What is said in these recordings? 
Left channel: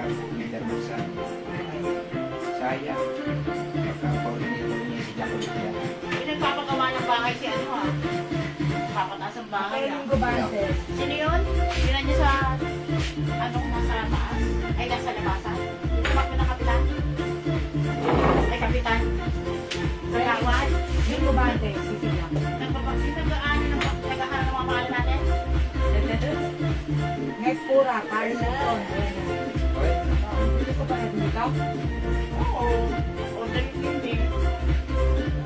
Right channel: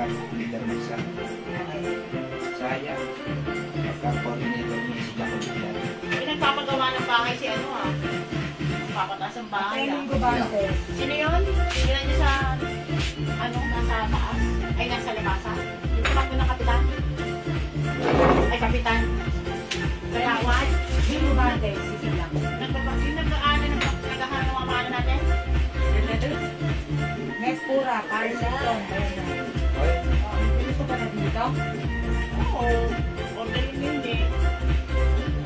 Pagka-leader mo sa sayang. Pagka-coordinator mo si Jacob yan. Pinagpapagawa ng bahay si ano ha? Papataas ang bahay ha? Sino yun? Sino niyo sa anong nasa taas? Ay nasa labasan? Yung tumakbo ng kapitan? Ay kapitan? Kalawan? Yung gumante, sisilang. Nagkakaano ng nagkakaano ng mga mahal natin? Net pura, para sa ito. Hindi ko pa nabito? Oo. Order yun hindi.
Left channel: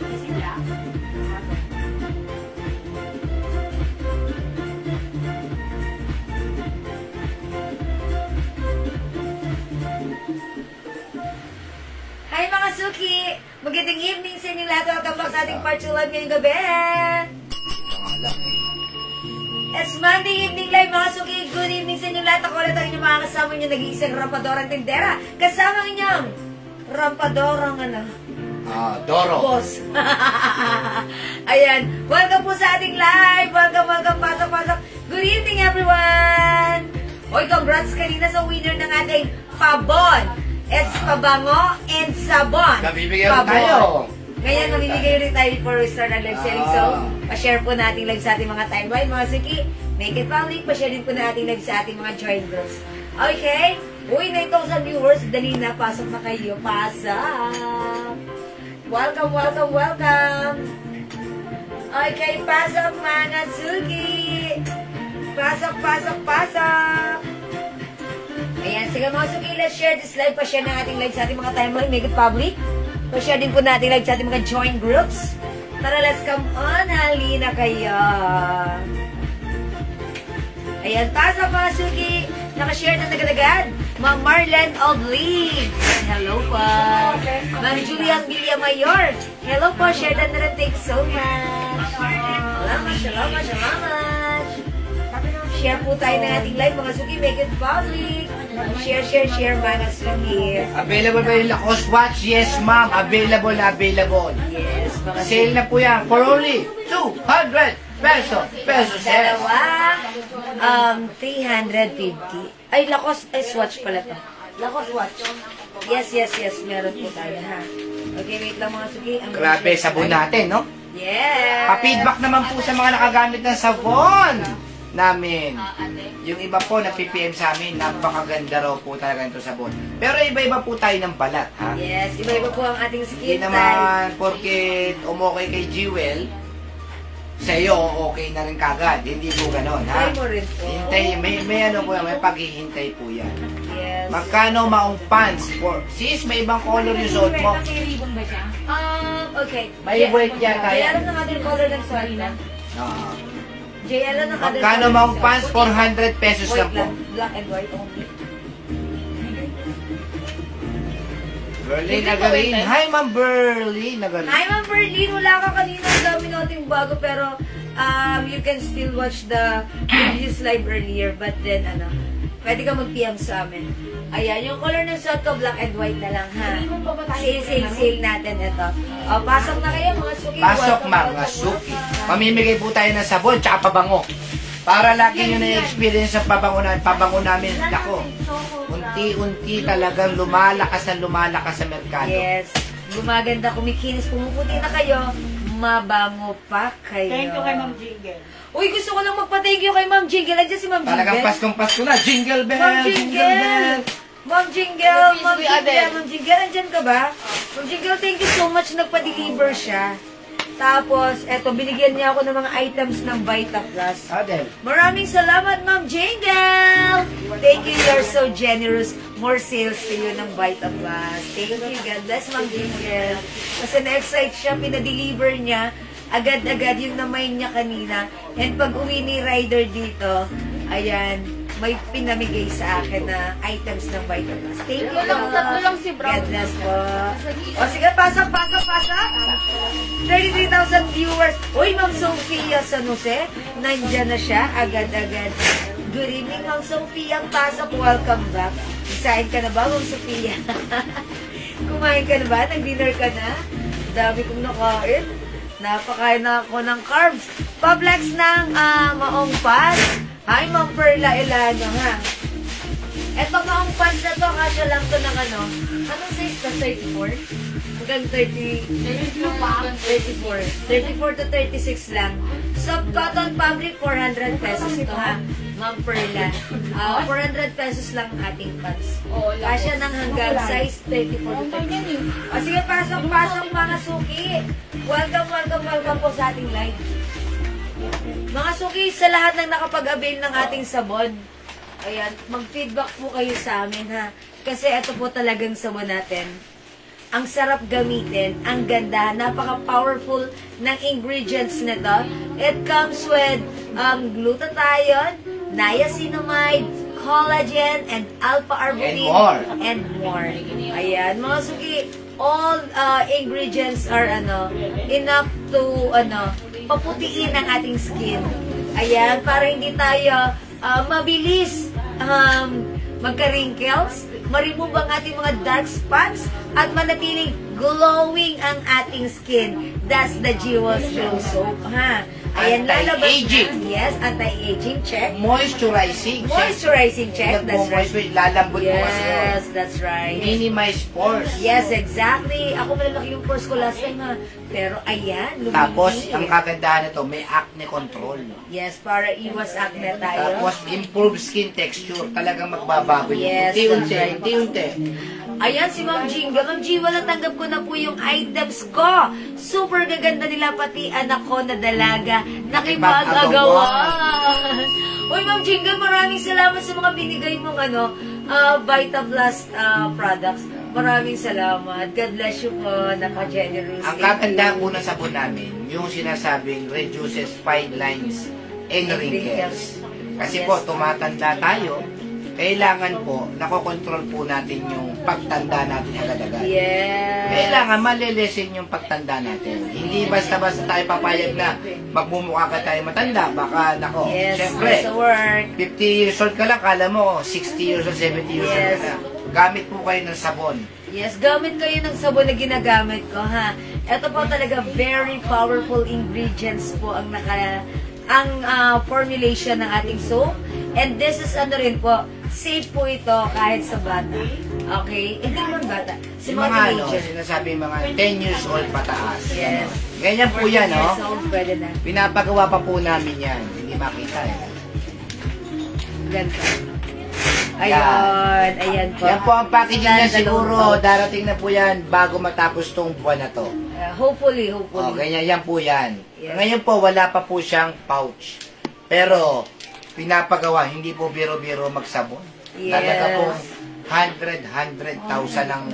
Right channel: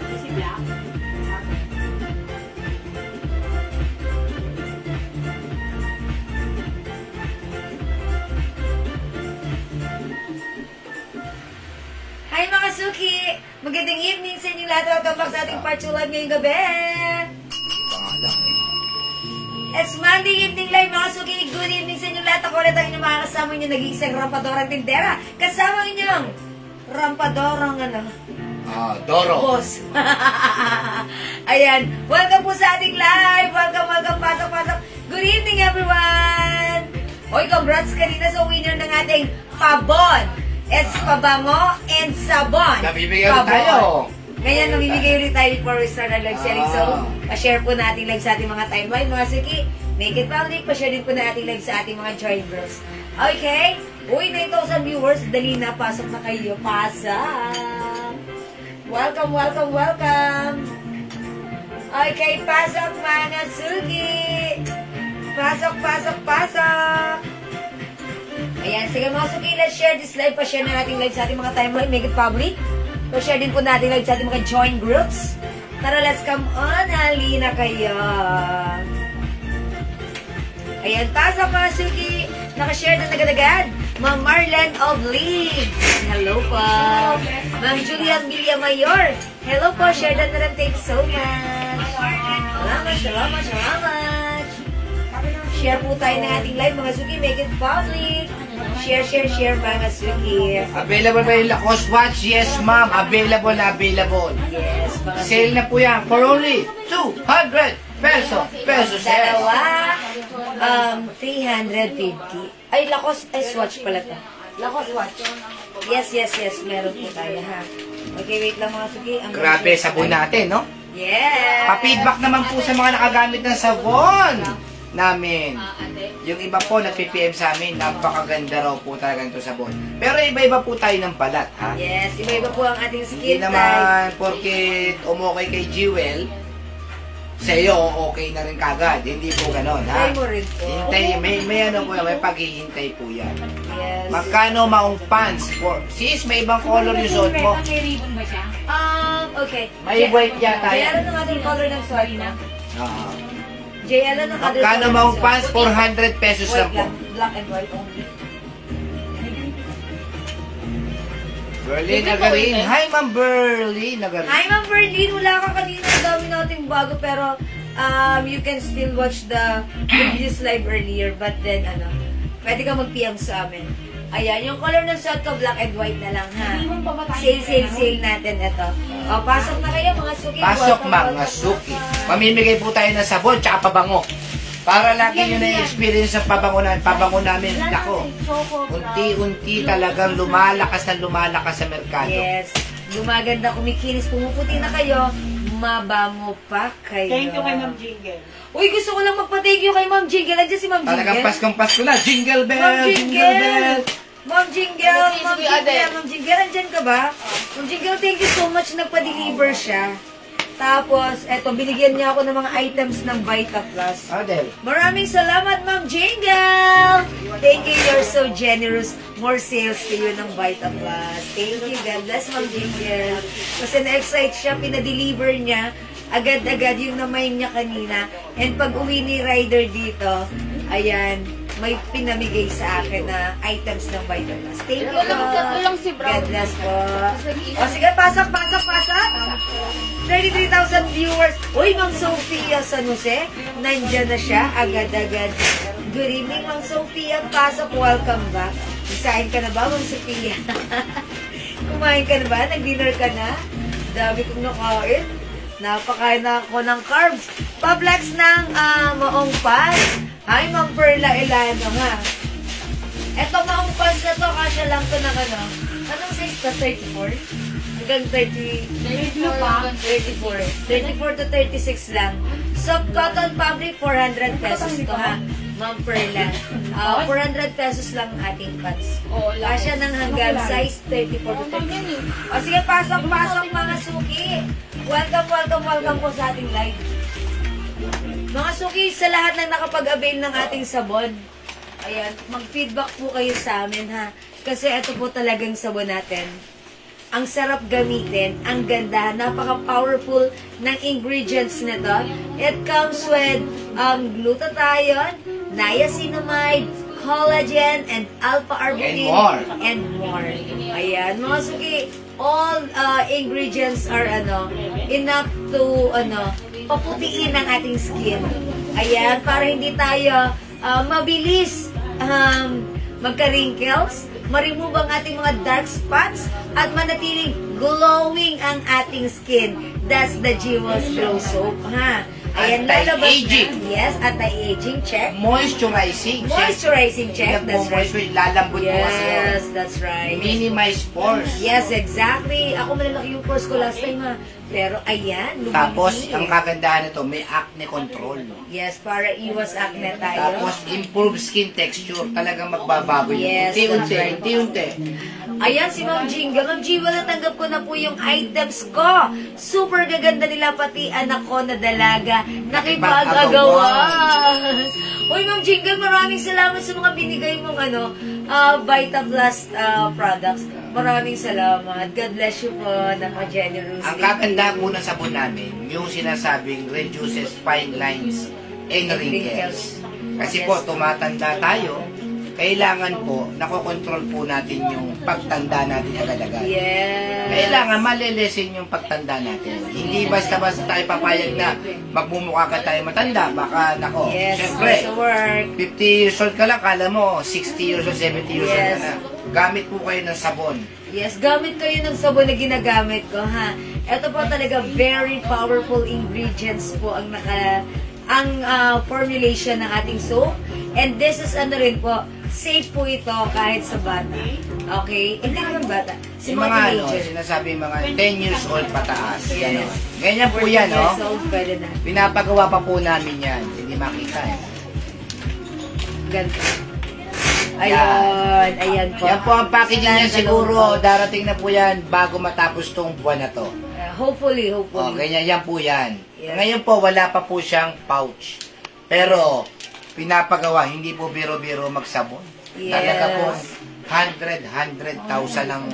Sisilang. Hi mga Suki! Magandang evening sa inyo lahat. Welcome back sa ating part 2 live ngayong gabi. Ito nga lang eh. It's Monday evening live mga Suki. Good evening sa inyo lahat. Ako ulit ang inyong mga kasama nyo nag-iisang rampadorang tindera. Kasama inyong rampadorang Doro. boss. Ayan. Welcome po sa ating live. Welcome. Pasok. Good evening everyone. Hoy, congrats kanina sa winner ng ating pabon. It's pabango and sabon. Nabibigyan tayo. Ngayon, mamimigay ulit tayo before we start ang live selling. So, pa-share po natin live sa ating mga timeline. Mga Suki, make it public. Pa-share din po natin live sa ating mga join groups. Okay? Uy, 9,000 viewers. Dali na. Pasok na kayo. Pasok. Welcome. Okay, pasok mga Suki. Pasok. Ayan, sige mga Suki, let's share this live. Pa-share na natin live sa ating mga timeline. Make it public. Pa-share din po natin live sa ating mga join groups. Tara, let's come on. Halina kayo. Ayan, taas mga Suki. Nakashare na agad-agad. Ma'am Marlene of League. Hello po. Ma'am Julian Villamayor. Hello po. Share na rin. Thank you so much. Salamat. Share po tayo ng ating live mga Suki. Make it public. Share mga Suki. Available ba yung Lacoste watch? Yes, ma'am. Available. Yes. Sale na po yan for only 200 pesos. Dalawa. 350. Ay, Lacoste watch pala to. Lacoste watch. Yes. Meron po tayo, ha. Okay, wait lang mga Suki. Grabe, sabon natin, no? Yes. Pa-feedback naman po sa mga nakagamit ng sabon namin. Yung iba po nag-PPM sa amin, napakaganda raw po talaga ito sabon. Pero iba-iba po tayo ng balat, ha? Yes, iba-iba po ang ating Hindi skin type. naman porket umokay kay Jewel, sa iyo okay na rin kagad. Hindi po ganon, ha? Try mo rin po. Hintay, may ano po, may paghihintay po yan. Yes. Magkano maong pants? Sis, may ibang color yung suot mo. May ribbon ba siya? Okay. May white yata Jay, yan. ano ng ating color ng sword na? Jay, ano ng ating Magkano maong pants? 400 pesos lang po. Black and white only. Berlin Nagarin. Hi, Ma'am Berlin Nagarin. Hi, Ma'am Berlin. Wala ka kanina. Ang dami nating bago. Pero, you can still watch the previous live earlier. But then, pwede ka mag-PM sa amin. Ayan, yung color ng suot ko, black and white na lang, ha? Sale natin ito. Pasok na kayo, mga Suki. Pasok, mga Suki. Pamimigay po tayo ng sabon, tsaka pabango. Para lagi nyo na-experience ang pabango namin. Ako, unti-unti talagang lumalakas sa merkado. Yes. Gumaganda, kumikinis, pumuputi na kayo. Mabango pa kayo. Thank you kay Ma'am Jingle. Uy, gusto ko lang magpa-thank you kay Ma'am Jingle. Nandiyan si Ma'am Jingle. Talagang Paskong-Pasko na. Jingle bell! Ma'am Jingle bell! Ma'am Jingle, andyan ka ba? Ma'am Jingle, thank you so much. Nagpa-deliver siya. Tapos, eto, binigyan niya ako ng mga items ng VitaPlus. Adel. Maraming salamat, Ma'am Jingle! Thank you, you're so generous. More sales to you ng VitaPlus. Thank you, God bless, Ma'am Jingle. Kasi na-excite siya, pinadeliver niya. Agad-agad yung namay niya kanina. And pag uwi ni Ryder dito, ayan, may pinamigay sa akin na items ng VitaPlus. Thank you. Tatlo lang si Brown. God bless po. O sige, pasok. 33,000 viewers. Uy, Ma'am Sophia San Jose, nandyan na siya, agad-agad. Good evening, Ma'am Sophia. Pasok, welcome back. Isain ka na ba, Ma'am Sophia? Kumain ka na ba? Nag-dinner ka na? Dami kong nakain. Napakain na ako ng carbs. Pablex ng maong pan. Hi, Ma'am Perla Ilano, ha? Eto maong pan na to, na lang to ng ano. Anong size ka? 34? Hanggang 30. 34. 34 to 36 lang. So, cotton fabric, 400 pesos to ha. Ma'am Perla. 400 pesos lang ating pants. Kasya ng hanggang size 34 to 36. O sige, pasok mga suki. Welcome po sa ating live. Mga suki, sa lahat ng nakapag-avail ng ating sabon, ayan, mag-feedback po kayo sa amin ha. Kasi ito po talagang sabon natin. Ang sarap gamitin, ang ganda, napaka-powerful ng ingredients nito. It comes with glutathione, niacinamide, collagen, and alpha-arbutin, and more. Ayan, mga suki, all ingredients are enough to paputiin ang ating skin. Ayan, para hindi tayo mabilis magka-wrinkles, ma-remove ang ating mga dark spots, at manatiling glowing ang ating skin. That's the Jewel's Glow Soap, ha? Ayan, anti-aging. Yes, anti-aging check. Moisturizing. Moisturizing check. That's right. Lalambot mo kasi. Yes, that's right. Minimize pores. Yes, exactly. Ako malalaki yung pores ko last time ha. Pero ayan, lumili. Tapos, ang kagandahan nito, may acne control. Yes, para iwas acne tayo. Tapos, improve skin texture. Talagang magbabago yun. Yes, Unti-unti. Ayan, si Ma'am Jinga. Ma'am Jiwa, natanggap ko na po yung items ko. Super gaganda nila, pati anak ko na dalaga. Nakipag-agawa. Uy, Ma'am Jinga, maraming salamat sa mga binigay mong VitaPlus products. Maraming salamat. God bless you po. Naka-generous. Ang kaganda po ng sabon namin, yung sinasabing reduces fine lines and wrinkles. Kasi po, tumatanda tayo, kailangan po, nakokontrol po natin yung pagtanda natin agad-agad. Yes. Kailangan malilesen yung pagtanda natin. Hindi basta-basta tayo papayag na magmumukha ka tayo matanda. Baka, nako, yes, syempre, 50 50 years old ka lang, kala mo, 60 years old, 70 years old ka na. Gamit po kayo ng sabon. Yes, gamit kayo ng sabon na ginagamit ko, ha. Ito po talaga very powerful ingredients po ang formulation ng ating soap. And this is rin po, safe po ito kahit sa bata. Okay? Hindi naman bata. Si Yung mga sinasabi mga 10 years old pataas. Yes. Ganyan po yan, no? Pwede na. Pinapagawa pa po namin yan. Hindi makita, eh. Ganito. Ayan po. Yan po ang packaging niya siguro. Darating na po yan bago matapos tong buwan na to. Hopefully. Ganyan, yan po yan. Yes. Ngayon po, wala pa po siyang pouch. Pero, pinapagawa, hindi po biro-biro magsabon. Yes. Talaga po, 100,000 ang,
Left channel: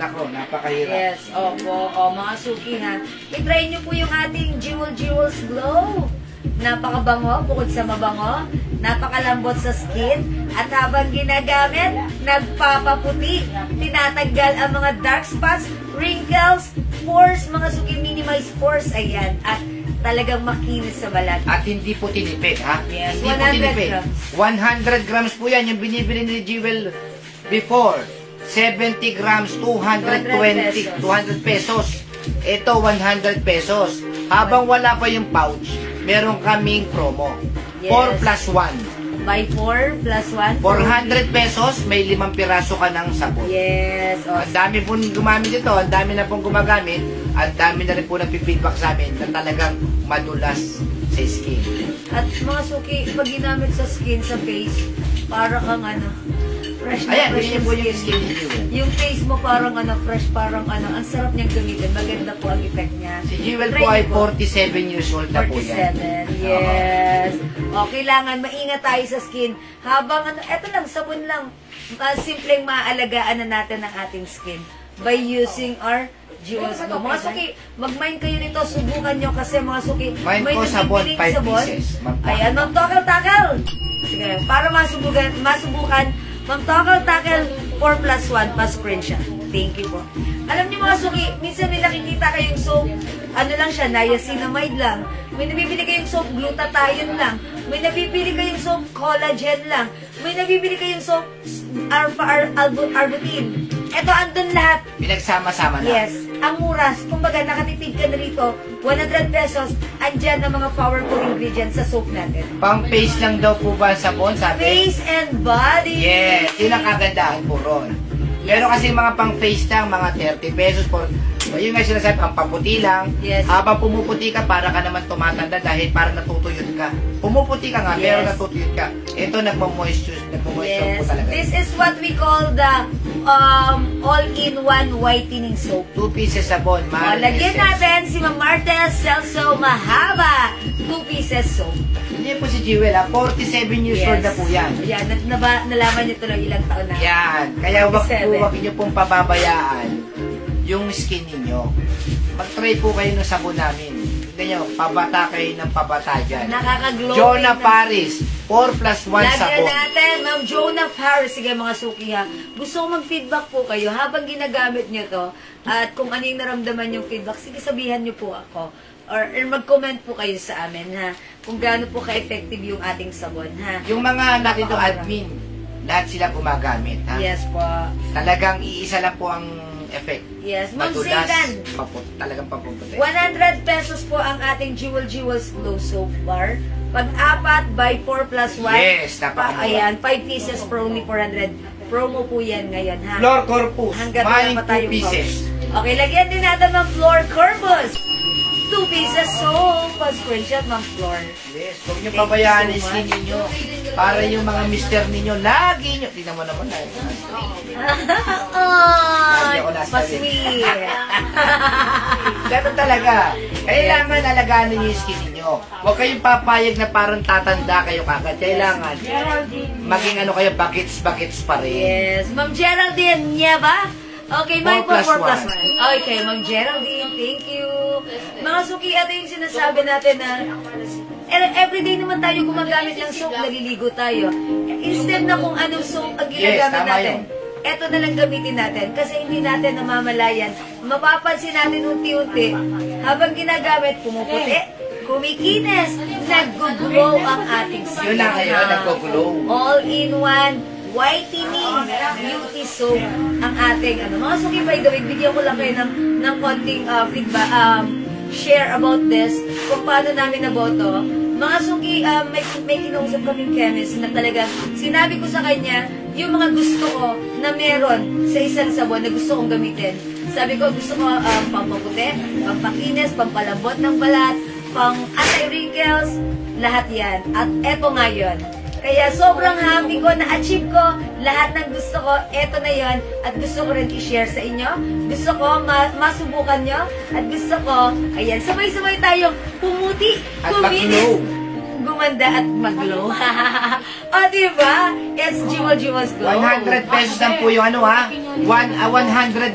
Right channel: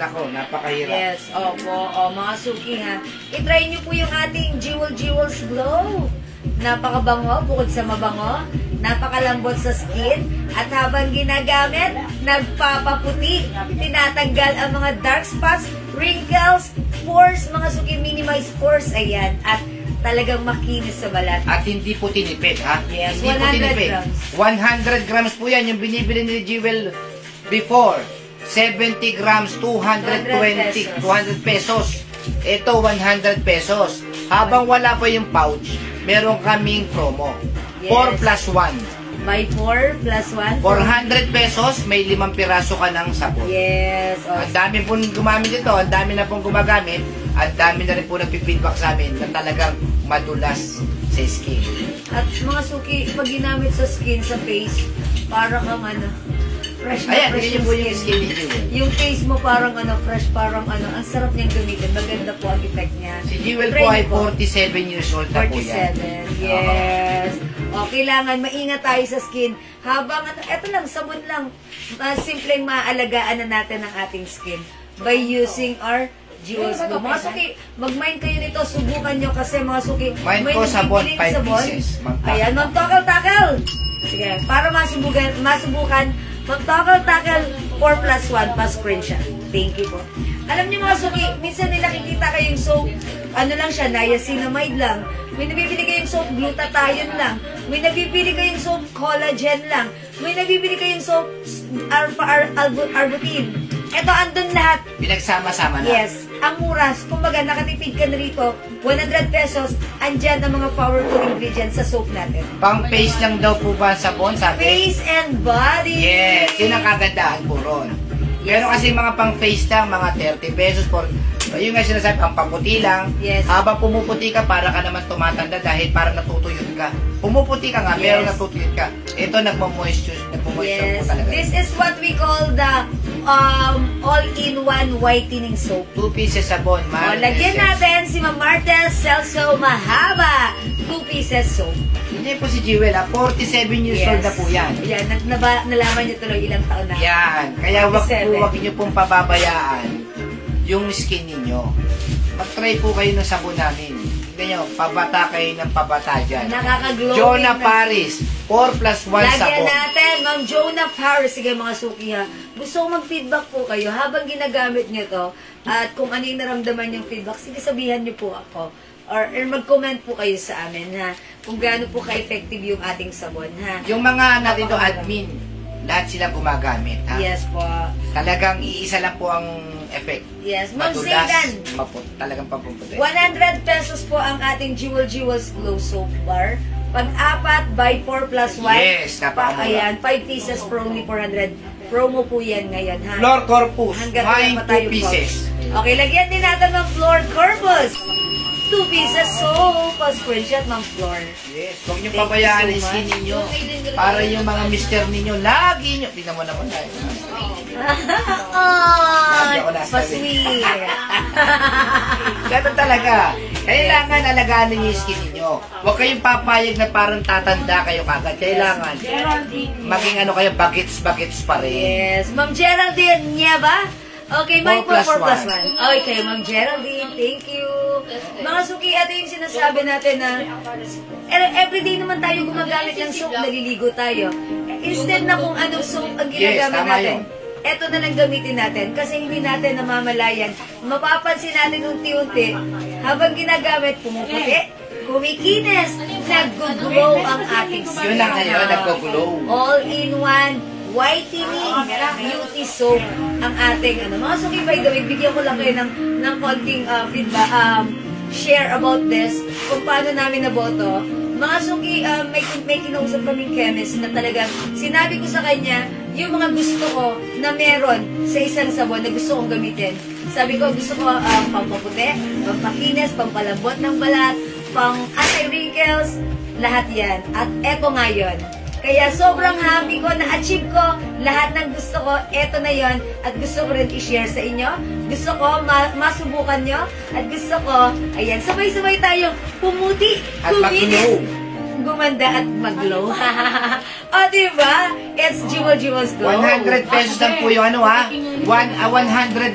nako, napakahirap. Yes, opo. Mga suki ha. I-try niyo po yung ating Jewel's Glow. Napakabango, bukod sa mabango, napakalambot sa skin, at habang ginagamit, nagpapaputi, tinatanggal ang mga dark spots, wrinkles, pores, mga suki, minimize pores, ayan, at talagang makinis sa balat. At hindi po tinipid, ha? Yes, hindi 100 po tinipid. grams. 100 grams po yan, yung binibili ni Jewel before. 70 grams, 200 pesos. Ito, 100 pesos. Habang wala pa yung pouch, meron kaming promo. Yes. 4 plus 1. By 4 plus 1. 400 pesos, may 5 piraso ka ng sabon. Yes. Ang dami pong gumamit ito, ang dami na pong gumagamit, ang dami na rin po nagpipeedback sa amin na talagang madulas sa skin. At mga suki, pag ginamit sa skin, sa face, para kang fresh na Ayan, fresh hindi po yung skin ni Jewel. Yung face mo parang fresh, parang ang sarap niyang gamitin. Maganda po ang effect niya. Si Jewel po ay 47 years old na po yan. 47, yes. O, kailangan maingat tayo sa skin. Habang, eto lang, sabon lang. Simpleng maaalagaan na natin ang ating skin by using our Jewel's Glow. Mga suki, mag-mind kayo nito, subukan nyo kasi mga suki, Mind may ko sabon, nagbibiling 5 pieces. Ayan, mag-takal-takal. Sige, para masubukan, mag-takal-takal 4 plus 1 pa screenshot. Thank you po. Alam niyo mga suki, minsan may nakikita kayong soap, lang siya, niacinamide lang. May nabibili kayong soap, glutathione lang. May nabibili kayong soap, collagen lang. May nabibili kayong soap, alpha-arbutin. Ito, andun lahat. Pinagsama-sama na. Yes. Ang muras, kumbaga nakatipid ka na rito, 100 pesos, andyan ang mga powerful ingredients sa soap natin. Pang face lang daw po ba ang sabon, sabi? Face and body. Yes, yun ang kagandahan po ron. Pero kasi mga pang face lang, mga 30 pesos for, yun nga sinasabi, pang paputi lang. Yes. Habang pumuputi ka, para ka naman tumatanda dahil para natutuyot ka. Pumuputi ka nga, pero natutuyot ka. Ito, nagmo-moisture po talaga. This is what we call the all-in-one whitening soap. 2 pieces sabon, Lagyan natin si Ma'am Martes Celso Mahaba. 2 pieces soap. Hindi po si Jewel, 47 years old na po yan. Yan, nalaman niyo tuloy ilang taon na. Yan, kaya wag niyo pong pababayaan yung skin niyo. Mag-try po kayo ng sabon namin. Tignan nyo, pabata kayo ng pabata dyan. Nakaka-glowing. Jonah Paris, 4+1 sabon. Lagyan natin, Ma'am Jonah Paris. Sige mga suki ha. Gusto ko mag-feedback po kayo habang ginagamit nyo to. At kung ano yung naramdaman yung feedback, sige sabihan nyo po ako. Or mag-comment po kayo sa amin ha. Kung gaano po ka-effective yung ating sabon ha. Yung mga natin to admin, lahat sila gumagamit ha. Yes po. Talagang iisa lang po ang effect. Yes, Ma'am Matulas, Zaydan. talagang papuputi. 100 pesos po ang ating Jewels Glow Soap Bar. Pag-apat, buy 4+1. Yes, napakamura. Ayan, 5 pieces for only 400. Promo po yan ngayon ha. Floor Corpus, Hanggat may wala pa 2 pieces. Okay, lagyan din natin ng Floor Corpus. 2 pieces soap. Pa-screenshot ng floor. Yes, huwag niyo pabayaan yung skin ninyo. Para yung mga mister ninyo, lagi nyo. Tingnan mo naman na. Ay, pa-sweet. Ganun talaga. Kailangan alagaan niyo yung skin ninyo. Huwag kayong papayag na parang tatanda kayo kagad. Kailangan maging ano kayo, bagets pa rin. Yes. Ma'am Geraldine Nieva. Okay, may 4+1. Okay, Ma'am Geraldine, thank you. Mga suki, ito yung sinasabi natin na everyday naman tayo gumagamit ng soap, naliligo tayo. Instead na kung anong soap ang ginagamit natin, eto na lang gamitin natin kasi hindi natin namamalayan. Mapapansin natin unti-unti, habang ginagamit, pumuputi, kumikinis, nag-glow ang ating skin. Yun na kayo, nag-glow. All-in-one whitening beauty soap ang ating mga suki. By the way, bigyan ko lang kayo ng konting feedback, share about this, kung paano namin naboto. Mga suki, may kinausap kaming chemist na talagang sinabi ko sa kanya yung mga gusto ko na meron sa isang sabon na gusto kong gamitin. Sabi ko, gusto ko pampaputi, pampakinis, pampalambot ng balat, pang anti-wrinkles, lahat yan. At eto nga yun. Kaya sobrang happy ko, na-achieve ko lahat ng gusto ko. Eto na yon at gusto ko rin i-share sa inyo. Gusto ko masubukan nyo. At gusto ko, ayan, sabay-sabay tayong pumuti, kuminis, gumanda at mag-glow. O, diba? It's Jewels Glow. 100 pesos lang po yung 100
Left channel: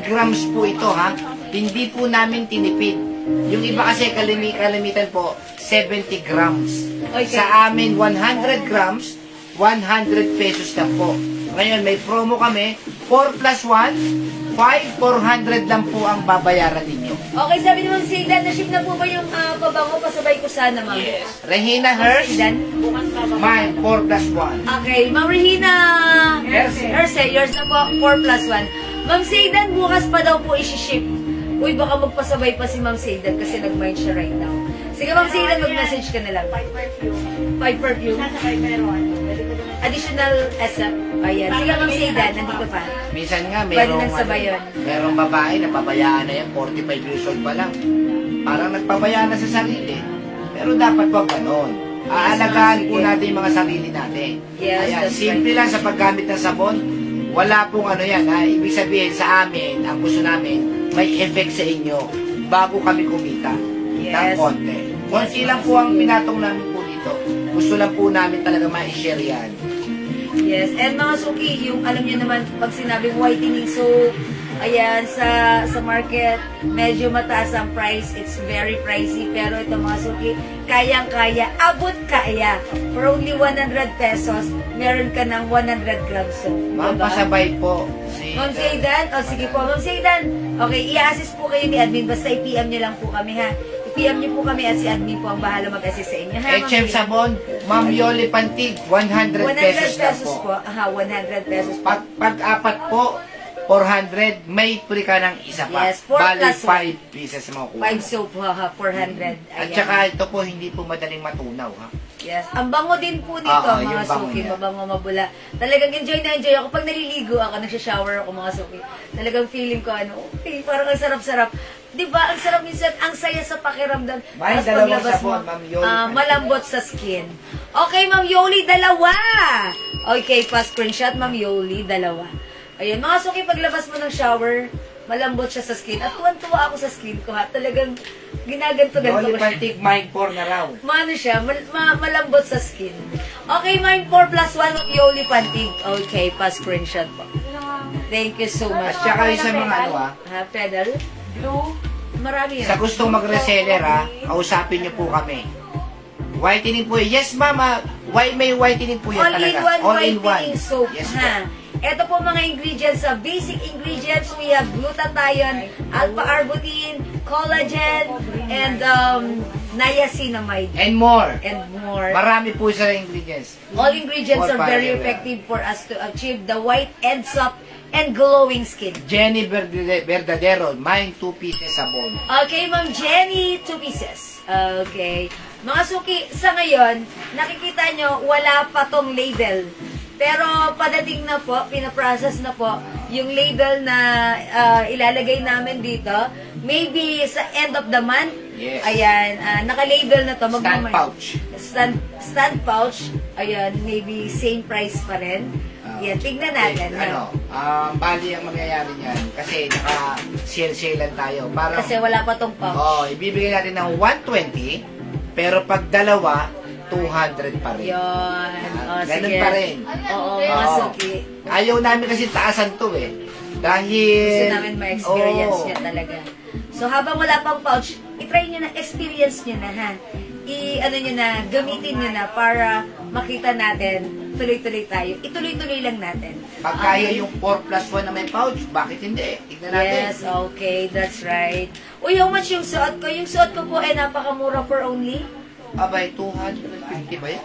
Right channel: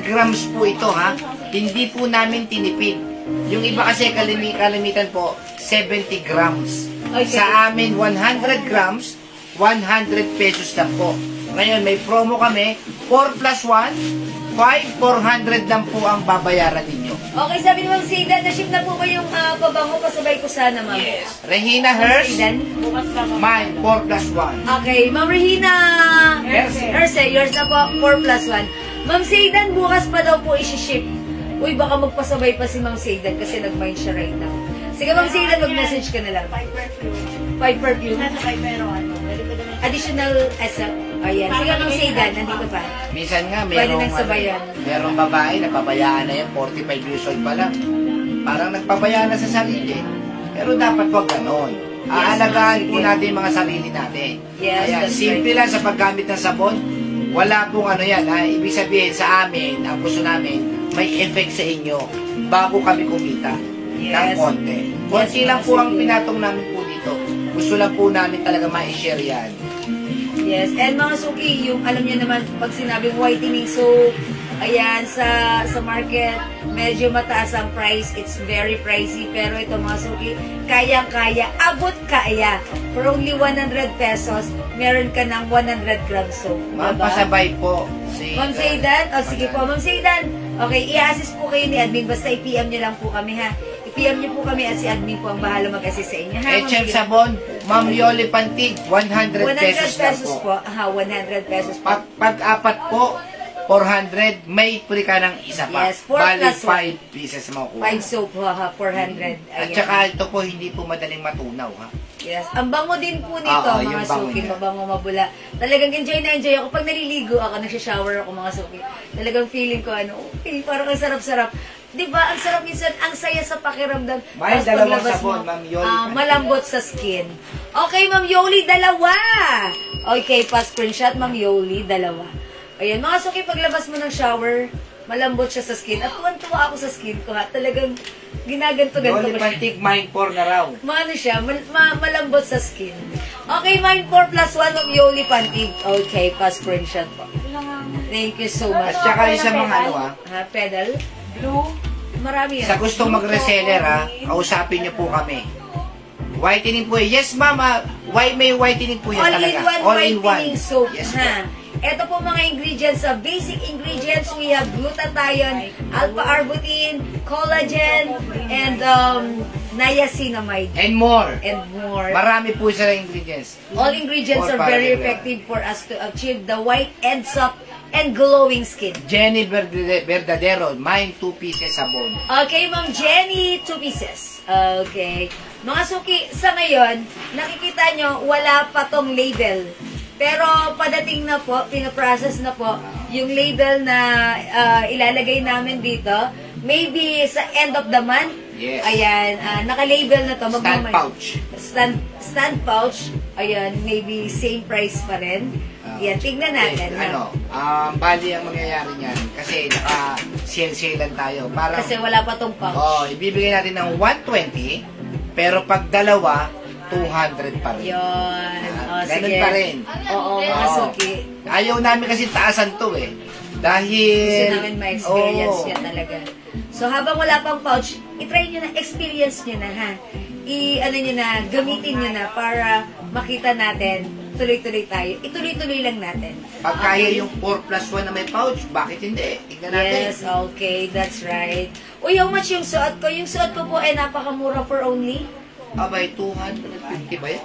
grams po ito ha. Hindi po namin tinipid. Yung iba kasi kalimitan po 70 grams. Okay. Sa amin 100 grams 100 pesos lang po. Ngayon may promo kami 4+1 400 lang po ang babayaran ninyo. Okay, sabi ni Ma'am Zaydan, na-ship na po ba yung pabango? Pasabay ko sana, Ma'am. Yes. Regina Hers, mine 4+1. Okay, Ma'am Regina Hers, yours na po 4+1. Ma'am Zaydan, bukas pa daw po isi-ship. Uy, baka magpasabay pa si Ma'am Zaydan kasi nag-mind siya right now. Sige, Ma'am Zaydan, mag-message ka na lang. 5 perfume. Sasakay meron. Additional asa. Ayan. Sila Ma'am Zaydan, nandito pa. Minsan nga, Pwede nagsabayan. merong babae na pabayaan na yan, 45 years old pa lang. Parang nagpabayaan na sa sarili. Pero dapat wag ganon. Aalagaan po natin yung mga sarili natin. Yes, Ayan, that's simple lang sa paggamit ng sabon. Wala pong ano yan. Ha? Ibig sabihin sa amin, ang gusto namin, may effect sa inyo bago kami kumita. Ng konti. Konti lang po ang pinatong namin po dito. Gusto lang po namin talaga ma-share yan. Yes, and mga suki, yung alam niyo naman, pag sinabing whitening soap, ayan, sa market, medyo mataas ang price. It's very pricey. Pero ito mga suki, kayang-kaya, abot kaya. For only 100 pesos, meron ka ng 100 grams soap. Ma'am, pasabay po. Ma'am Zaydan, sige po, Ma'am Zaydan. Okay, i-assist po kayo ni admin. Basta i-PM nyo lang po kami, ha. I-PM nyo po kami at si admin po ang bahala mag-assist sa inyo, ha. HM Sabon, Ma'am Yoli Pantig, 100 pesos lang po. Aha, 100 pesos po. Pag-apat po, 400, may puli ka ng isa pa. Yes, 4 Bali, plus 5 pieces mo kuha. 5 soap, ha, 400. At Ayan. saka ito po, hindi po madaling matunaw, ha. Yes. Ang bango din po nito, Oo, mga yung bango suki. niya. Mabango, mabula. Talagang enjoy na enjoy ako. Pag naliligo ako, nagsha-shower ako, mga suki. Talagang feeling ko, okay, parang ang sarap-sarap. Diba, ang sarap minsan, ang saya sa pakiramdam. May Tapos dalawang paglabas sabon, mo, Ma'am Yoli. malambot sa skin. Okay, Ma'am Yoli, dalawa. Okay, pa-screenshot, Ma'am Yoli, dalawa. Ayun, mga suki, paglabas mo ng shower, malambot siya sa skin. At tuwan-tuwa ako sa skin ko, ha. Talagang ginaganto-ganto Yoli ko siya. Pantig, Mind 4 na raw. Maano siya, malambot sa skin. Okay, Mind 4 plus 1 of Yoli Pantig. Okay, pa-screenshot. Thank you so much. At saka sa mga ano Pedal? Blue? Marami yan. sa gustong mag-reseller kausapin niyo po kami. Whitening po. Yes, mama. May whitening po yan talaga. All-in-one whitening soap. Yes, po. Ha. Ito po mga ingredients. Sa basic ingredients, we have glutathione, alpha-arbutin, collagen, and niacinamide. And more. And more. Marami po sa ingredients. All ingredients More are very para- effective for us to achieve the white and soft and glowing skin. Jenny Verdadero, mine 2 pieces sabon. Okay, Ma'am Jenny, 2 pieces. Okay. Mga suki, sa ngayon, nakikita nyo, wala pa tong label. Pero padating na po, pinaprocess na po, yung label na ilalagay namin dito. Maybe sa end of the month, Yes. ayan, naka-label na to. Stand pouch. Stand pouch, ayan, maybe same price pa rin. Yan, tignan natin. Bali ang mangyayari niyan kasi naka-sale lang tayo. Parang, Kasi wala pa tong pouch. ibibigay natin ng 120, pero pag dalawa, 200 pa rin. Yun. Ganun Sige. pa rin. Oo, Oo. suki. Ayaw namin kasi taasan to eh. Dahil... Gusto namin ma-experience Oo. niya talaga. So, habang wala pang pouch, i-try nyo na, experience nyo na, ha? Ano nyo na, gamitin nyo na para makita natin, tuloy-tuloy tayo. Ituloy-tuloy lang natin. Pag kaya yung 4 plus 1 na may pouch, bakit hindi? Tignan natin. Yes, okay, that's right. Uy, how much yung suot ko? Yung suot ko po ay napakamura for only. Abay, 250 ba yan?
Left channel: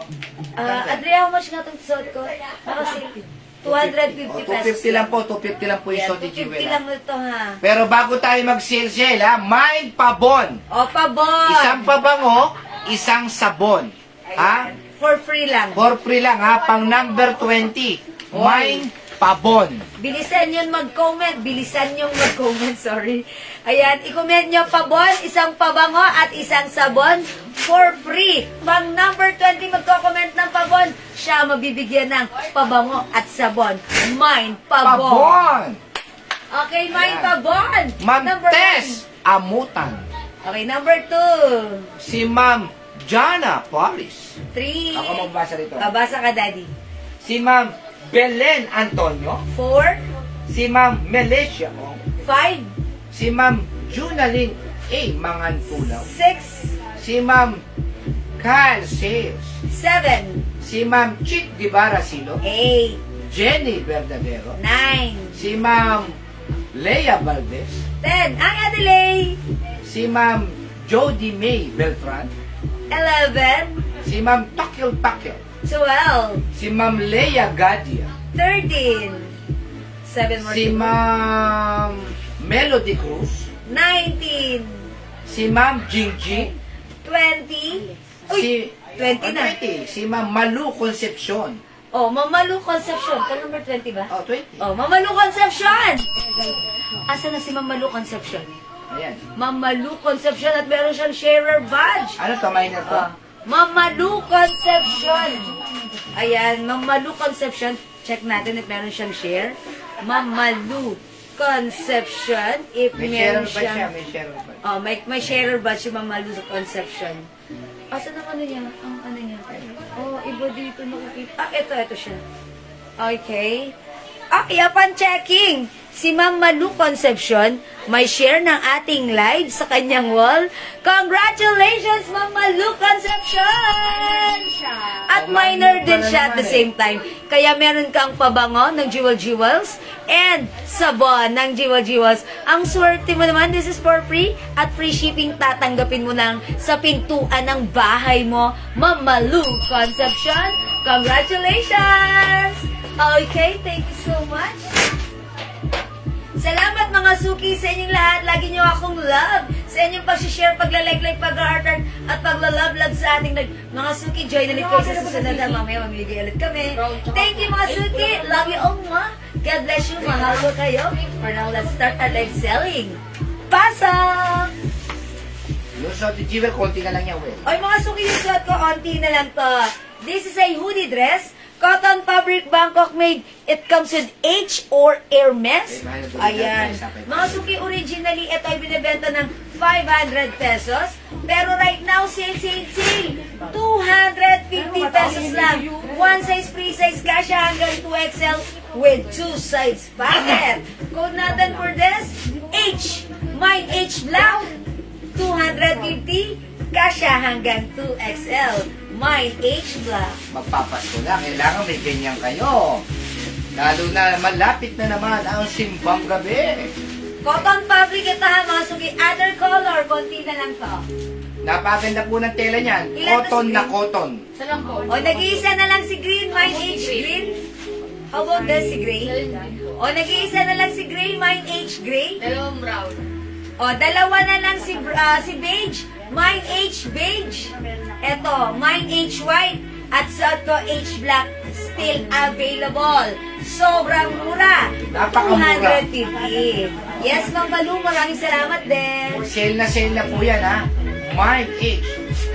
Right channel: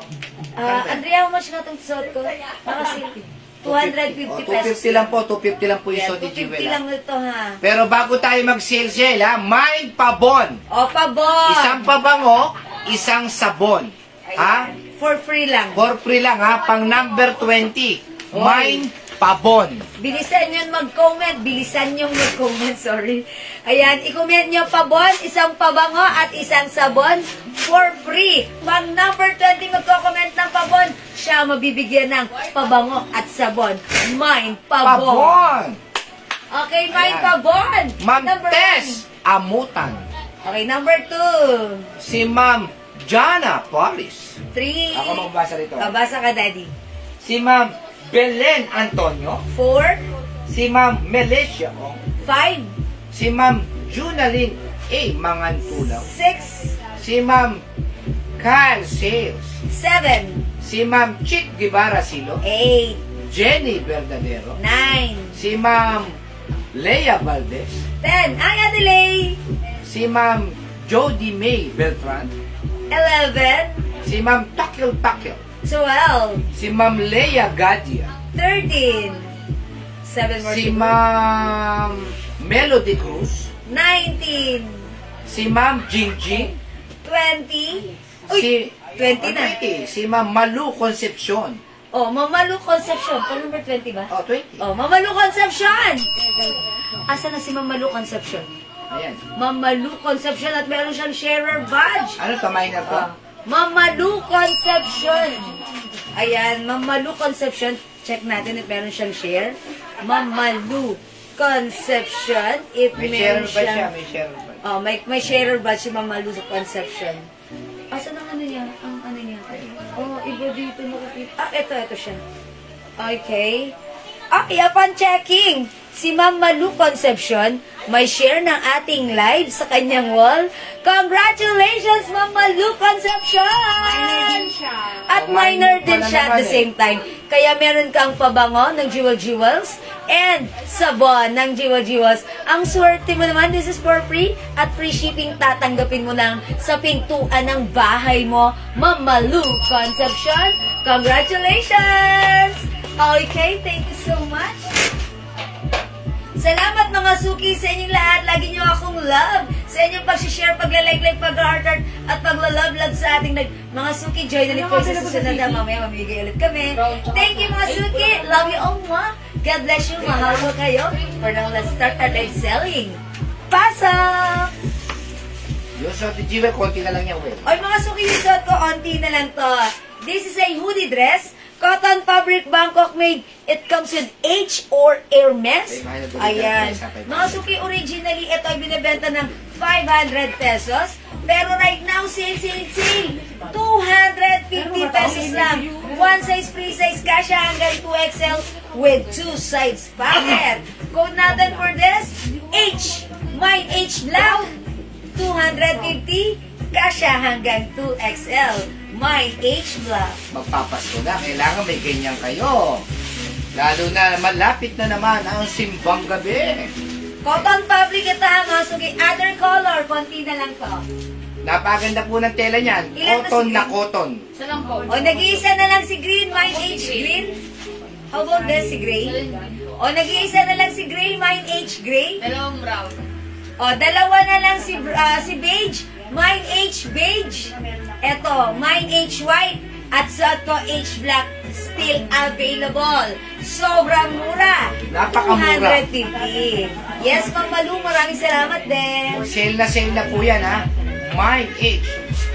Andrea, how much nga itong suot ko? Nakasi 250 pesos. 250 lang po, 250 lang po yung Yeah, Sodi 250 Jewel. lang ito, ha? Pero bago tayo mag-sale, Mind Pabon. O, pabon! Isang pabango, isang sabon. Ha? For free lang. For free lang ha, pang number 20. Mind Pabon. Bilisan nyo mag-comment. Bilisan nyo mag-comment, sorry. Ayan, i-comment nyo pabon, isang pabango at isang sabon for free. Pag number 20 magko-comment ng pabon, siya mabibigyan ng pabango at sabon. Mind Pabon. Pabon. Okay, Mind Ayan. Pabon. Ma'am Number Tess Amutan. 1. Okay, number 2. Si Ma'am Jana Paris. 3. Ako magbasa rito. Basa ka, Daddy. Si Ma'am Belen Antonio. 4. Si Ma'am Melecia Ong. 5. Si Ma'am Junalyn A. Mangantulaw. 6. Si Ma'am Carl Sales. 7. Si Ma'am Chick Guevara Silo. 8. Jenny Verdadero. 9. Si Ma'am Leia Valdez. 10. Ang Adelaide. Si Ma'am Jody May Beltran. 11. Si Ma'am Takil Takil. 12. Si Ma'am Leia Gadia. 13. 7 more. Si to go. Ma'am Melody Cruz. 19. Si Ma'am Jingjing. 20. Uy, Si 20 na. 20. Si Ma'am Malu Concepcion. Oh, Mamalu Concepcion. Pa number 20 ba? Oh, 20. Oh, Mamalu Concepcion. Asa na si Mamalu Concepcion? Ayan. Mamalu Concepcion at meron siyang sharer badge. Ano to, minor to? Mamalu Concepcion. Ayan, Mamalu Concepcion. Check natin if meron siyang share. Mamalu Concepcion. If May meron sharer ba siya? siyang... May sharer ba? Oh, may sharer badge si Mamalu Concepcion. Asa ng ano niya? Ang ano niya? Oh, iba dito nakikita. Ito siya. Okay. Upon checking, si Ma'am Malu Concepcion may share ng ating live sa kanyang wall. Congratulations, Ma'am Malu Concepcion! At minor din siya at the same time. Kaya meron kang pabango ng Jewels and sabon ng Jewels. Ang swerte mo naman, this is for free at free shipping tatanggapin mo lang sa pintuan ng bahay mo, Ma'am Malu Concepcion. Congratulations! Okay, thank you so much. Salamat mga suki sa inyong lahat. Lagi nyo akong love. Sa inyong pag-share, pagla-like, pag-heart-heart, at pagla-love sa ating mga suki. Join ulit kayo sa susunod na mamaya. Mamigay ulit kami. Thank you mga suki. Love you all mga. God bless you. Mahal ko kayo. For now, let's start our live selling. Pasok! Yung suot ni Jewel, konti na lang yan, Will. Oy mga suki, yung suot ko, onti na lang to. This is a hoodie dress. Cotton fabric, Bangkok made. It comes with H or Hermes. Ayan. Mga suki, originally, ito ay binibenta ng 500 pesos. Pero right now, sale, 250 pesos lang. One size, free size, kasha hanggang 2XL with 2 sides pocket. Code natin for this, H. My H Black, 250. Kasha hanggang 2XL. My H Black. Magpapasko na, kailangan may ganyan kayo. Lalo na malapit na naman ang simbang gabi. Cotton fabric ito ha, mga suki. Other color, konti na lang to. Napakaganda po ng tela niyan. Ilan Cotton to, na cotton. O, nag-iisa na lang si green, my H green. How about this, si gray? O, nag-iisa na lang si gray, my H gray. Dalawang brown. O, dalawa na lang si beige, my H beige. Eto, my H white. At sa to H black, still available. Sobrang mura. Napakamura. 250. Yes, Ma'am Malu, maraming salamat din. Sale na po yan, ha. Mind H.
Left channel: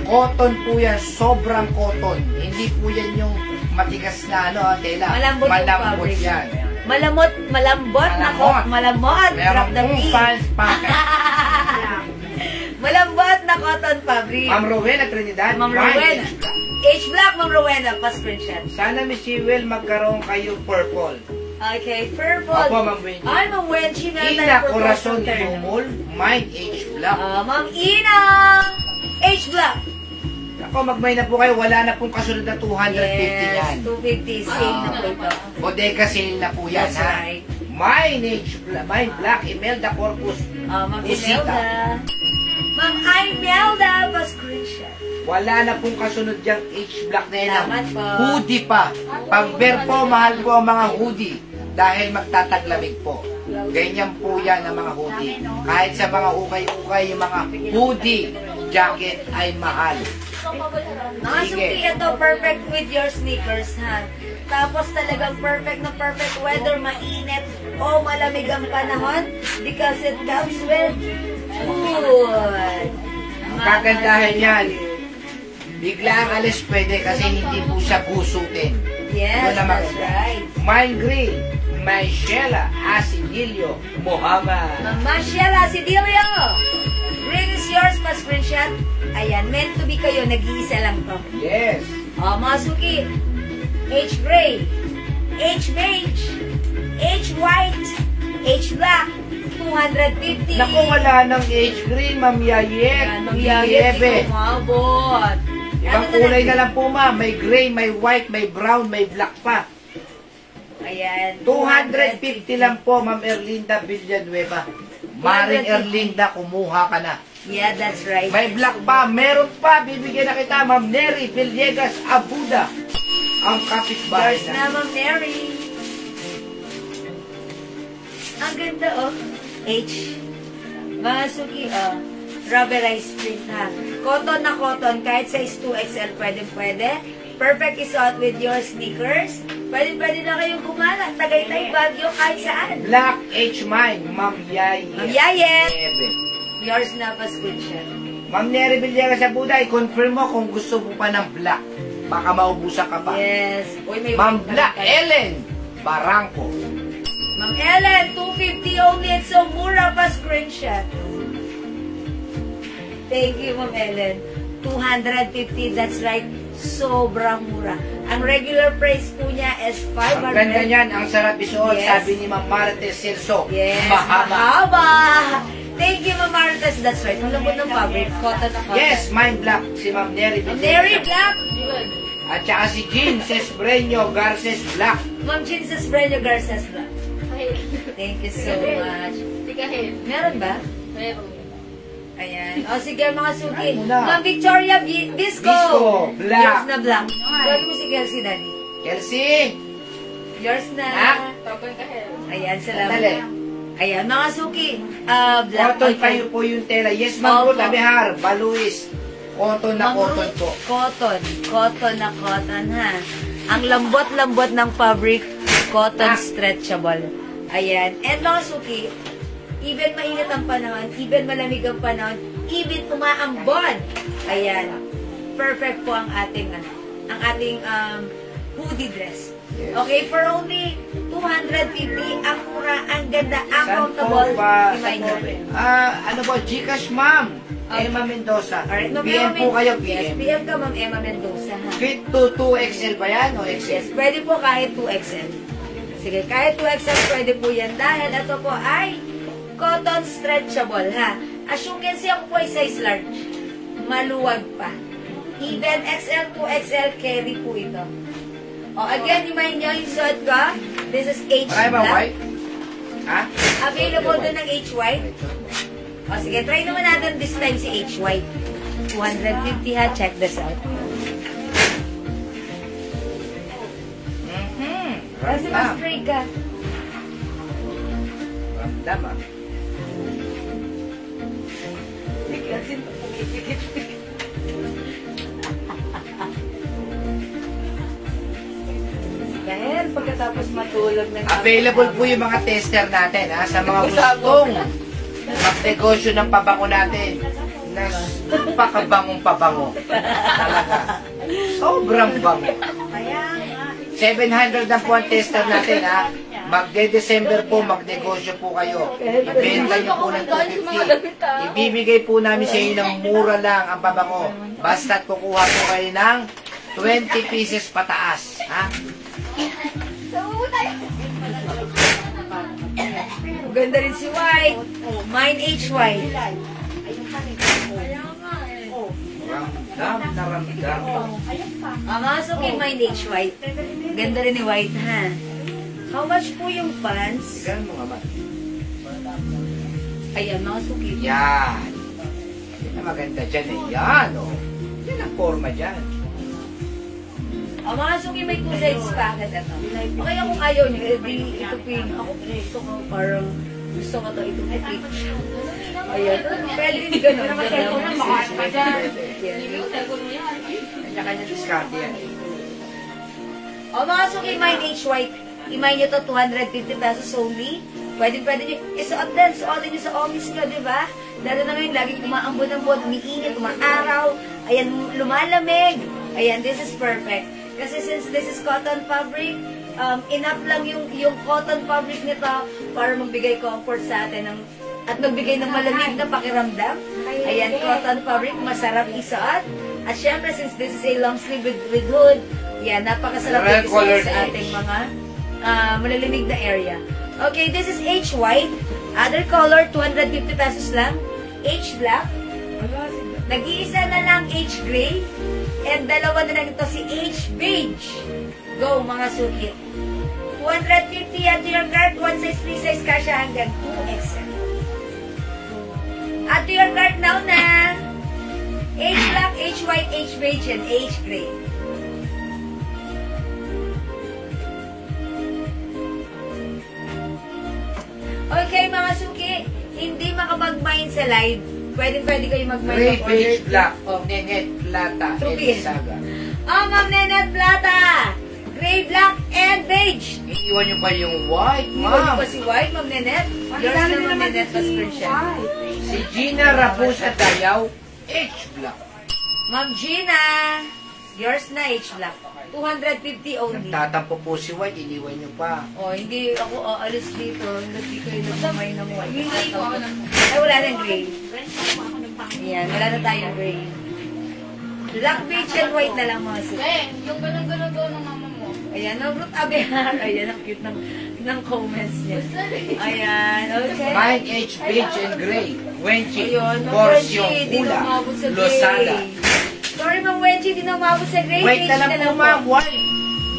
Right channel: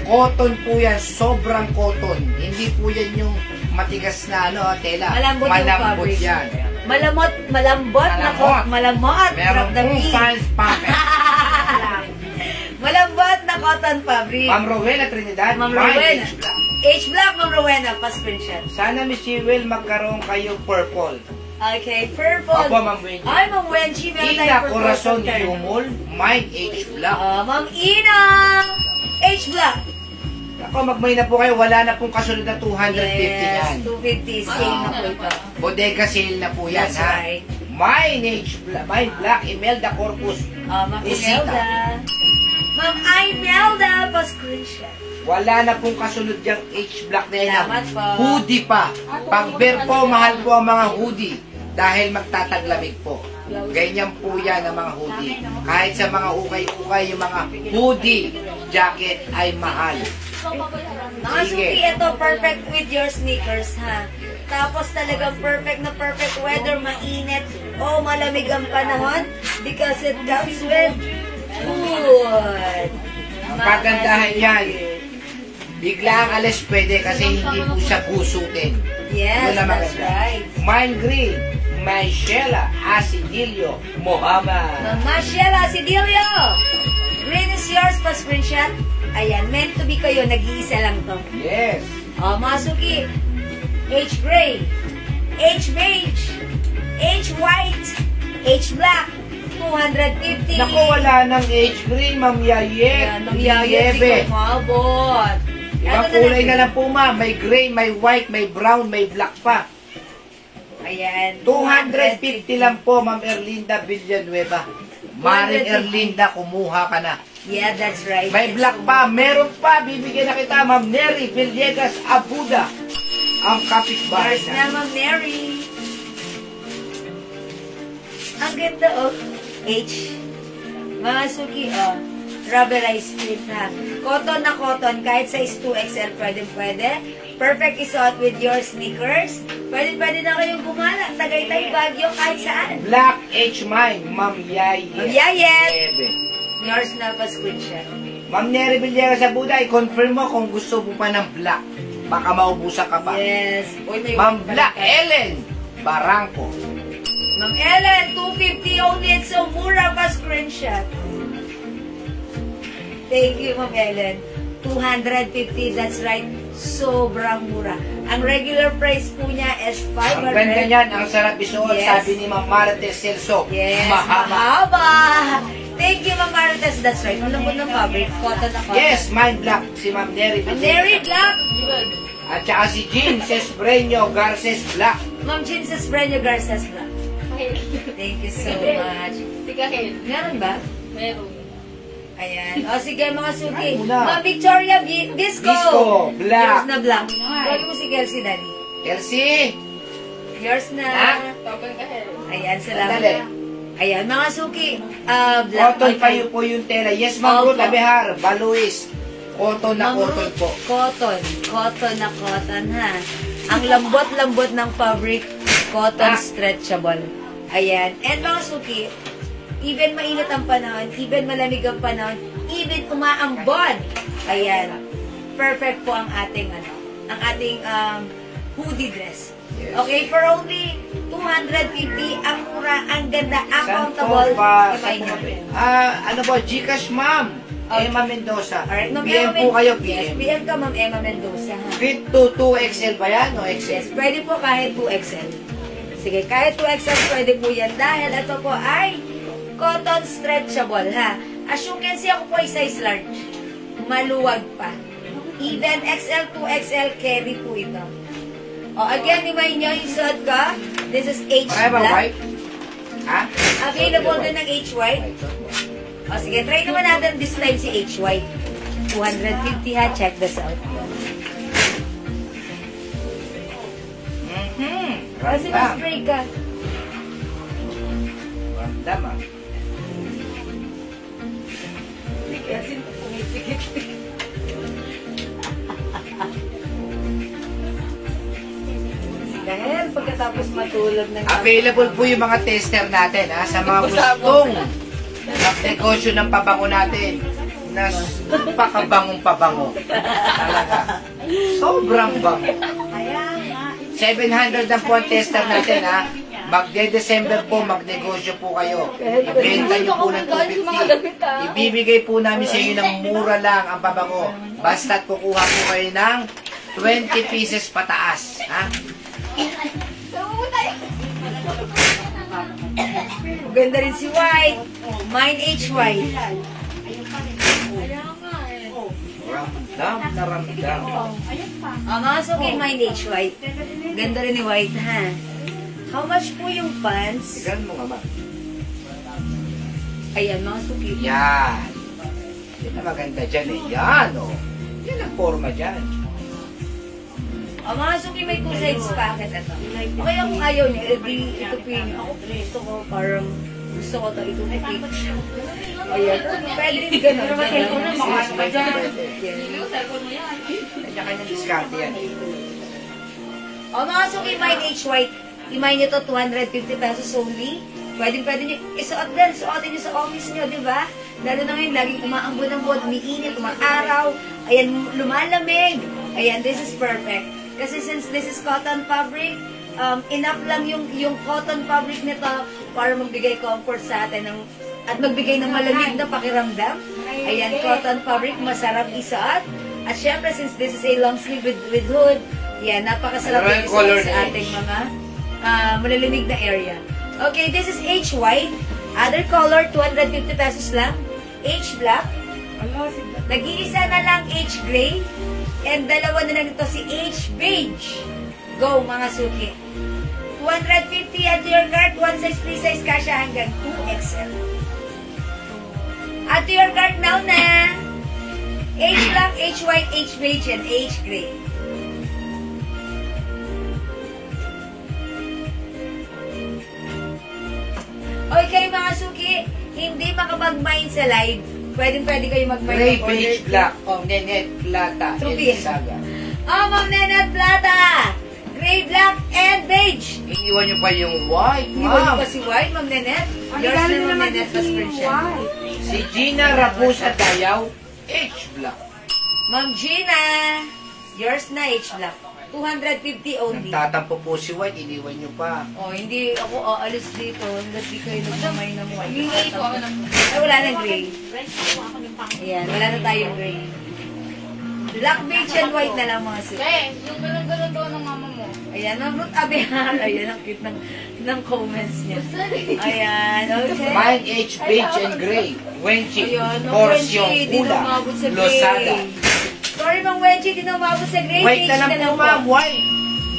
Cotton po yan. Sobrang cotton. Hindi po yan yung matigas na tela. Malambot yung fabric. Yan. Malambot na malamot. Malambot na cotton fabric. Ma'am Rowena Trinidad. Ma'am Rowena. H black, Ma'am Rowena. Pa-screenshot. Sana, Miss Jewel, magkaroon kayo purple. Okay, purple. Opo, Ma'am Wendy. Ay, Ma'am Wendy na Ina tayo Corazon purple. Lumol, Mind H Black. Ma'am Ina. H black. Ako, magmay na po kayo. Wala na pong kasunod na 250 yan. 250. Sale na po ito. Bodega sale na po yan, That's ha? right. Mind H Black, Mind Black, Imelda Corpus. Ma'am Usita. Imelda. Ma'am Imelda, pa-screenshot. Wala na pong kasunod yung H Black na yan. Salamat po. Hoodie pa. Pag bear po, mahal po ang mga hoodie. Dahil magtataglamig po. Ganyan po yan ang mga hoodie. Kahit sa mga ukay-ukay, yung mga hoodie, jacket ay mahal. Mga suki, ito perfect with your sneakers, ha? Tapos talagang perfect na perfect weather, mainit o malamig ang panahon because it comes with wood. Ang kagandahan yan, bigla ang alis pwede kasi hindi po siya gusutin. Yes, Yun ang that's maganda. right. Mine Green, Michela Asidilio Mohammed. Marciela Asidilio! Green is yours, pa-screenshot. Ayan, meant to be kayo, nag-iisa lang to. Yes. Mga suki, H gray, H beige, H white, H black, 250. Naku, wala ng H green, Ma'am Yayet. Ayan, mangyayari kumabot. Ibang kulay na lang po, ma'am. May gray, may white, may brown, may black pa. Ayan. 250 lang po, Ma'am Erlinda Villanueva. Maring Erlinda, kumuha ka na. Yeah, that's right. May black pa, meron pa. Bibigyan na kita, Ma'am Neri Villegas Abuda. Ang kapitbahay There's na, Ma'am Mary. Ang ganda, oh. H. Mga suki, oh. Rubberized print, ha. Cotton na cotton. Kahit size 2XL, pwede. Perfect isuot with your sneakers. Pwede na kayong gumala. Tagaytay, Baguio, kahit saan. Black H mine, Ma'am Yayet. Ma'am Yayet. Ebe. Yours na pa screenshot. Ma'am Neri Villegas Abuda, i-confirm mo kung gusto mo pa ng black. Baka maubusan ka pa. Yes. Uy, may Ma'am Black Ellen Barangco. Ma'am Ellen, 250 only. It's so mura pa screenshot. Thank you, Ma'am Ellen. 250, that's right. Sobrang mura. Ang regular price po niya is 500. Ang ganda niyan, ang sarap isuot, Yes. sabi ni Ma'am Marites Celso. Yes, mahaba. Thank you, Ma'am Marites. That's right. Ang lambot ng fabric. Cotton na cotton. Yes, mine black, si Ma'am Neri Ma'am Villegas. Mary Black. At saka si Jean Cesbreño Garces Black. Ma'am Jean Sesbreño Garces Black. Thank you so much. Tikahin. Meron ba? Meron. Ayan. O sige mga suki. Muna. Ma'am Victoria Disco. Disco, black. Yours na black. Tawag mo si Kelsey, Daddy. Elsie, Yours na. Ha? Tapos kahin. Ayan, sandali. salamat. Ayan, mga suki. Cotton pa yun po yung tela. Yes, Ma'am Ruth Abihar, Baluis. Cotton na Ma'am cotton Ruth, po. Cotton. Cotton na cotton, ha. Ang lambot-lambot ng fabric, cotton stretchable. Ayan. And mga suki, even mainit ang panahon, even malamig ang panahon, even umaambon. Ayan. Perfect po ang ating, ang ating hoodie dress. Yes. Okay, for only 250, ang mura, ang ganda, ang Saan comfortable. po ba? Imay nyo. Ano po? Gcash, Ma'am. Emma Mendoza. Alright, Ma'am PM Emma po kayo, Yes, PM. PM ka, Ma'am Emma Mendoza, ha? Fit to 2XL ba yan o XL? Yes, pwede po kahit 2XL. Sige, kahit 2XL pwede po yan dahil ito po ay cotton stretchable, ha? As you can see, ako po ay size large. Maluwag pa. Even XL, 2XL, carry po ito. O, again, remind nyo, yung suot ko, this is H Marami ba black. white? Ha? Available din ng H white. O, sige, try naman natin this time si H white. 250, ha? Check this out. Kasi mas spray ka. Ramdam, ah. Dahil pagkatapos matulog ng Available po yung mga tester natin, ha? Sa mga gustong magnegosyo ng pabango natin. Na pakabangong pabango. Talaga. Sobrang bango. 700 ang po ang tester natin, ha? Magde-December po, magnegosyo po kayo. Benta niyo po ng 250. Ibibigay po namin sa inyo ng mura lang ang pabango. Basta't kukuha po kayo ng 20 pieces pataas. Ha? Ganda rin si White. Mine H White. Ramdam na ramdam. Mga suki, mine H White. Ganda rin ni White, ha? How much po yung pants? Igan mo nga ba? Ayan, mga suki. Yan. Yan ang maganda dyan eh. Yan, oh. Yan ang forma dyan. O, mga suki, may 2 sides packet ito. Okay, kung ayaw niyo, ito po yung, ako gusto ko, parang, gusto ko ito, ito po. Ayan, pwede yung gano'n. Kanya-kanya discount yan. O, mga suki, mine H White. Imay nyo to 250 pesos only. Pwede nyo. Isuot din. Suotin nyo sa office nyo, di ba? Lalo na ngayon, laging umaambon-ambon, umiinit, umaaraw. Ayan, lumalamig. Ayan, this is perfect. Kasi since this is cotton fabric, enough lang yung cotton fabric nito para magbigay comfort sa atin at magbigay ng malamig na pakiramdam. Ayan, cotton fabric, masarap isuot. At syempre, since this is a long sleeve with hood, yan, napakasarap din isuot sa ating mga malalimig na area. Okay, this is H white. Other color, 250 pesos lang. H black. Nag-iisa na lang H gray. And dalawa na lang ito si H beige. Go, mga suki. 250 at your guard. One size, free size, kasha hanggang 2XL. At your guard now na H black, H white, H beige, and H gray. Okay, mga suki, hindi makapag-mine sa live. Pwede kayo mag-mine. Gray, beige, black. Oh, Nenet, Plata, Trupin. Elisaga. Oh, Ma'am Nenat Plata! Gray, black, and beige. Iiwan nyo pa yung white, Iwan niyo ma'am. pa si White, Ma'am Nenet? Yours na, Ma'am Nenet, mas siya. Si Gina Rapusa Dayaw, H black. Ma'am Gina, yours na, H black. 250 only. Nagtatampo po si white, iniwan nyo pa. Oh, hindi ako aalis dito. Hindi kayo nagmamay ng white. Ay, wala nang gray. Ayan, wala na tayong gray. Black, beige, and white na lang mga suki. Yung ganun-ganun doon ng mama mo. Ayan, ang Ruth Abihar. Ayan, ang cute ng comments niya. Ayan, okay. Mine H, beige and gray. Wenchi, Ayun, Ma'am Porsyong Wenchi, di Pula, na umabot sa gray. Losada. Sorry, Ma'am Wenchi, di na umabot sa gray. White na lang Beige po, ma'am, white.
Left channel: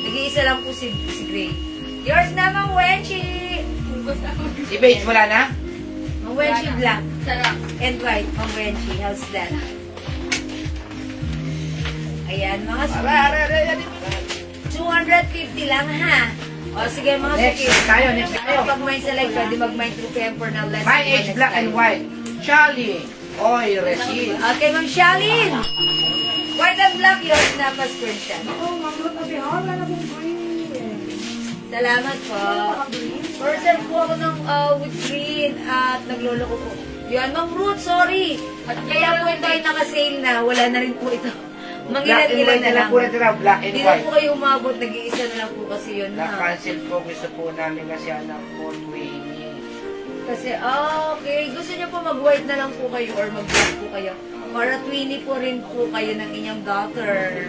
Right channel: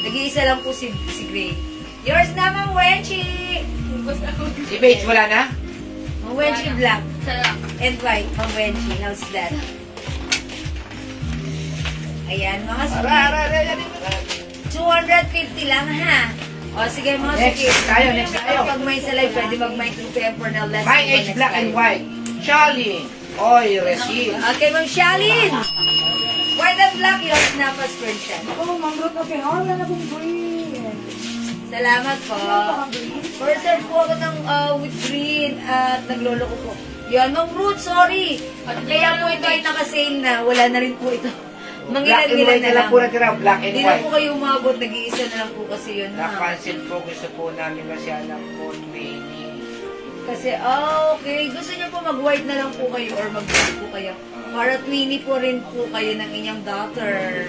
Nag-iisa lang po si gray. Yours na, Ma'am Wenchi. Si beige wala na? Ma'am Wenchi black. And white, Ma'am Wenchi. How's that? Ayan, mga suki. 250 lang, ha? O, sige mga Next suki. tayo, next tayo. Pag may sa live, pwede mag-mic to temper na last. My age black and white. Charlie. Oy, Resil. Okay, Ma'am Shalin. White and black, yung snapas screenshot. Salamat po. Person po ako ng with green at naglolo ko po. Yan, Ma'am Ruth, sorry. At kaya po ito ay naka-sale na. Wala na rin po ito. Black and white na lang po natira. Black and Hindi na white. po kayo umabot. Nag-iisa na lang po kasi yun. Na-cancel po. Gusto po namin kasi alam po 20. Kasi, okay. Gusto niyo po mag-white na lang po kayo or mag-black po kayo. Para twinny po rin po kayo ng inyong daughter.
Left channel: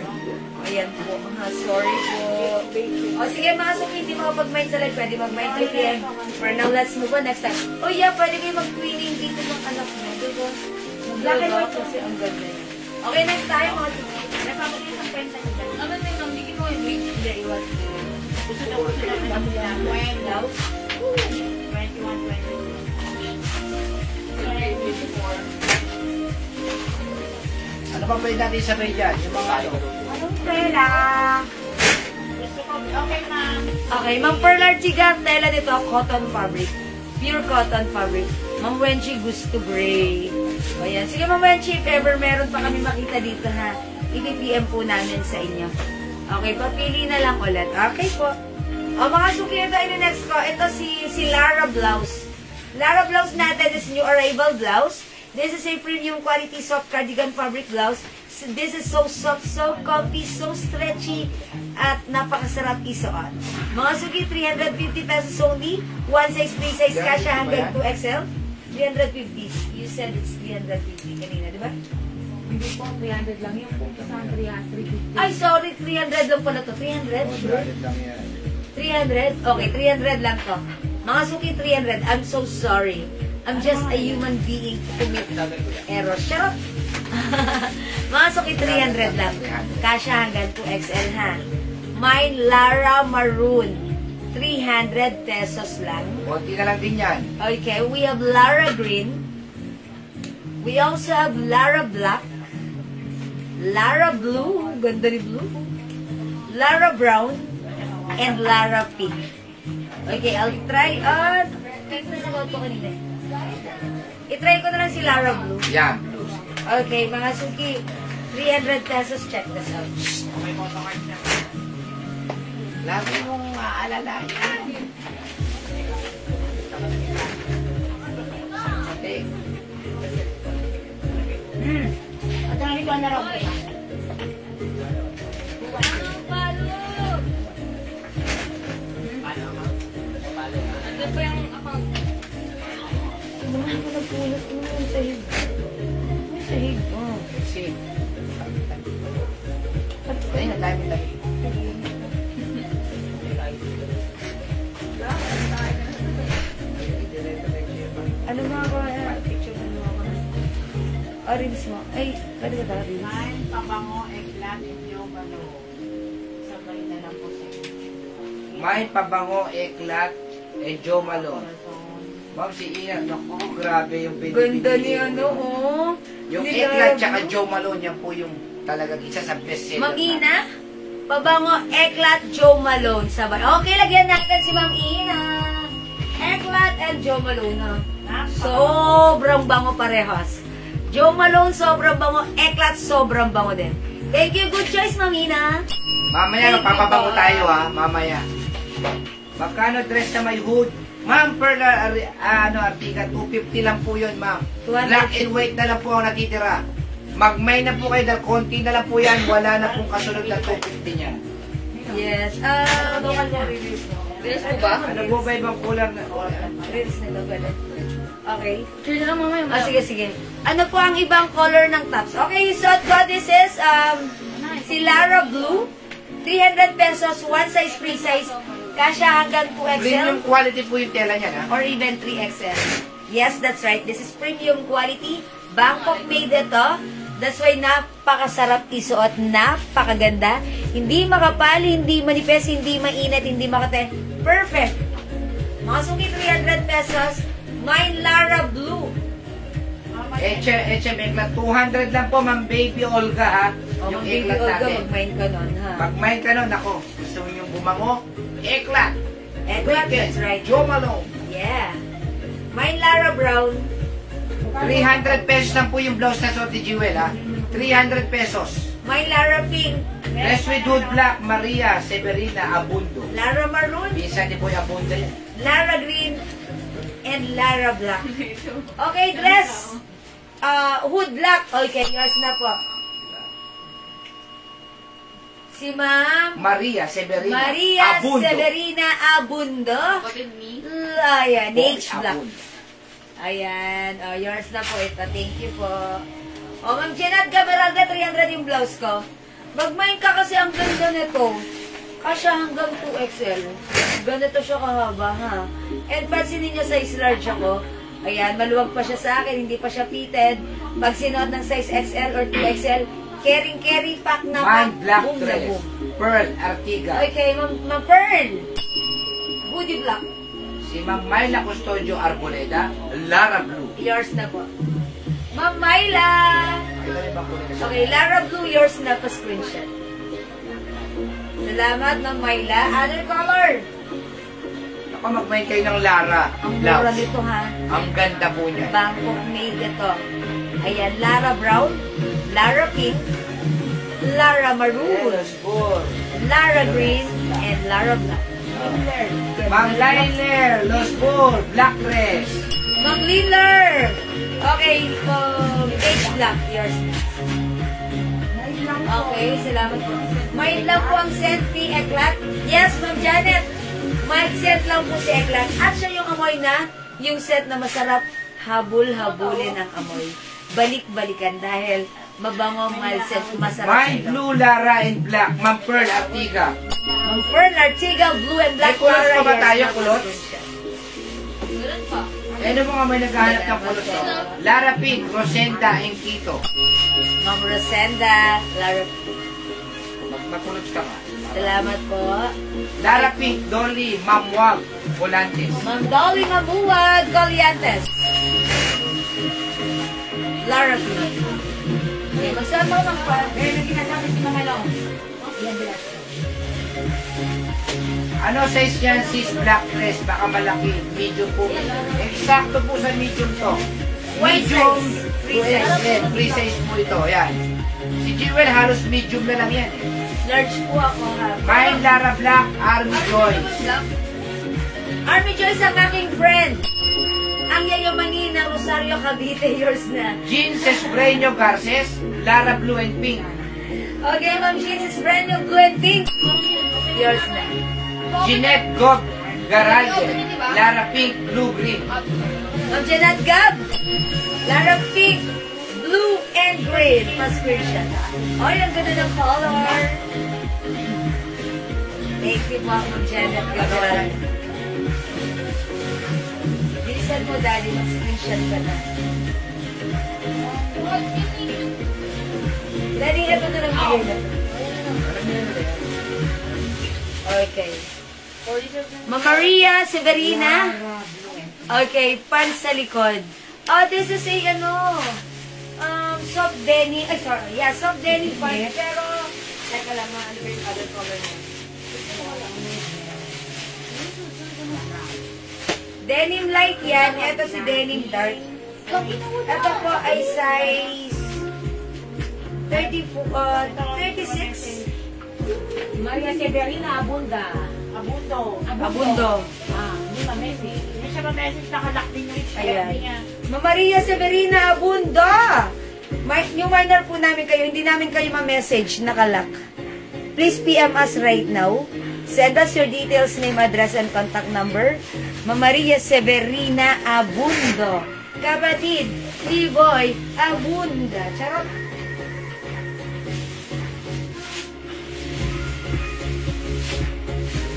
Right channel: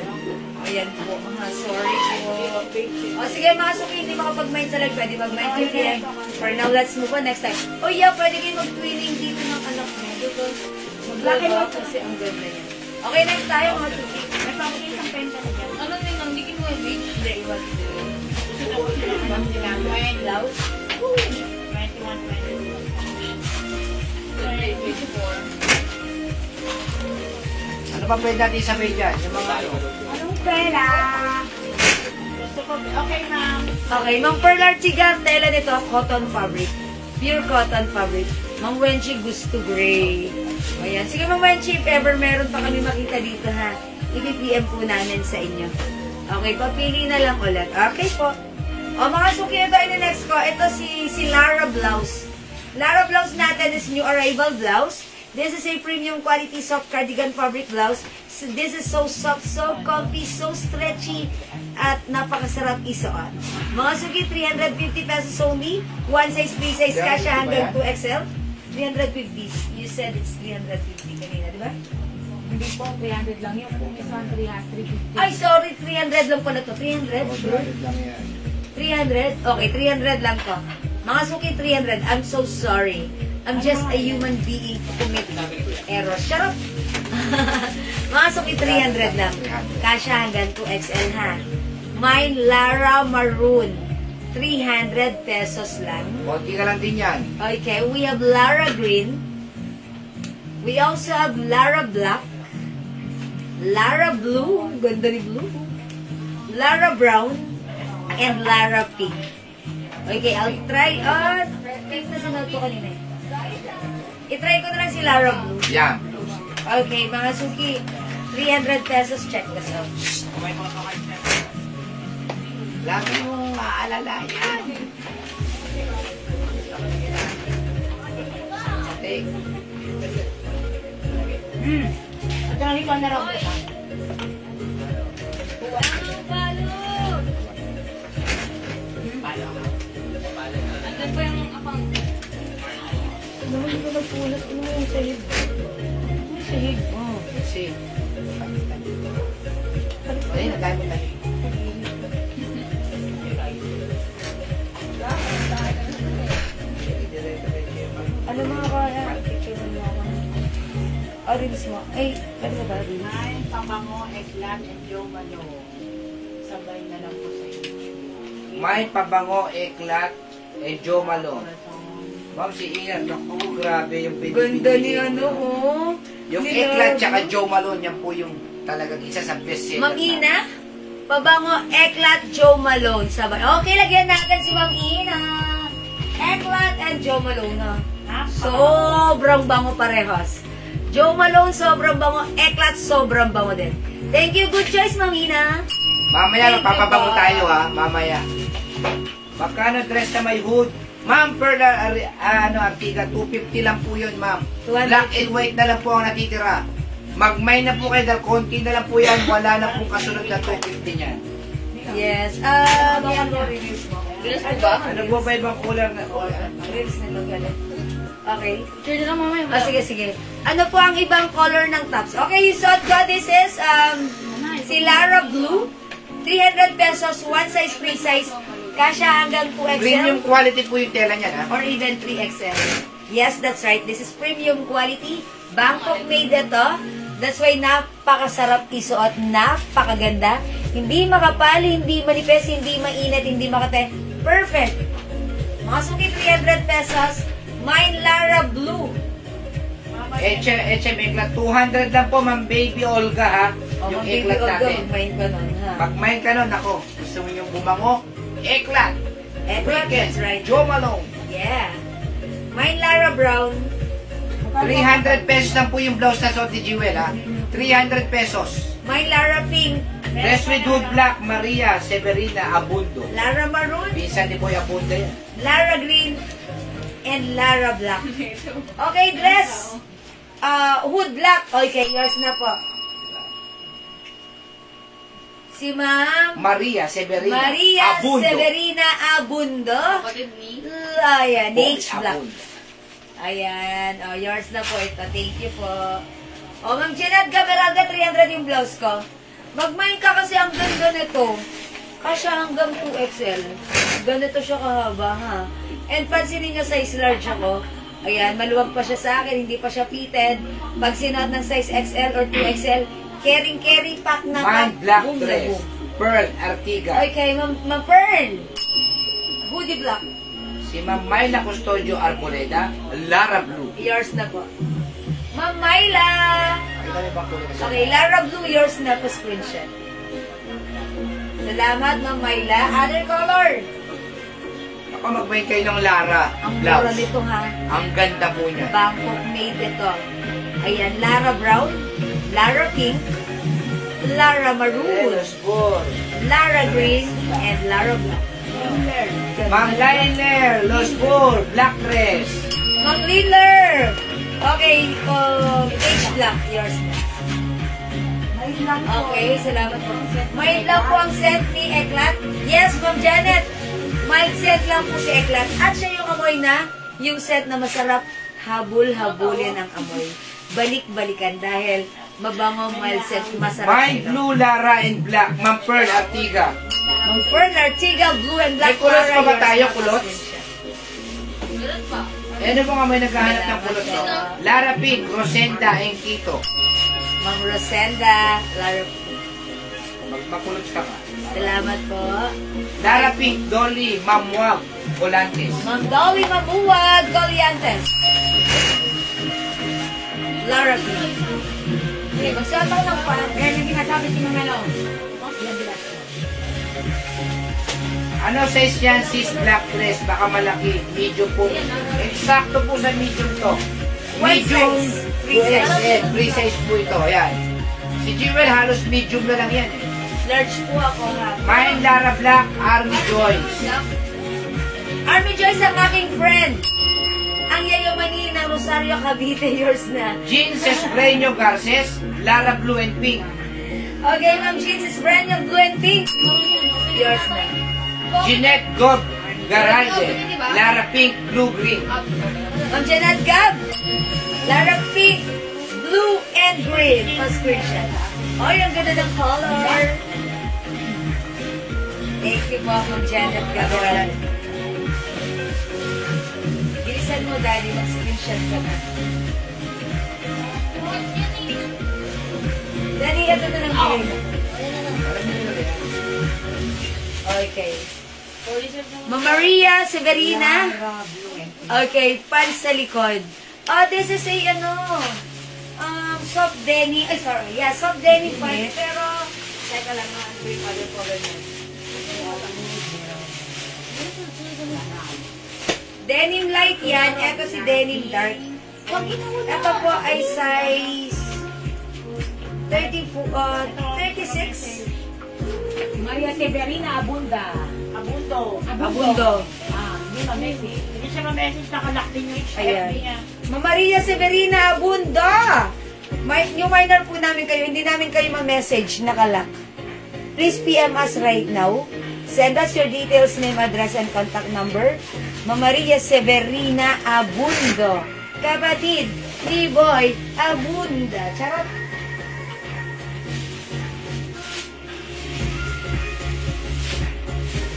Ayan po. Sorry po. O sige, mga suki, hindi makapag-mind sa live. Pwede mag-mind to PM. For now, let's move on next time. Oh yeah, pwede kayo mag-twinning dito ng anak mo. Dito. Mag-black and white kasi ang ganda yan. Okay, next tayo mga suki. May pamagay isang penta na dyan. Ano na yung nangdikin mo yung wait? Hindi, iwas. Gusto na po sila ng 20. 21, 22. Ano pa pwede natin sabay dyan? Yung mga ano? Anong pera? Gusto ko, okay na. Okay, Ma'am Pearl Artigan, tela nito, cotton fabric. Pure cotton fabric. Ma'am Wenchi, gusto gray. O yan. Sige, Ma'am Wenchi, if ever meron pa kami makita dito ha, i-PM po namin sa inyo. Okay, papili na lang ulit. Okay po. O mga suki, ito next ko. Ito si Lara Blouse. Lara Blouse natin is new arrival blouse. This is a premium quality soft cardigan fabric blouse. So this is so soft, so comfy, so stretchy, at napakasarap isuot. Mga suki, 350 pesos only. One size, free size, kasha hanggang 2XL. 350. You said it's 350 kanina, di ba? Hindi po, 300 lang yung kung isang 350. Ay, sorry, 300 lang pala to. 300? Sure? 100 lang yan. 300? Okay, 300 lang to. Mga suki, 300. I'm so sorry. I'm just a human being to commit errors. Shut up! Mga suki, 300 lang. Kasha hanggang 2XL ha. Mine, Lara Maroon. 300 pesos lang. Konti na lang din yan. Okay, we have Lara Green. We also have Lara Black. Lara Blue. Ganda ni Blue. Lara Brown. And Lara Pink. Okay, I'll try on. Pink na sinuot ko kanina. I-try ko na lang si Lara Blue. Yan. Okay, mga suki. 300 pesos. Check this out. Lagi mong aalala yan. At ang ikaw na raw ko siya. Andun pa yung akong... Naman ko nagpulat. Ano mo yung sahig? May sahig. Oh. Kasi, ayun, ang dami lang. Ano mga kaya? Picture mo ako. Reels mo. Ay, pwede ba ba reels? Mine, pabango, eglat, yung ano. Sabay na lang po sa inyo. May pabango, eklat, and Jo Malone. Ma'am, si Ian, naku, grabe yung pinipili. Ganda ni ano, oh. Yung Si eklat Lara. tsaka Jo Malone, yan po yung talagang isa sa bestseller. Ma'am Ina, pabango, eklat, Jo Malone. Sabay. Okay, lagyan natin si Ma'am Ina. Eklat and Jo Malone. Ha? Sobrang bango parehas. Jo Malone, sobrang bango. Eklat, sobrang bango din. Thank you. Good choice, Ma'am Ina. Mamaya, Thank you magpapabango po. tayo ha, mamaya. Magkano dress na may hood? Ma'am, per Artiga, 250 lang po yun, ma'am. 200. Black and white na lang po ang natitira. Mag-may na po kayo dahil konti na lang po yan. Wala na pong kasunod na 250 niyan. Yes. Mga reviews mo. Reels mo ba? Ano po ba ibang color na? Reels na ba? Okay. Sige na mamaya. Sige, sige. Ano po ang ibang color ng tops? Okay, so this is si Lara Blue. 300 pesos, one size, free size. Kasha hanggang 2XL. Premium quality po yung tela niya, ha? Or even 3XL. Yes, that's right. This is premium quality. Bangkok made ito. That's why napakasarap isuot. Napakaganda. Hindi makapal, hindi manipis, hindi mainit, hindi makate. Perfect. Mga suki, 300 pesos. Mine Lara Blue. HM Eklat, 200 lang po, ma'am. Baby Olga, ha? Yung Eklat natin. Mag-mind ka nun, ha? Pag-mind ka nun, ako, gusto mo yung bumango? Eklat. Weekend. That's right. Joe Malone. Yeah. Mine Lara Brown. 300 pesos lang po yung blouse na suot ni Jewel, ha? 300 pesos. Mine Lara Pink. Dress with Hood Black, Maria Severina Abundo. Lara Maroon. Minsan din po yung Abundo yan. Lara Green. And Lara Black. Okay, dress. Hood Black. Okay, yours na po. Si Ma'am Maria Severina Maria Abundo. Severina Abundo. Kapatid ni. Ayan, Boy H Black. Abundo. Ayan, yours na po ito. Thank you po. Ma'am Jeanette Gabaraga, 300 yung blouse ko. Magmain ka kasi ang ganda nito. Kasi hanggang 2XL. Ganito siya kahaba, ha? And pansinin niyo, size large ako. Ayan, maluwag pa siya sa akin, hindi pa siya fitted. Pag sinuot ng size XL or 2XL, carry pack na Man Black boom na Dress. boom. Pearl Artiga. Okay, Ma'am Pearl. Hoodie Black. Si Ma'am Myla Custodio Arboleda, Lara Blue. Yours na po. Ma'am Myla. Ay, dami bang kunin kasi? Okay, Lara Blue, yours na po screenshot. Salamat, Ma'am Myla. Other color. Ako, magmain kayo ng Lara. Ang mura Blouse. nito, ha? Ang ganda po niya. Bangkok made ito. Ayan, Lara Brown, Lara Pink, Lara Maroon, Lara Green, and Lara Black. Ma'am Liner, Los Bull, Black Dress. Ma'am Liller. Okay, H Black, yours na. Okay, salamat po. May love po ang scent ni Eklat. Yes, Ma'am Janet. Mild scent lang po si Eklat. At siya yung amoy na, yung scent na masarap, habol-habulin ang amoy. Balik-balikan dahil mabango mild scent, masarap. Mine Blue, Lara and Black. Ma'am Pearl Artiga. Ma'am Pearl Artiga, blue and black. May kulot pa ba Yes, tayo, na po kulot? screenshot. Wala pa. Ano po nga may naghahanap ng kulot? Lara Pink, Rosenda, and Quito. Ma'am Rosenda, Lara Pink. Magkulot ka ba? Salamat po. Lara Pink, Dolly, Ma'am Wag, Volantes. Ma'am Dolly Mamuwag, Goliantes. Lara Pink. Okay, magsalita ko ng parang. Eh, nang ginasabi si Mama Long. Yan, bilas. Ano size yan, sis? Black dress, baka malaki. Medium po. Eksakto po sa medium to. One Medium, size. Free size. free size po ito. Yan. Si Jewel, halos medium na lang yan. Large po ako, ha. Mine, Lara Black, Army Joyce. Army Joyce ang aking friend. Ang yayamanin ng Rosario Cavite, yours na. Jeans Espreño Garces, Lara Blue and Pink. Okay, Ma'am Jeans, is brand new blue and pink. Yours na. Jeanette Gob Garage, Lara Pink, Blue Green. Ma'am Jeanette Gab, Lara Pink, blue and green. Pa-screenshot. Oh, yung ganda ng color. Thank you po, Ma'am Jeanette Gab. Bilisan mo, Daddy, mag-screenshot ka na. Daddy, ito na ng bigay na. Okay. Ma'am Maria Severina. Okay, pants sa likod. Oh, this is a, soft denim. Ay, sorry. Yeah, soft denim pants. Pero, teka lang, ano yung other color na? Denim light yan. Ito si denim dark. Ito po ay size 36. Maria Severina Abunda. Abundo. Hindi ma-message. Hindi siya ma-message, nakalak din yung Ayan. Ma'am Maria Severina Abunda. New minor po namin kayo. Hindi namin kayo ma-message. Nakalak. Please PM us right now. Send us your details, name, address, and contact number. Ma'am Maria Severina Abundo. Kapatid, T-Boy Abunda. Charot.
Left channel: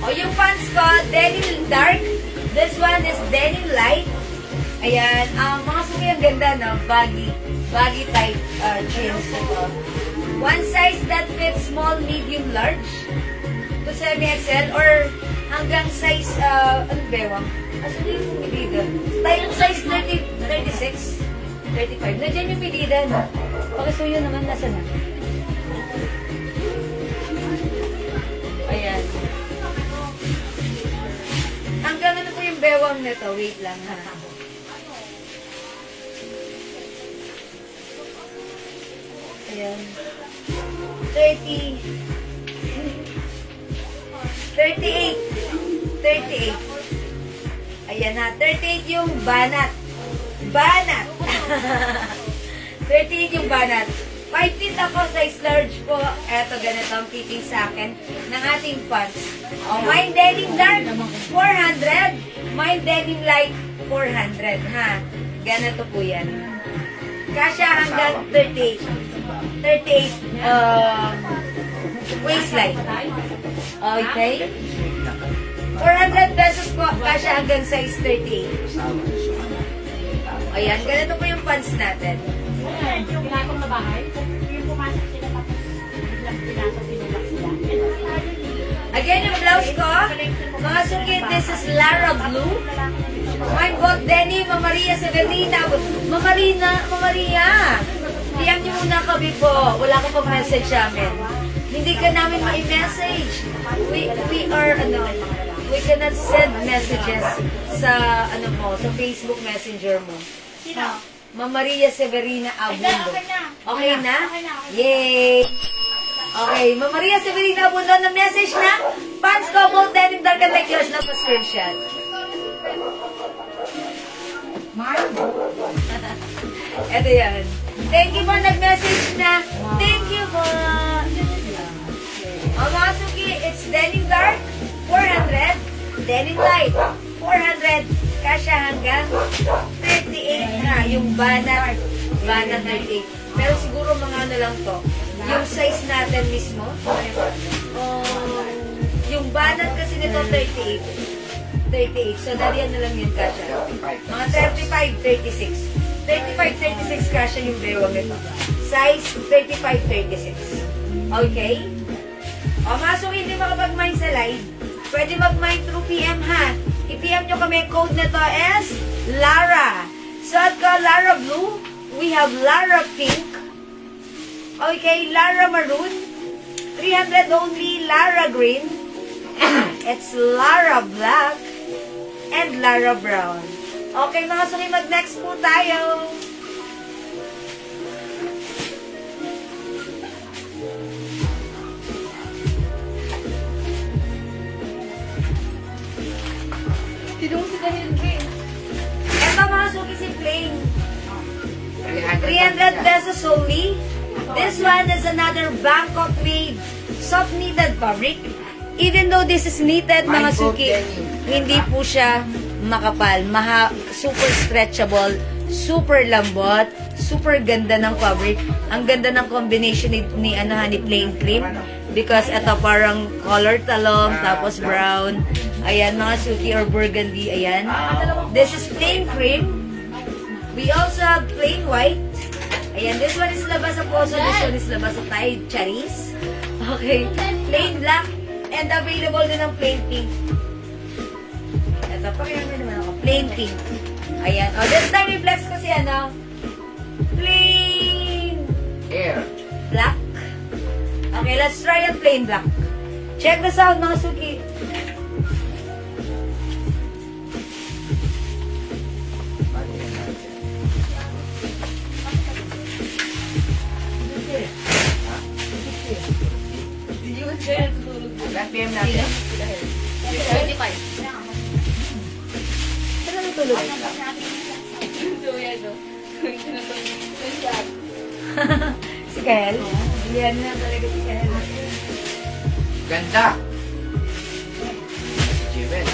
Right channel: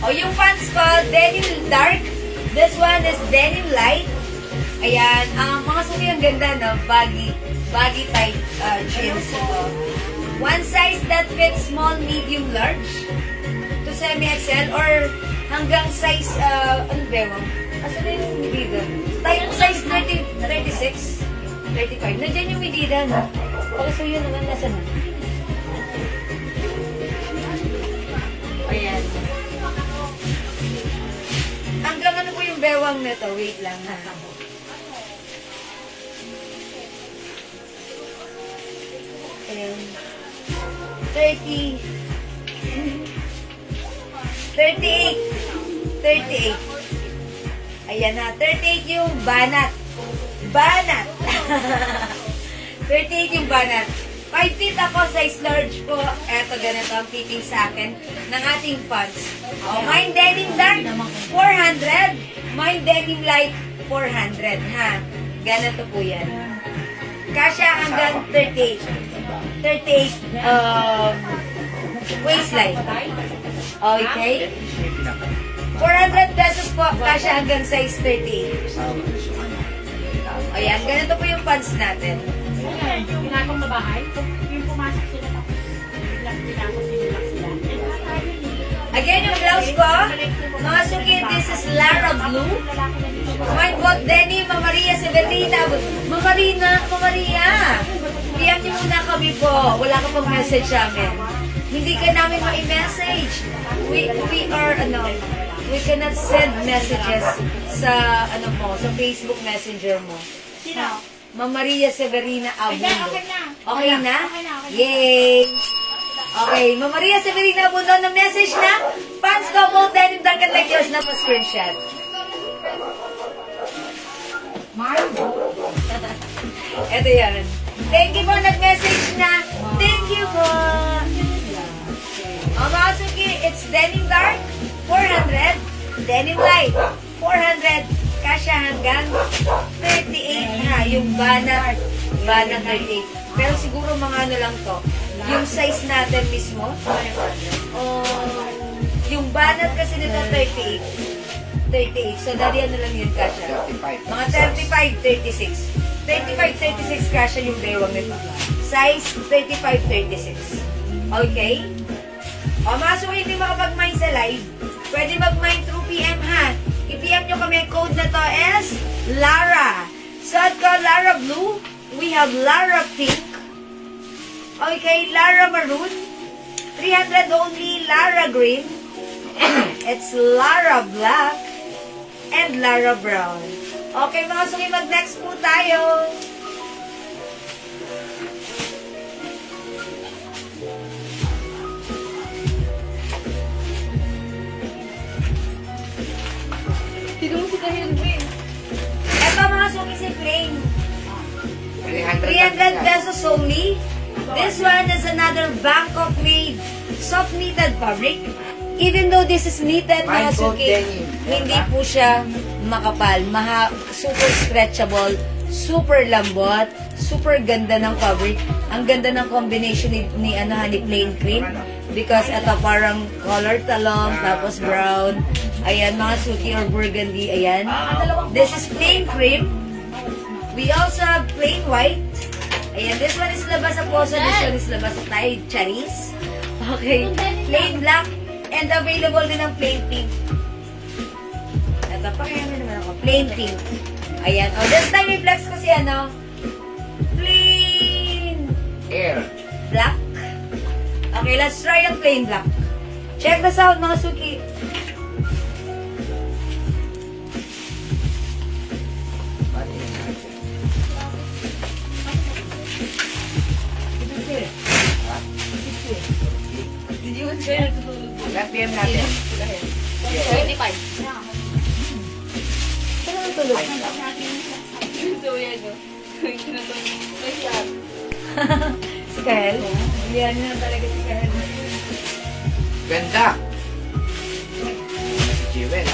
O, yung pants ko, denim dark. This one is denim light. Ayan. Ang mga suki ang ganda, no? Baggy type jeans. Ito. One size that fits small, medium, large. To semi-XL or hanggang size, ano bewang? Asa na yung medida? Size 36, 35. Nandiyan yung medida, no? Pag-gusto yun naman, nasa na? Ayan. bewang nito. Wait lang ha. Ayun. 38. 38. Ayan na. 38 yung banat. Banat. 38 yung banat. 5 feet ako, size large po. Eto, ganito ang fitting sa akin ng ating pants. Oh, mine denim dark, 400. Mine denim light, 400. Ha? Ganito po yan. Kasya hanggang 38. 38 waistline. Okay? 400 pesos po. Kasya hanggang size 38. Ayan, ganito po yung pants natin. Ayan, yung ginatong na bahay, yung pumasok sila tapos biglang pinasok sinulak sila. Again, yung blouse ko, mga suki, this is Lara Blue. Mine bought Denny, Mama Maria Severina. Mama Maria, diyan niyo muna kami po. Wala ka pang message namin. Hindi ka namin ma-message. We cannot send messages sa, sa Facebook Messenger mo. Sino? Mama Maria Severina Abundo. Okay na? Yay! Okay, Mama Maria Severina Abundo na message na. Pants ko, both denim, dark and like yours na po screenshot. Ito yan. Thank you po, nag-message niya. Thank you po. Mga suki, it's denim dark, 400. Denim light, 400. Kasya hanggang 38 na. Yung banat 38. Pero siguro mga ano lang to. Yung size natin mismo. Yung banat kasi nito 38. 38. So, dali ano lang yun kasya. Mga 35, 36. 35, 36 kasya yung bewang nito. Size 35, 36. Okay? O, mga suki, hindi makapag-mine sa live. Pwede mag-mine through PM ha. I-PM nyo kami. Code na to is Lara. Suot ko Lara Blue. We have Lara Pink. Okay, Lara Maroon. 300 only. Lara Green. It's Lara Black. And Lara Brown. Okay, mga suki, mag-next po tayo. Ito mga suki si plain. 300 pesos only. This one is another Bangkok made soft knitted fabric. Even though this is knitted mga suki, hindi po siya makapal. Super stretchable, super lambot, super ganda ng fabric. Ang ganda ng combination ni plain cream. Because ito parang color talong, tapos brown. Ayan, mga suki or burgundy. Ayan. This is plain cream. We also have plain white. Ayan, this one is labas sa poso. This one is labas sa Thai cherries. Okay. Plain black. And available din ng plain pink. Ito, pakinggan nyo naman ako. Plain pink. Ayan. O, this time reflex kasi plain Air. black. Okay, let's try ang plain black. Check the sound, mga suki. Ilan PM natin? 25. Saan ang tulog? Si Kel? Yan na talaga si Kel. Ganda. Jewel,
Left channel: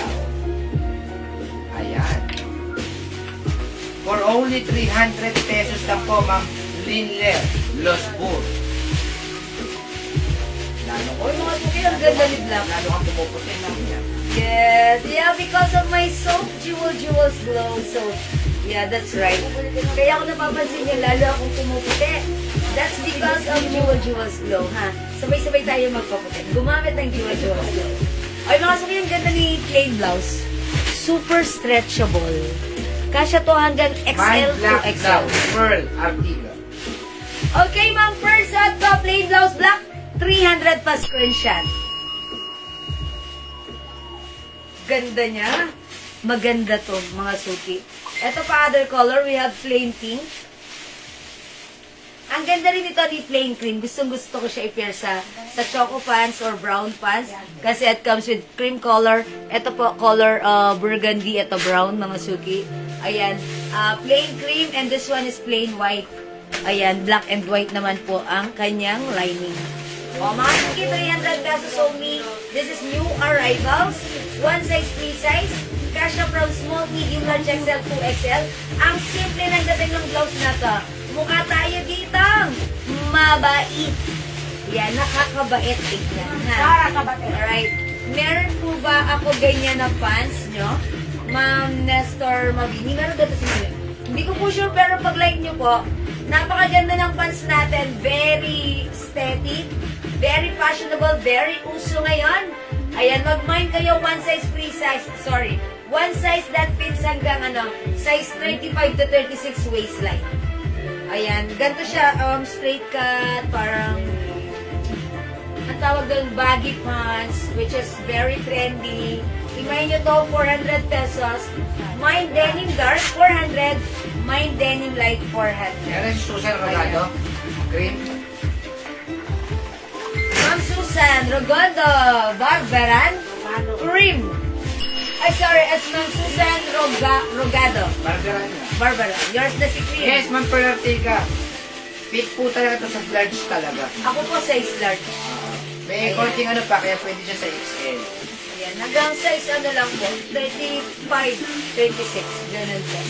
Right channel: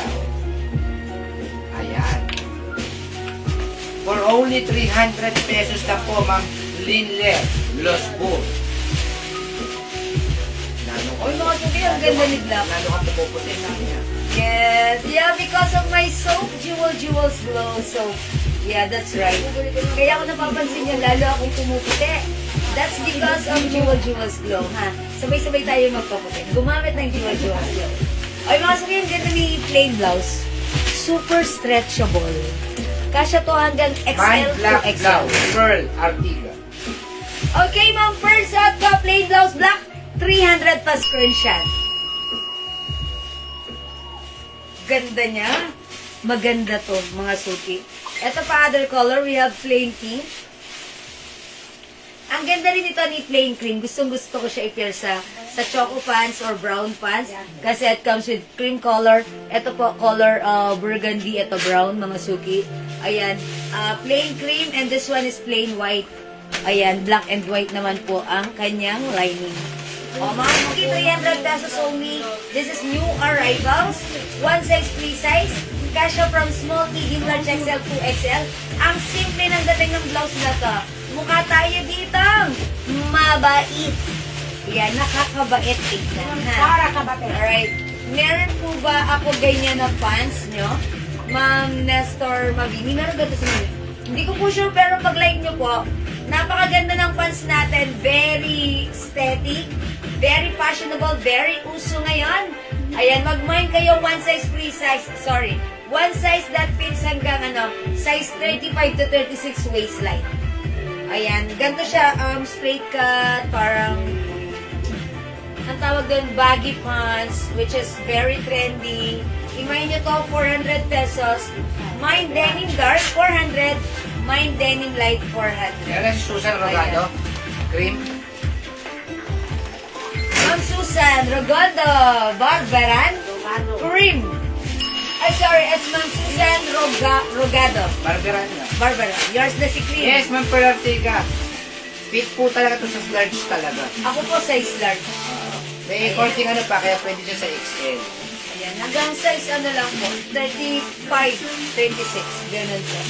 ayan. For only 300 pesos na po, Ma'am Linler Losbur. Uy, mga suki, ang ganda ni Black. Lalo ka tumuputi na niya. Yes, yeah, because of my soap, Jewels Glow soap. Yeah, that's right. Kaya ako napapansin niya, lalo akong tumuputi. That's because of Jewels Glow, ha? Sabay-sabay tayo magpaputi. Gumamit ng Jewels Glow. Ay, mga suki, ang ganda ni plain blouse. Super stretchable. Kasya to hanggang XL My to black XL. blouse, Pearl Artiga. Okay, ma'am, first up ko, plain blouse black. 300 pa screenshot. Ganda niya. maganda to, mga suki. Ito pa other color, we have plain pink. Ang ganda rin ito ni plain cream. Gustong-gusto ko siya i-pair sa choco pants or brown pants. Kasi it comes with cream color. Ito po, color burgundy. Ito brown, mga suki. Ayan. Plain cream and this one is plain white. Ayan, black and white naman po ang kanyang lining. O, mga suki, 300 pesos only. This is new arrivals. One size, free size. Kasha from small, medium, large, XL, 2XL. Ang simple ng dating ng blouse na to. Mukha tayo dito. Mabait. Yan, nakakabait tignan. Para kabate. Alright. Meron po ba ako ganyan na pants, no? Ma'am Nestor Magini. Meron ganito sa inyo. Hindi ko po sure, pero pag-like nyo po, napakaganda ng pants natin. Very aesthetic. Very fashionable. Very uso ngayon. Ayan, mag-mind kayo. One size, free size. Sorry. One size that fits hanggang size 35 to 36 waistline. Ayan, ganito siya, straight cut, parang, ang tawag doon, baggy pants, which is very trendy. Imayin nyo to, 400 pesos. Mine denim dark, 400. Mine denim light, 400. Yan si Susan Rogado. Cream. Ma'am Susan Rogado, Barbaran, cream. Ay, sorry, it's Ma'am Susan Rogado. Barbara niya. Barbara, yours na si cream. Yes, Ma'am Pearl Artiga. Fit po talaga to sa large talaga. Ako po size large. May korting pa, kaya pwede siya sa XL. Ayan, hanggang size lang po, 35, 36, ganun po.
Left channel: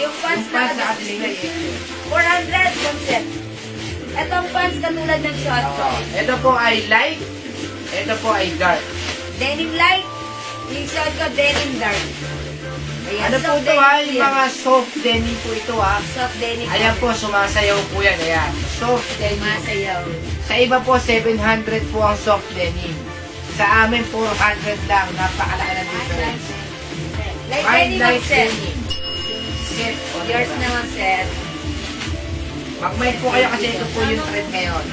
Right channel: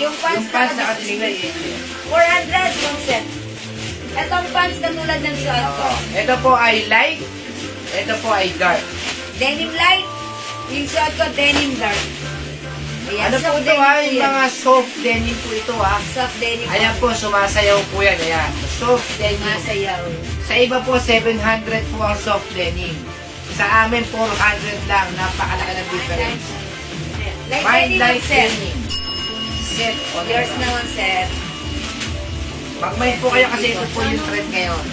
Yung pants na katilingay, 400 yung set. Etong pants katulad ng short ko. Ito po ay light, ito po ay dark. Denim light, yung short ko denim dark. Ayan, Ano po ito ha? Yung mga soft denim po ito ha. Soft denim. Ayan po, sumasayaw po yan. Ayan. Soft denim. Masayaw. Sa iba po, 700 po ang soft denim. Sa amin, 400 lang. Napakalaki ng difference. Light Mind denim light set. denim. Set. Yours naman set. Mag-mind po kayo kasi ito po yung trend ngayon.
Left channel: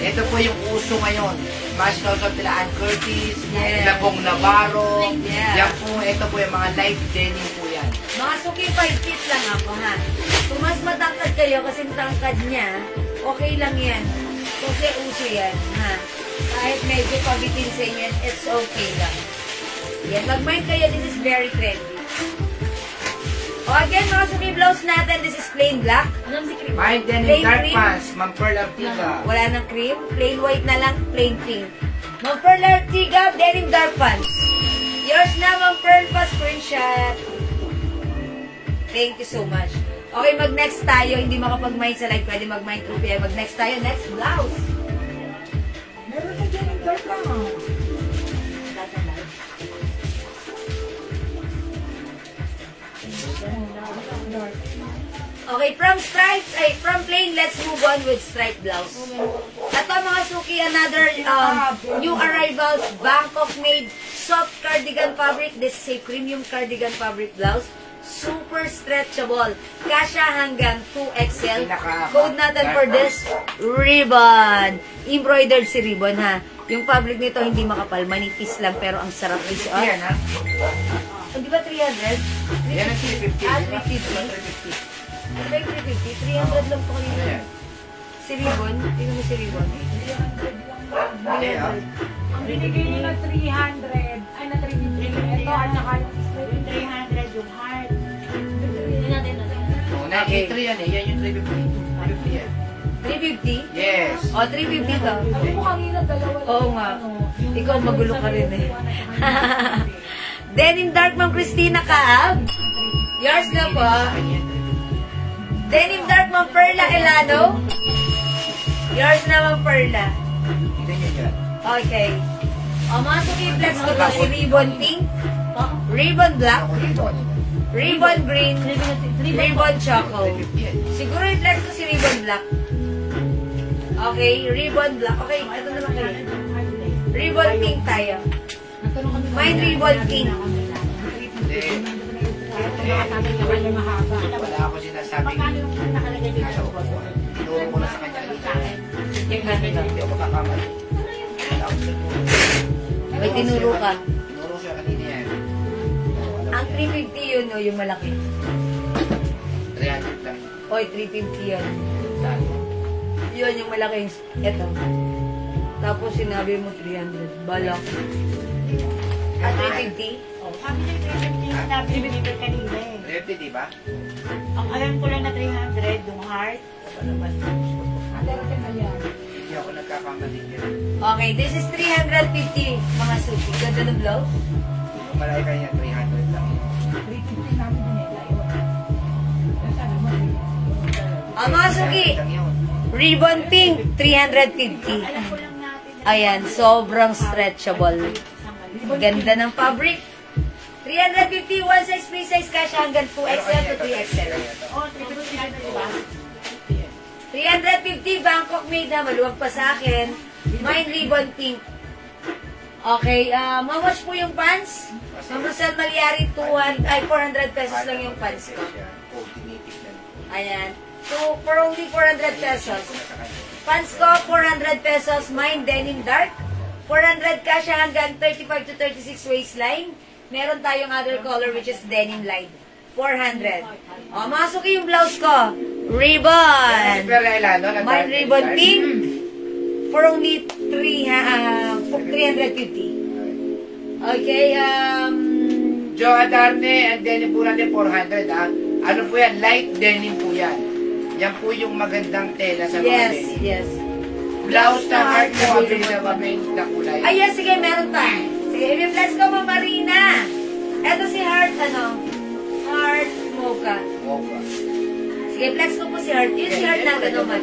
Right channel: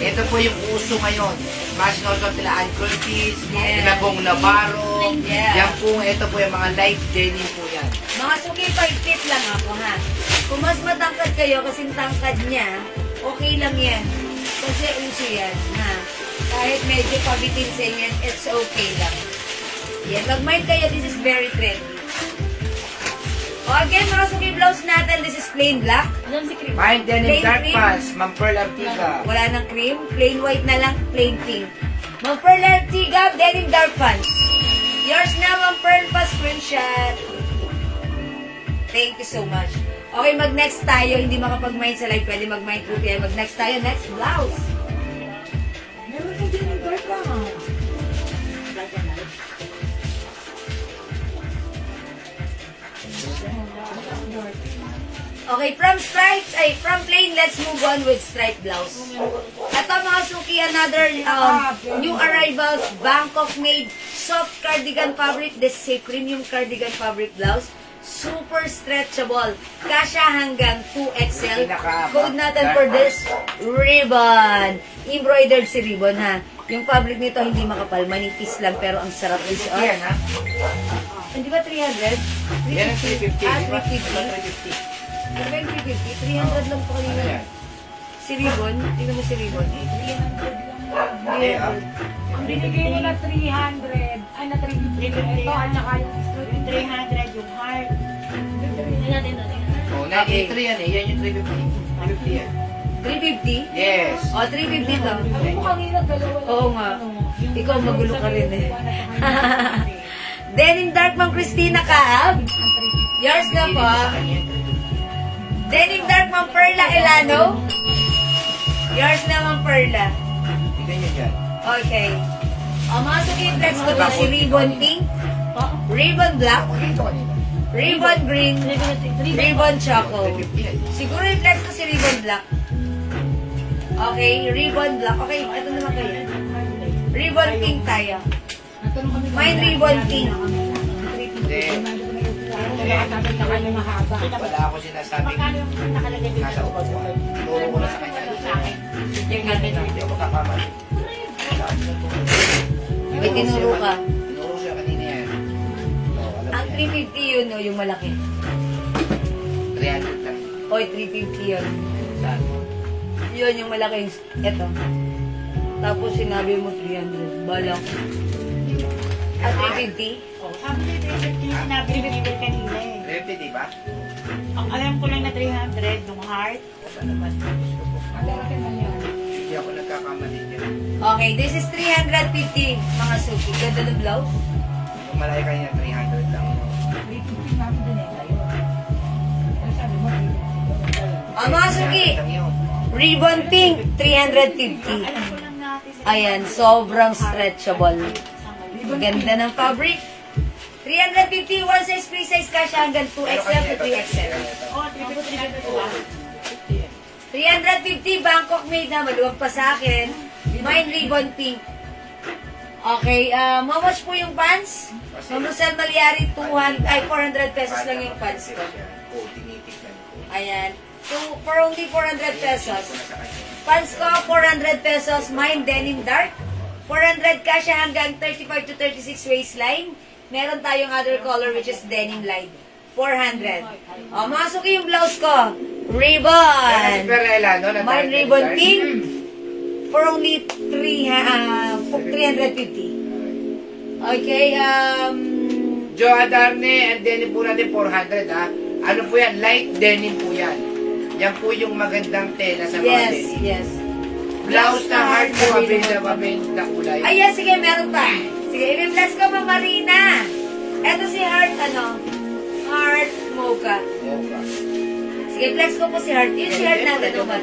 Ito po yung uso ngayon. Mas nosot nila Ann Curtis, nila pong Navarro. Yeah. Yan po, ito po yung mga light denim po yan. Mga suki 5 feet lang ako ha. Kung mas matangkad kayo kasing tangkad niya, okay lang yan. Kasi uso yan ha. Kahit medyo pabiting sa inyo, it's okay lang. Yan, mag-mind kayo, this is very trendy. O again, mga suki blouse natin, this is plain black. Anong si cream? My denim Plain dark cream. pants, Ma'am Pearl Artiga. Wala nang cream, plain white na lang, plain pink. Ma'am Pearl Artiga, denim dark pants. Yours na, Ma'am Pearl pa, screenshot. Thank you so much. Okay, mag-next tayo. Hindi makapag-mind sa live, pwede mag-mind through kayo. Mag-next tayo, next blouse. Meron na dyan yung dark lang. Okay, from plain, let's move on with striped blouse. Ito mga suki, another new arrivals, Bangkok made soft cardigan fabric. This is a premium cardigan fabric blouse. Super stretchable. Kasha hanggang 2XL. Code natin for this, ribbon. Embroidered si ribbon ha. Yung fabric nito hindi makapal, manipis lang pero ang sarap isuot. Yan ha? Hindi ba 300? Yan ang 350. Ah, Di ba? 350. Ano ba yung 350? 300 lang po kanina. Ayan. Si Ribbon, tingnan mo si Ribbon. 300. Ang binigay nila 300, ay na 350. Ito, at saka yung yung 300, yung heart. Oh, 93 yan eh. Yan yung 350. 350 yan. 350? Yes. O, 350 to. Sabi mo kanina, dalawa lang. Oo nga. Ikaw magulo ka rin eh. Denim Dark, Ma'am Christina Kaab. Yours na po. Denim Dark, Ma'am Perla Elano. Yours na, Ma'am Perla. Tignan nyo dyan. Okay. O, mga sukiplex ko to, si Ribbon Pink, Ribbon Black, Ribbon Green, Ribbon Choco. 350 yan. Siguro i-flex ko si Ribbon Black. Okay, Ribbon Black. Okay, ito naman kayo. Ribbon Pink tayo. Mine Ribbon Pink. Wala ako sinasabing nasa upuan. Tinuro ko na sa kanya. Hindi ako kakamali. May tinuro ka. Tinuro siya kanina yan. Ang Oy, 350 yan. Saan? Yun yung malaking, eto. Tapos sinabi mo 300. Balak. At 350? Oh, sabi niya 350 sinabi ni River kanina eh. 350, di ba? Ang alam ko lang na 300, yung heart. Ano naman? Gusto ko. Hindi ako nagkakamali niya. Okay, this is 350 mga suki. Ganda ng blouse. Kung malaki kanya, 300 lang. Mga suki, Lang yun. ribbon pink, 350. Alam ko lang natin. Ayan, sobrang stretchable. Ganda ng fabric. 350, one size, free size cash hanggang 2XL to 3XL. Oh, 350 diba? 350, Bangkok made na, maluwag pa sa akin. Mine ribbon pink. Okay, mawash po yung pants. Ma'am Rosel Malyari, 400 pesos lang yung pants ko. Oh, tinitignan ko. Ayan. For only 400 pesos. Pants ko, 400 pesos. Mine denim dark. 400 cash hanggang 35 to 36 waistline. Meron tayong other color which is denim light. 400. O, masok yung blouse ko. Ribbon. Si Perela, no? Mine ribbon pink. For only 350. Okay, Joe Adarne, and denim po natin 400, ah. Ano po yan? Light denim po yan. Yan po yung magandang tela sa mga yes, denim. yes. Blouse na heart po, available na kulay. Ayan, sige, meron pa. Sige, i-flex ko pa, Marina. Eto si Heart, Heart Mocha. Okay. Sige, flex ko po si Heart. Yung si Heart natin naman.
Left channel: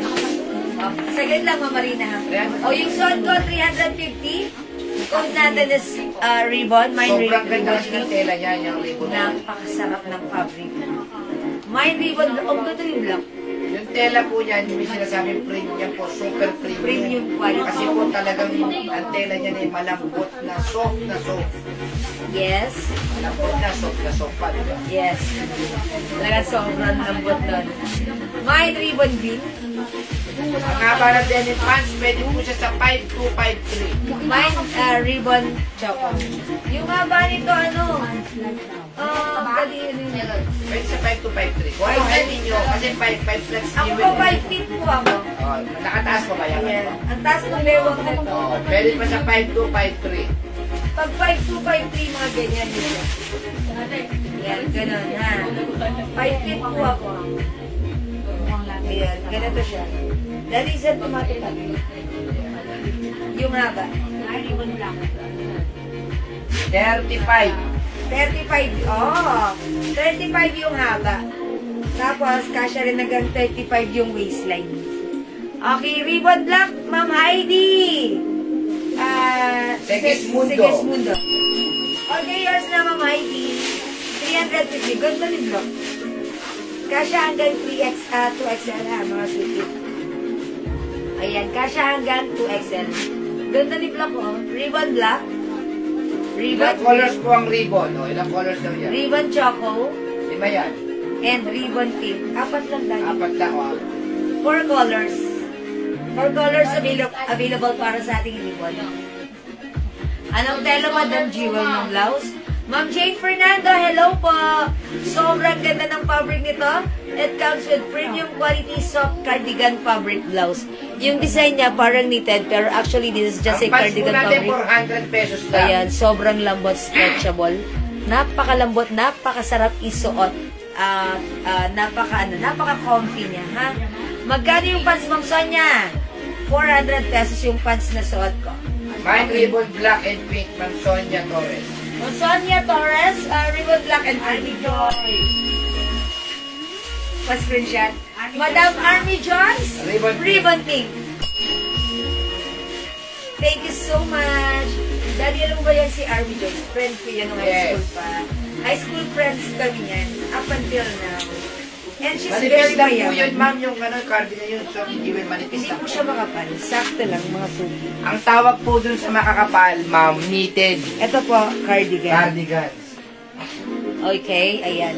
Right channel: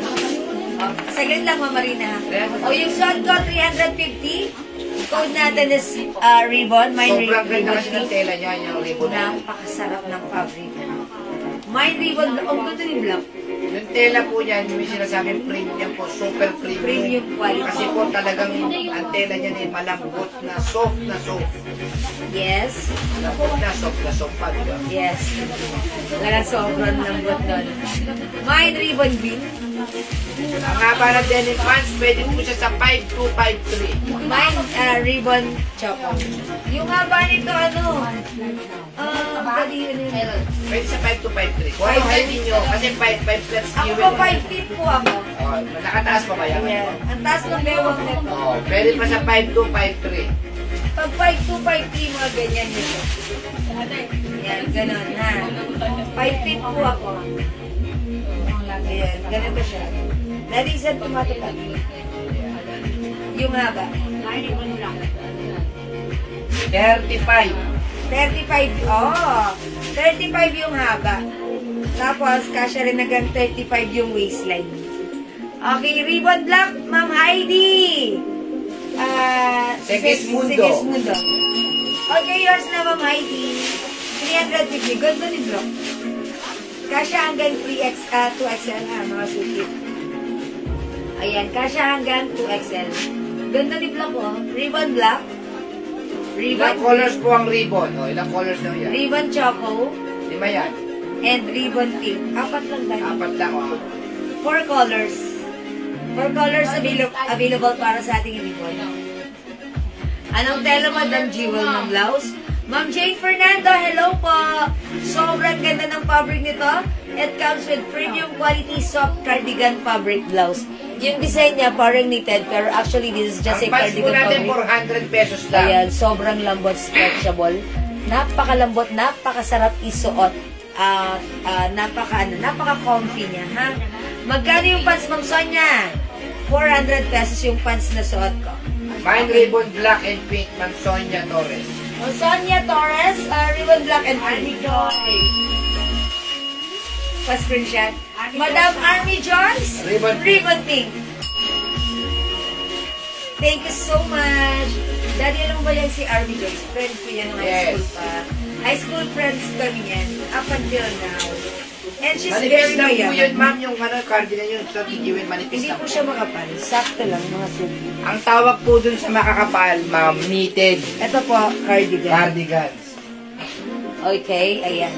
Saglit lang mo, Marina. O, yung suot ko, 350. Code natin is ribbon. Mine Sobrang ribbon. ganda kasi ng tela niya, yung ribbon na. Napakasarap ng fabric. Mine ribbon. Ang ganda yung black. Yung tela po niyan, yung sinasabing premium po, super premium. Premium quality. Kasi po talagang ang tela niya ay malambot na soft na soft. Yes. Malambot na soft pa, di ba? Yes. Wala sobrang lambot nun. Mine ribbon bin. Ang haba ng denim pants, pwede po siya sa 5253. Mine ribbon choco. Yung haba nito, dali yun. Pwede sa 5253. Kung ano heavy nyo, kasi 55 plus Ako given. po 5 feet po ako. Oh, nakataas pa ba yan? Yeah. Ang taas ng bewang nito. Oh, pwede pa sa 5253. Pag 5'2", 5'3", mga ganyan nito. Yan, ganun ha. 5 feet po ako. Ayan, ganito siya. Dali isa tumatupad. Yung haba. 35. 35, oh. 35 yung haba. Tapos, kasya rin hanggang 35 yung waistline. Okay, ribbon black, Ma'am Heidi. Segismundo. Segismundo. Okay, yours na, Ma'am Heidi. 350. Ganda ni block. Kasya hanggang 2XL ha, mga suki. Ayan, kasya hanggang 2XL. Ganda ni block, oh. Ribbon black. Ilang colors po ang ribbon? O, ilang colors daw yan? Ribbon choco. 5 yan. And ribbon pink. 4 lang tayo. 4 lang, o. 4 colors. 4 colors available para sa ating ribbon. Anong tela, Madam Jewel, Ma'am Blouse? Ma'am Jane Fernando, hello po! Sobrang ganda ng fabric nito. It comes with premium quality soft cardigan fabric blouse. Yung design niya parang knitted, pero actually this is just a Ang pants po cardigan natin, fabric. 400 pesos lang. Ayan, sobrang lambot, stretchable. Napakalambot, napakasarap isuot. Napaka-comfy niya, ha? Magkano yung pants, Ma'am Sonia? 400 pesos yung pants na suot ko. Mine ribbon black and pink, Ma'am Sonia Torres. Ma'am Sonia Torres, ribbon black and pink. Pa-screenshot. Madam Army Jones, Ribbon pink. Thank you so much. Daddy, alam mo ba yan si Army Jones? Friend ko yan ng high school pa. High school friends kami yan, up until now. And she's very Manipis lang po yun, mayaman. ma'am, yung cardigan yun. So, igiwin, manipis Hindi lang po po. siya makapal. Sakto lang, mga suki. Ang tawag po dun sa makakapal, ma'am, knitted Ito po, cardigan. cardigans. Okay, ayan.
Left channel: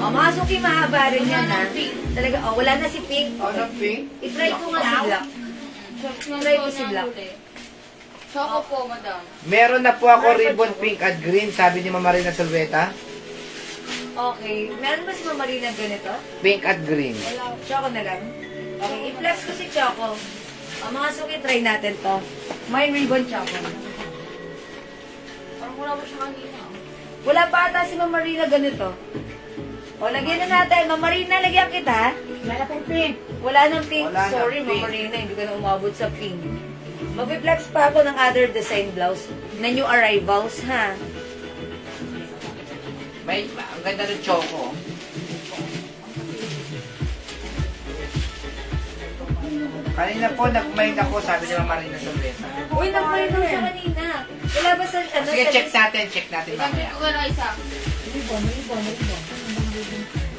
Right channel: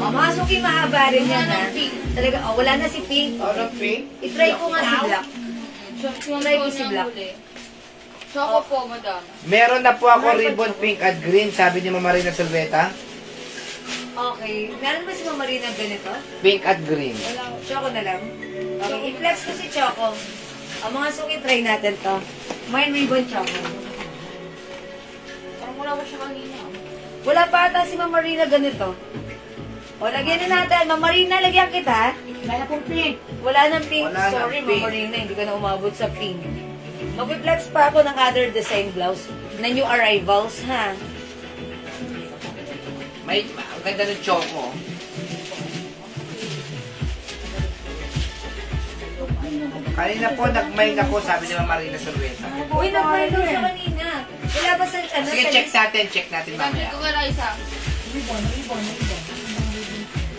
O, mga suki, mahaba rin yan, ha? Talaga, wala na si Pink. Oh, not pink? I-try ko nga si Black. Try ko si Black. Choco po, madam. Meron na po ako ribbon pink at green, sabi ni Mama Marina Salveta. Okay. Meron ba si Ma'am Marina ganito? Pink at green. Choco na lang. Okay, i-flex ko si Choco. Mga suki, try natin to. Mine ribbon Choco. Parang wala ba siya kanina? Wala pa ata si Ma'am Marina ganito. O, lagyan na natin. Ma'am Marina, lagyan kita. Wala pong pink. Wala nang pink. Wala Sorry, nang pink. Ma'am Marina, hindi ka na umabot sa pink. Mag-flex pa ako ng other design blouse na new arrivals, ha? Ang ganda ng choco. Kanina po, nag-mail ako, sabi ni Ma'am Marina Solventa. Uy, nag-mail ko siya kanina. Wala ba sa, ano? Sige, sa check natin mamaya. Ito ka isa.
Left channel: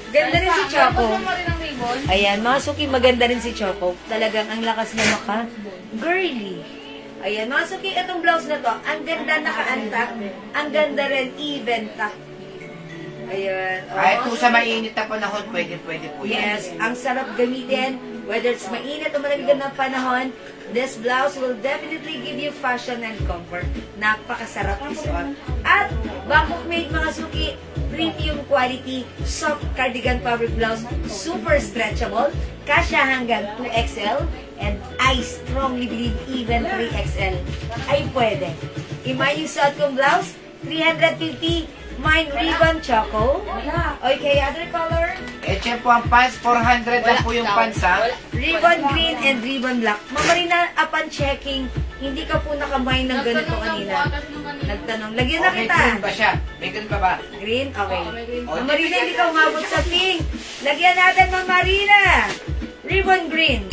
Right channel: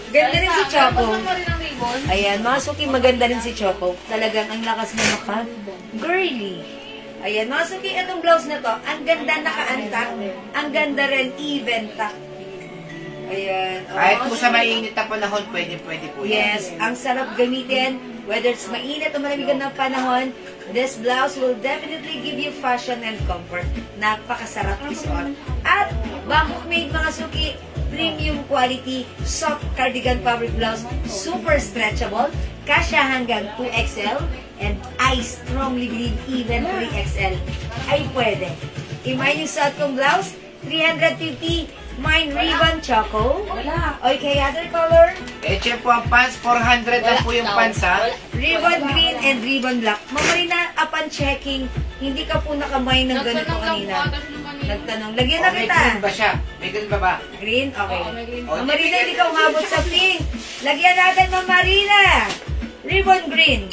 Ganda rin si Choco. Tapos naman rin ang ribbon. Ayan, mga suki, maganda rin si Choco. Talagang ang lakas na maka. Girly. Ayan, mga suki, itong blouse na to, ang ganda naka-antak. Ang ganda rin, even tak. Ayan. Kahit po sa mainit na panahon, pwede po yan. Yes, ang sarap gamitin. Whether it's mainit o malamig ng panahon, this blouse will definitely give you fashion and comfort. Napakasarap isuot. At, Bangkok made mga suki, premium quality, soft cardigan fabric blouse, super stretchable, kasya hanggang 2XL, and I strongly believe even 3XL ay pwede. Imay yung suot kong blouse, 350, mine ribbon Choco. Okay, other color? Eche po ang pants, 400 lang po yung pants ha. Ribbon green and ribbon black. Mamarina, upon checking, hindi ka po nakamay ng ganito kanina. Nagtanong. Lagyan na May kita. green ba siya? May green ba ba? Green? Okay. Oh, Mamarina, hindi ka umabot sa pink. Lagyan natin, Mamarina. Ribbon green.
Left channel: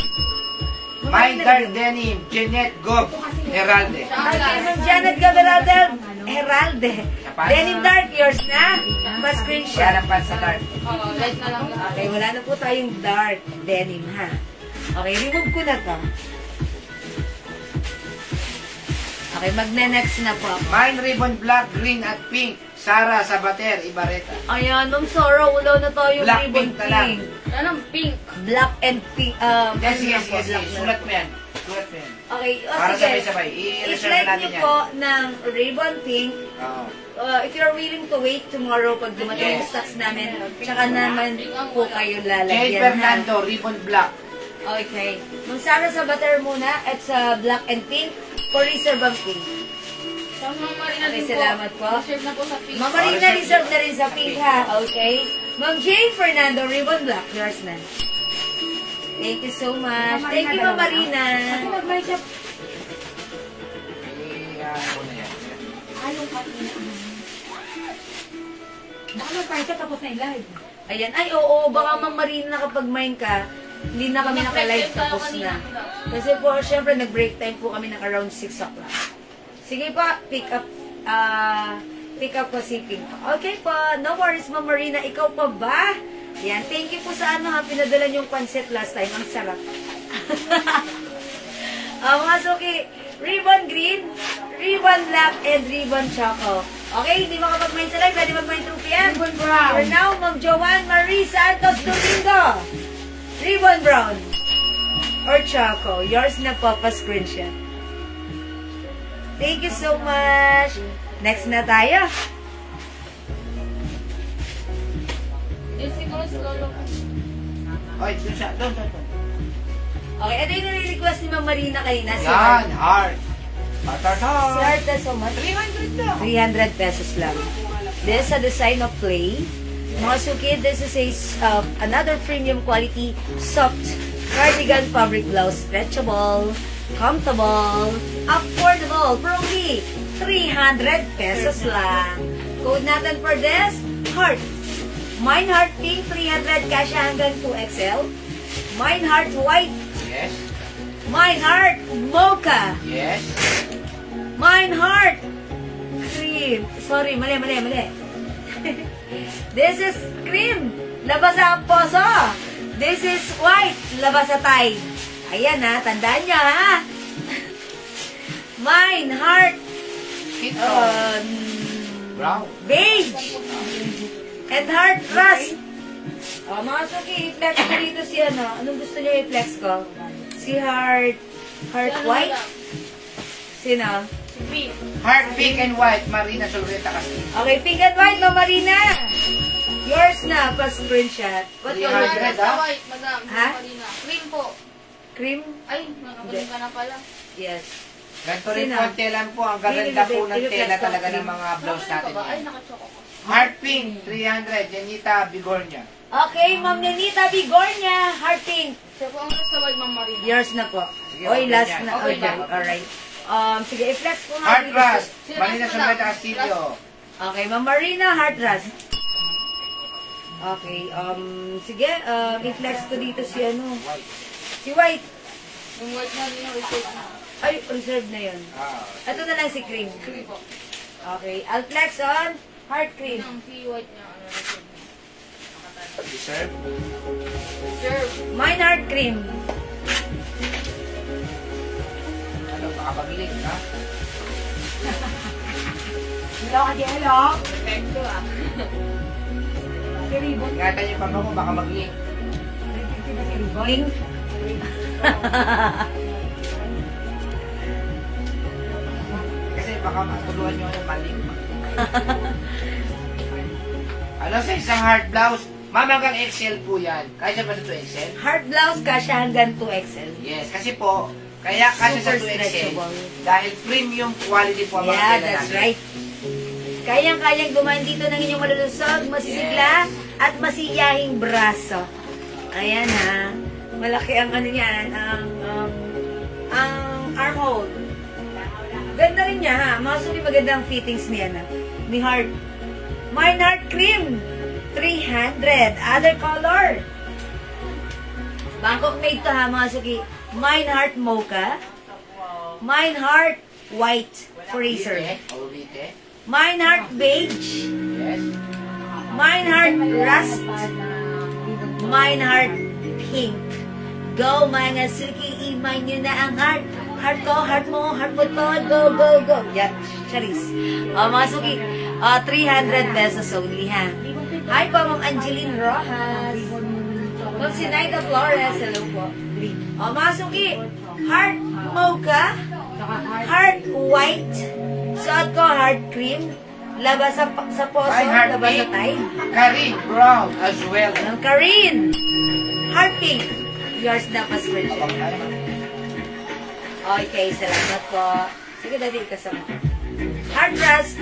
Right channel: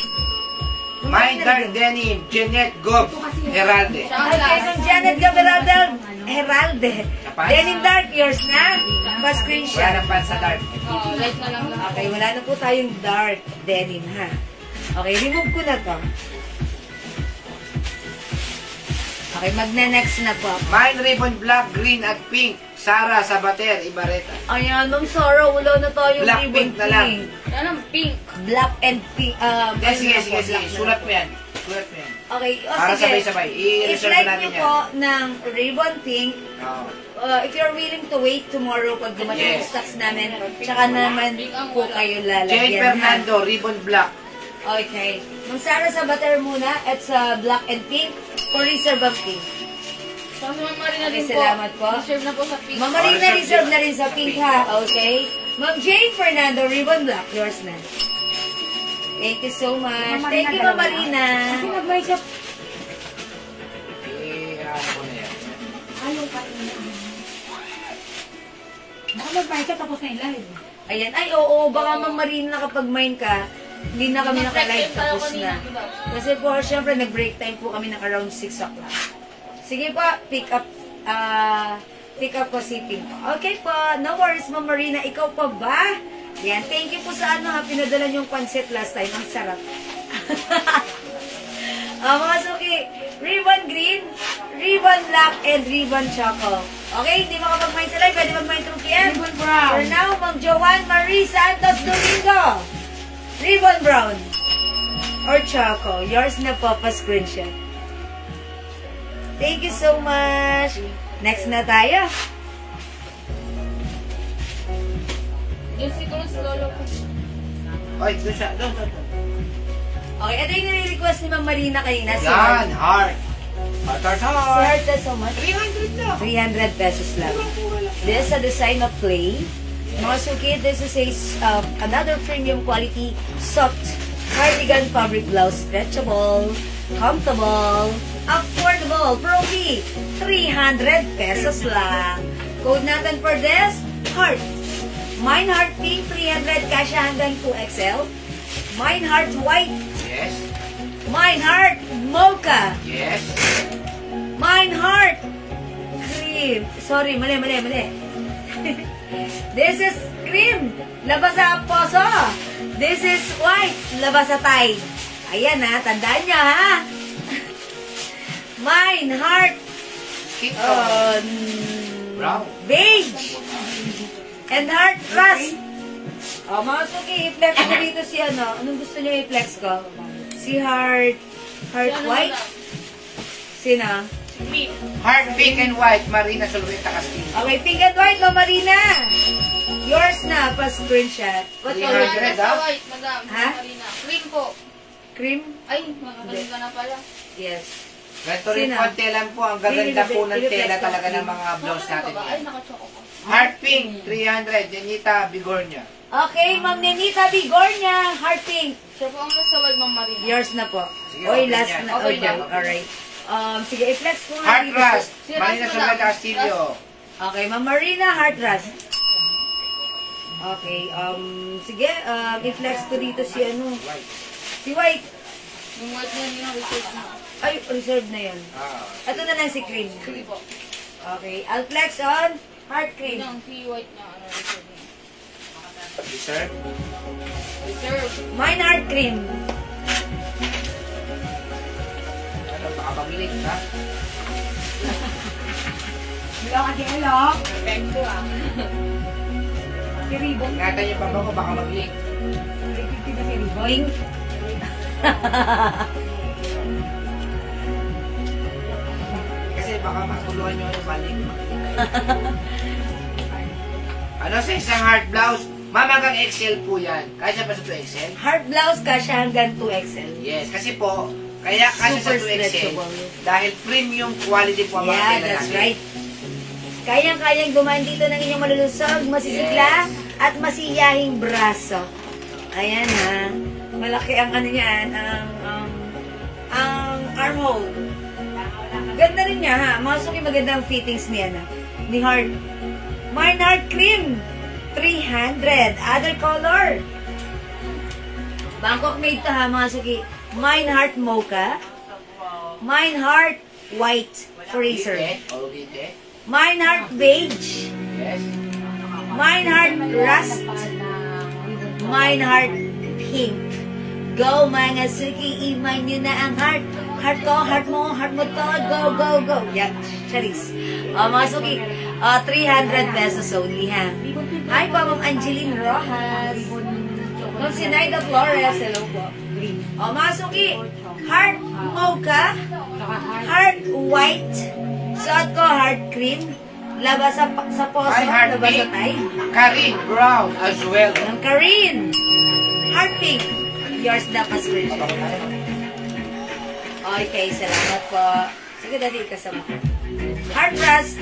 My Dark Denim, Jeanette Gob, Heralde. Okay, Ma'am Janet Gaberalde. Heralde. Kapan? Denim dark, yours na? Wala Pa-screenshot. ng pants sa dark. Oo, light na lang lahat. Okay, wala na po tayong dark denim, ha? Okay, remove ko na to. Okay, magna-next na po. Mine Ribbon Black, Green at Pink. Sara Sabater, Ibareta. Ayan, Ma'am Sarah, wala na tayong Black ribbon pink na lang. Anong pink? Black and pink. Sige. Sulat mo yan. Okay, Para sige. sabay-sabay. I-reserve I-flag natin niyo yan. po ng ribbon pink. Oo. If you're willing to wait tomorrow pag dumating yung Yes. stocks namin, tsaka naman po kayo lalagyan. Jane Fernando, Ribbon Black. Okay. Mang Sarah sa butter muna at sa black and pink for reserve ang pink. So, Ma'am Marina Okay, din po. salamat po. Reserve na po sa pink. Ma'am Marina, reserve na rin sa pink ha. Okay? Ma'am Jane Fernando, ribbon black. Yours na. Thank you so much. Thank you, Ma'am Marina. Ano ko na yan. Ayan. Ay, oo. Baka Ma'am Marina kapag mine ka, hindi na kami naka-live tapos na. Kasi po, syempre, nag-break time po kami ng around 6 o'clock. Sige pa, pick up ko si Pink. Okay po, no worries, Ma'am Marina. Ikaw pa ba? Yan, thank you po sa pinadala niyong pancit last time. Ang sarap. Mga suki, ribbon green, ribbon black, and ribbon choco. Okay, hindi makapag-mine sila. Pwede mag-mine through PM. Ribbon brown. For now, Ma'am Joanne Marie Santos Domingo. Ribbon brown. Or choco. Yours na po, pa-screenshot. Thank you so much. Next na tayo. Yung siguro slolo po. Oy, doon siya. Doon. Okay, ito yung nire-request ni Ma'am Marina kanina. Si Yan, heart. Si Heart. Heart na so much. 300 lang. 300 pesos lang. This is a design of play. Mga suki, this is another premium quality soft cardigan fabric blouse. Stretchable, comfortable, affordable for only 300 pesos lang. Code natin for this, heart. Mine heart pink, 300, kasya hanggang 2XL. Mine heart white. Yes. Mine heart mocha. Yes. Mine heart cream. Sorry, mali. This is cream. Labas sa poso. This is white. Labas sa Thai. Ayan ha, tandaan niya ha. Mine heart Skin tone. Brown. beige. And heart rust. Mga suki, i-flex ko dito si ano. Anong gusto niyo i-flex ko? Si heart white. Sino? Heart pink and white, Marina Solventa Castillo. Okay, pink and white, no, Marina? Yours na, pa-screenshot. What 300, color? Sa white, madam. Ha? Marina. Cream po. Cream? Ay, nakakalim ka na pala. Yes. Ganito rin Sino? po ang telan po. Ang gaganda po ng tela talaga ng mga blouse natin. Ay, naka-choco po. Heart pink, 300. Janita Bigornia. Okay, Ma'am Nenita Bigornia, heart pink. Siya po ang nasa white, Ma'am Marina. Yours na po. Sige, Oy, open last yan. na. Open Okay, yan. alright. Sige, i-flex ko nga. Heart dito. rust. Sino Marina rust mo Soleta na? Castillo. Okay, Ma'am Marina, heart rust. Okay, sige, i-flex ko dito si ano. White. Si White. Yung white Marina, research na. Ay, reserved na yan. Ah. Ito na lang si Cream. Cream po. Okay, I'll flex on heart cream. Yun ang si white niya, ano, reserve niya. Reserve. Reserve. Mine heart cream. Ano pa kapabilik, ha? Hello, hello. Perfecto ah. Si Ribbon. Ingatan niyo pa ako, baka mag-link. Link. Kasi baka matuluan niyo yung maling. Ano sa isang heart blouse? Ma'am, hanggang XL po yan. Kaya siya ba sa 2XL? Heart blouse kasya hanggang 2XL. Yes, kasi po, kaya kasi sa Super 2XL, stretchable. dahil premium quality po ang mga Yeah, tela that's namin. right. Kayang-kayang dumaan dito ng inyong malulusog, masisigla, at masiyahing braso. Ayan ha. Malaki ang ano niyan, ang armhole. Ganda rin niya ha. Masuki maganda ang fittings niya na. Ni Heart. Mine Heart Cream. 300. Other color. Bangkok made to ha, mga suki. Mine Heart Mocha. Mine Heart White Freezer. Orite. Mine Heart Beige. Yes. Mine Heart Rust. Mine Heart Pink. Go mga suki, iman nyo na ang heart. Heart ko, heart mo to. Go, go, go. Yan, charis. Mga suki, 300 pesos only ha. Hi po, Ma'am Angeline Rojas. Ma'am Sinaida Flores, hello po. Mga suki, heart mocha, heart white, suot ko heart cream, labas sa poso, My heart labas sa pink. tayo. Karin Brown as well. Ang Karin, heart pink, yours na pa-screenshot. Okay, salamat po. Sige, dati ikasama ko. Heart rust,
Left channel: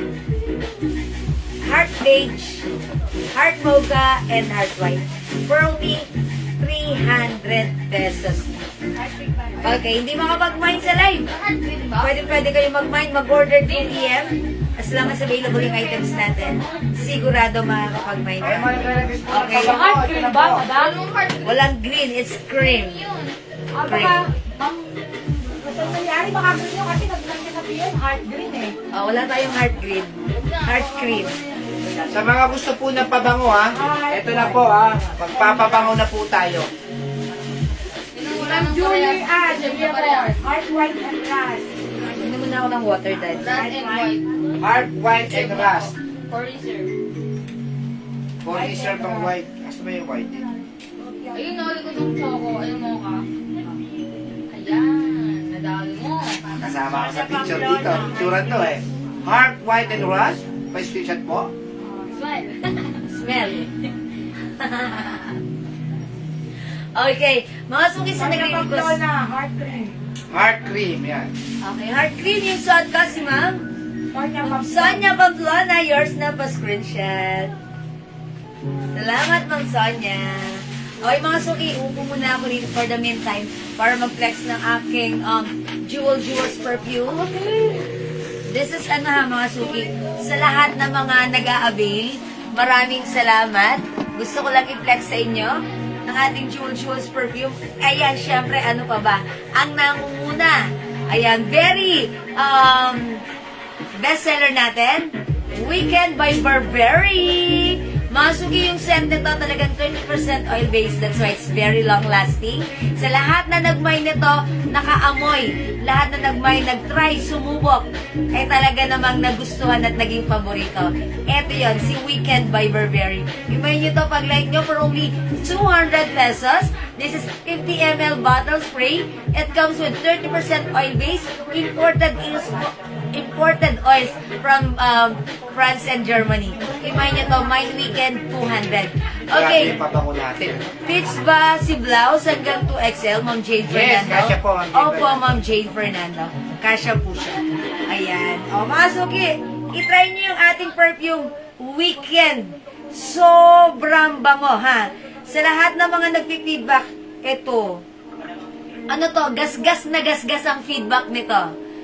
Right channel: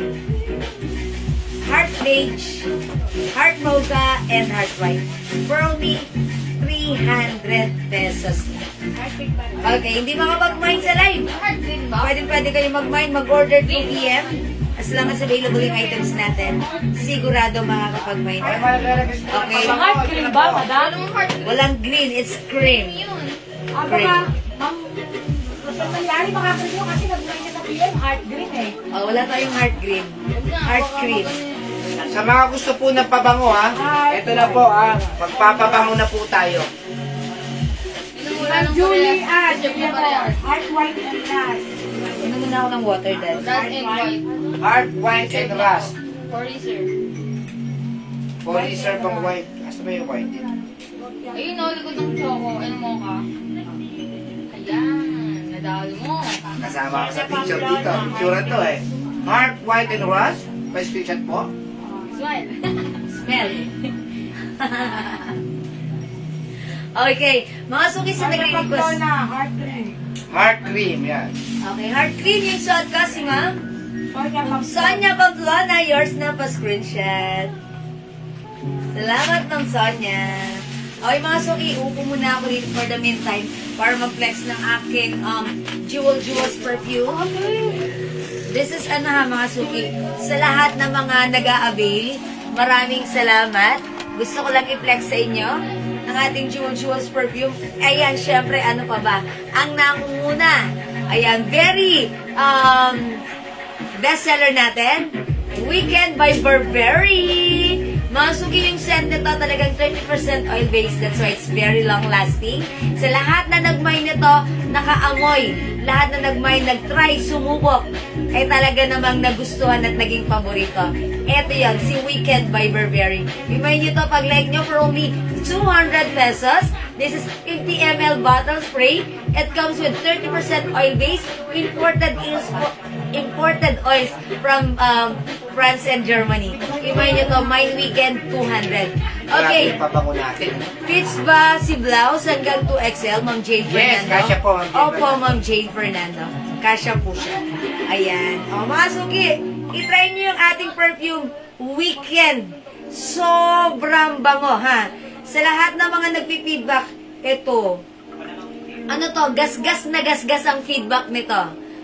heart beige, heart mocha, and heart white. For only 300 pesos. Okay, hindi makapag-mine sa live. Heart green ba? Pwede kayo mag-mine, mag-order 2 PM. As long as available yung items natin, sigurado makakapag-mine. Okay. Heart cream ba, madam? Anong heart green? Walang green, it's cream. Yun. Cream. Ma'am, kasi nangyari makakagin nyo kasi nag-like niya sabihin, heart green eh. Oh, wala tayong heart green. Heart cream. Sa mga gusto po ng pabango ha, ito na po ha, magpapabango na po tayo. Ma'am Julie Ann, heart white and rust. Inom muna ako ng water dahil. Rust and white. Heart, white, and rust. For reserve. Polyester pang white. Asa ba yung white? Ayun, no, likod ng choco. Ano mo ka? Ayan, nadalo mo. Kasama ko sa picture dito. Picture to eh. Heart, white, and rust. May screenshot po. Smile. Smell. Okay, mga suki sa nag-request. heart cream. Heart cream, yan. Okay, heart cream yung suot ko si Ma'am. Sonia Pamplona, yours na pa screenshot. Salamat, Ma'am Sonia. Okay, mga suki, upo muna ako dito for the meantime para mag-flex ng aking Jewels perfume. This is ano ha, mga suki. Sa lahat ng mga nag-a-avail, maraming salamat. Gusto ko lang i-flex sa inyo ang ating Jewels perfume. Ayan, syempre, ano pa ba? Ang nangunguna. Ayan, very bestseller natin. Weekend by Burberry. Masuki yung scent nito, talagang 30% oil-based. That's why it's very long-lasting. Sa lahat na nagmay nito, nakaamoy. Lahat na nagmay, nagtry, sumubok. Ay talaga namang nagustuhan at naging paborito. Ito yan, si Weekend by Burberry. Remind nyo to, pag like nyo for only 200 pesos. This is 50 ml bottle spray. It comes with 30% oil-based. Imported imported oils from France and Germany. Imay nyo to, Mind Weekend 200. Okay. Grabe yung pabango natin. Fits ba si blouse hanggang 2XL, Ma'am Jane Yes, Fernando? kasya po, Ma'am Jane Opo, Fernando. Ma'am Jane Fernando. Kasya po siya. Ayan. O, mga suki, itry nyo yung ating perfume Weekend. Sobrang bango, ha? Sa lahat ng mga nagpi-feedback, ito, ano to, gasgas na gasgas ang feedback nito.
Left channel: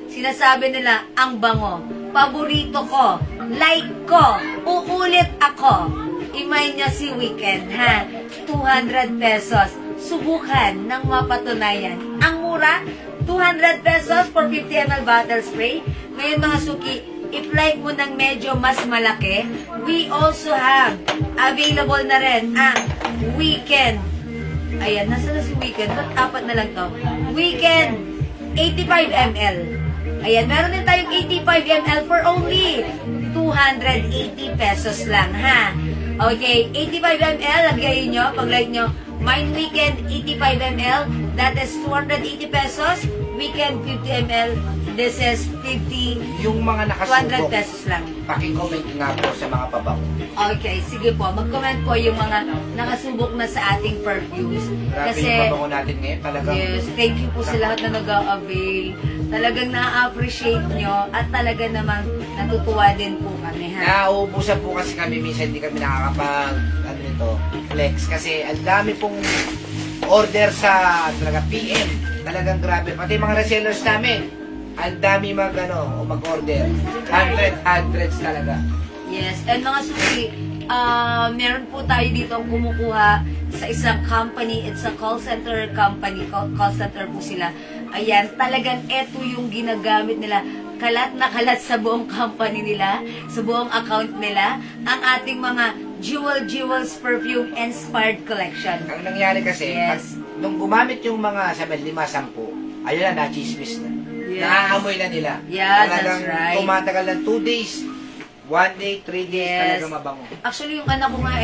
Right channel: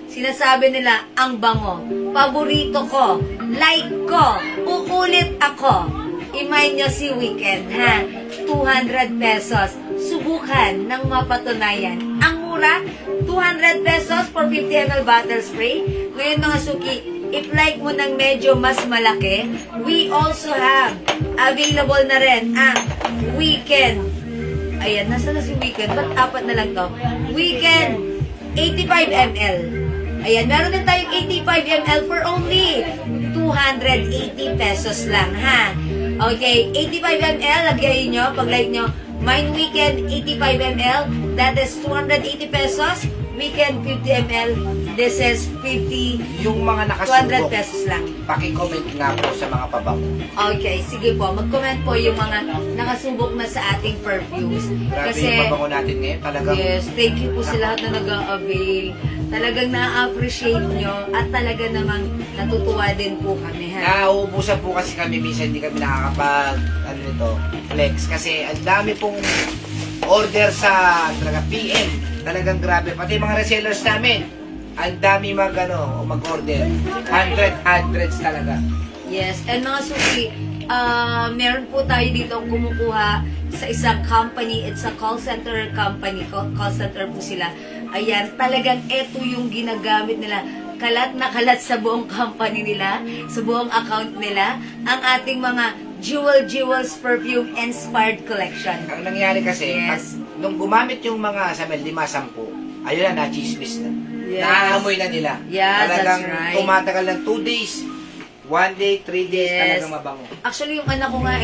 Sinasabi nila, ang bango. Paborito ko. Like ko. Uulit ako. Imay nyo si Weekend, ha? 200 pesos. Subukan ng mapatunayan. Ang mura, 200 pesos for 50 ml bottle spray. Ngayon mga suki, if like mo ng medyo mas malaki, we also have available na rin ang Weekend. Ayan, nasa na si Weekend? Ba't apat na lang to? Weekend, 85 ml. Ayan, meron din tayong 85 ml for only 280 pesos lang, ha? Okay, 85 ml, lagay nyo, pag-like nyo, Mind Weekend, 85 ml, that is 280 pesos. Weekend, 50 ml, this is 50, Yung mga 200 nakasubok, pesos lang. paki-comment nga po sa mga pabango. Okay, sige po. Mag-comment po yung mga nakasubok na sa ating perfumes. Grabe Kasi, yung pabango natin ngayon. Talagang yes, thank you po sa lahat na nag-a-avail. Talagang na-appreciate nyo at talaga namang natutuwa din po kami, ha? nauubusan po kasi kami. Minsan hindi kami nakakapag, ano nito, flex. Kasi ang dami pong order sa talaga PM. Talagang grabe. Pati mga resellers namin, ang dami mag-order. Hundreds talaga. Yes, and mga suki, meron po tayo dito ang kumukuha sa isang company. It's a call center company. Call center po sila. Ayan, talagang eto yung ginagamit nila. Kalat na kalat sa buong company nila, sa buong account nila, ang ating mga Jewels Perfume Inspired Collection. Ang nangyari kasi, Yes. nung gumamit yung mga sabi, 5-10, ayun na, na-chismis na. Yes. Naaamoy na nila. Yeah, talagang that's right. tumatagal ng 2 days, 1 day, 3 days, Yes. talagang mabango. Actually, yung anak ko nga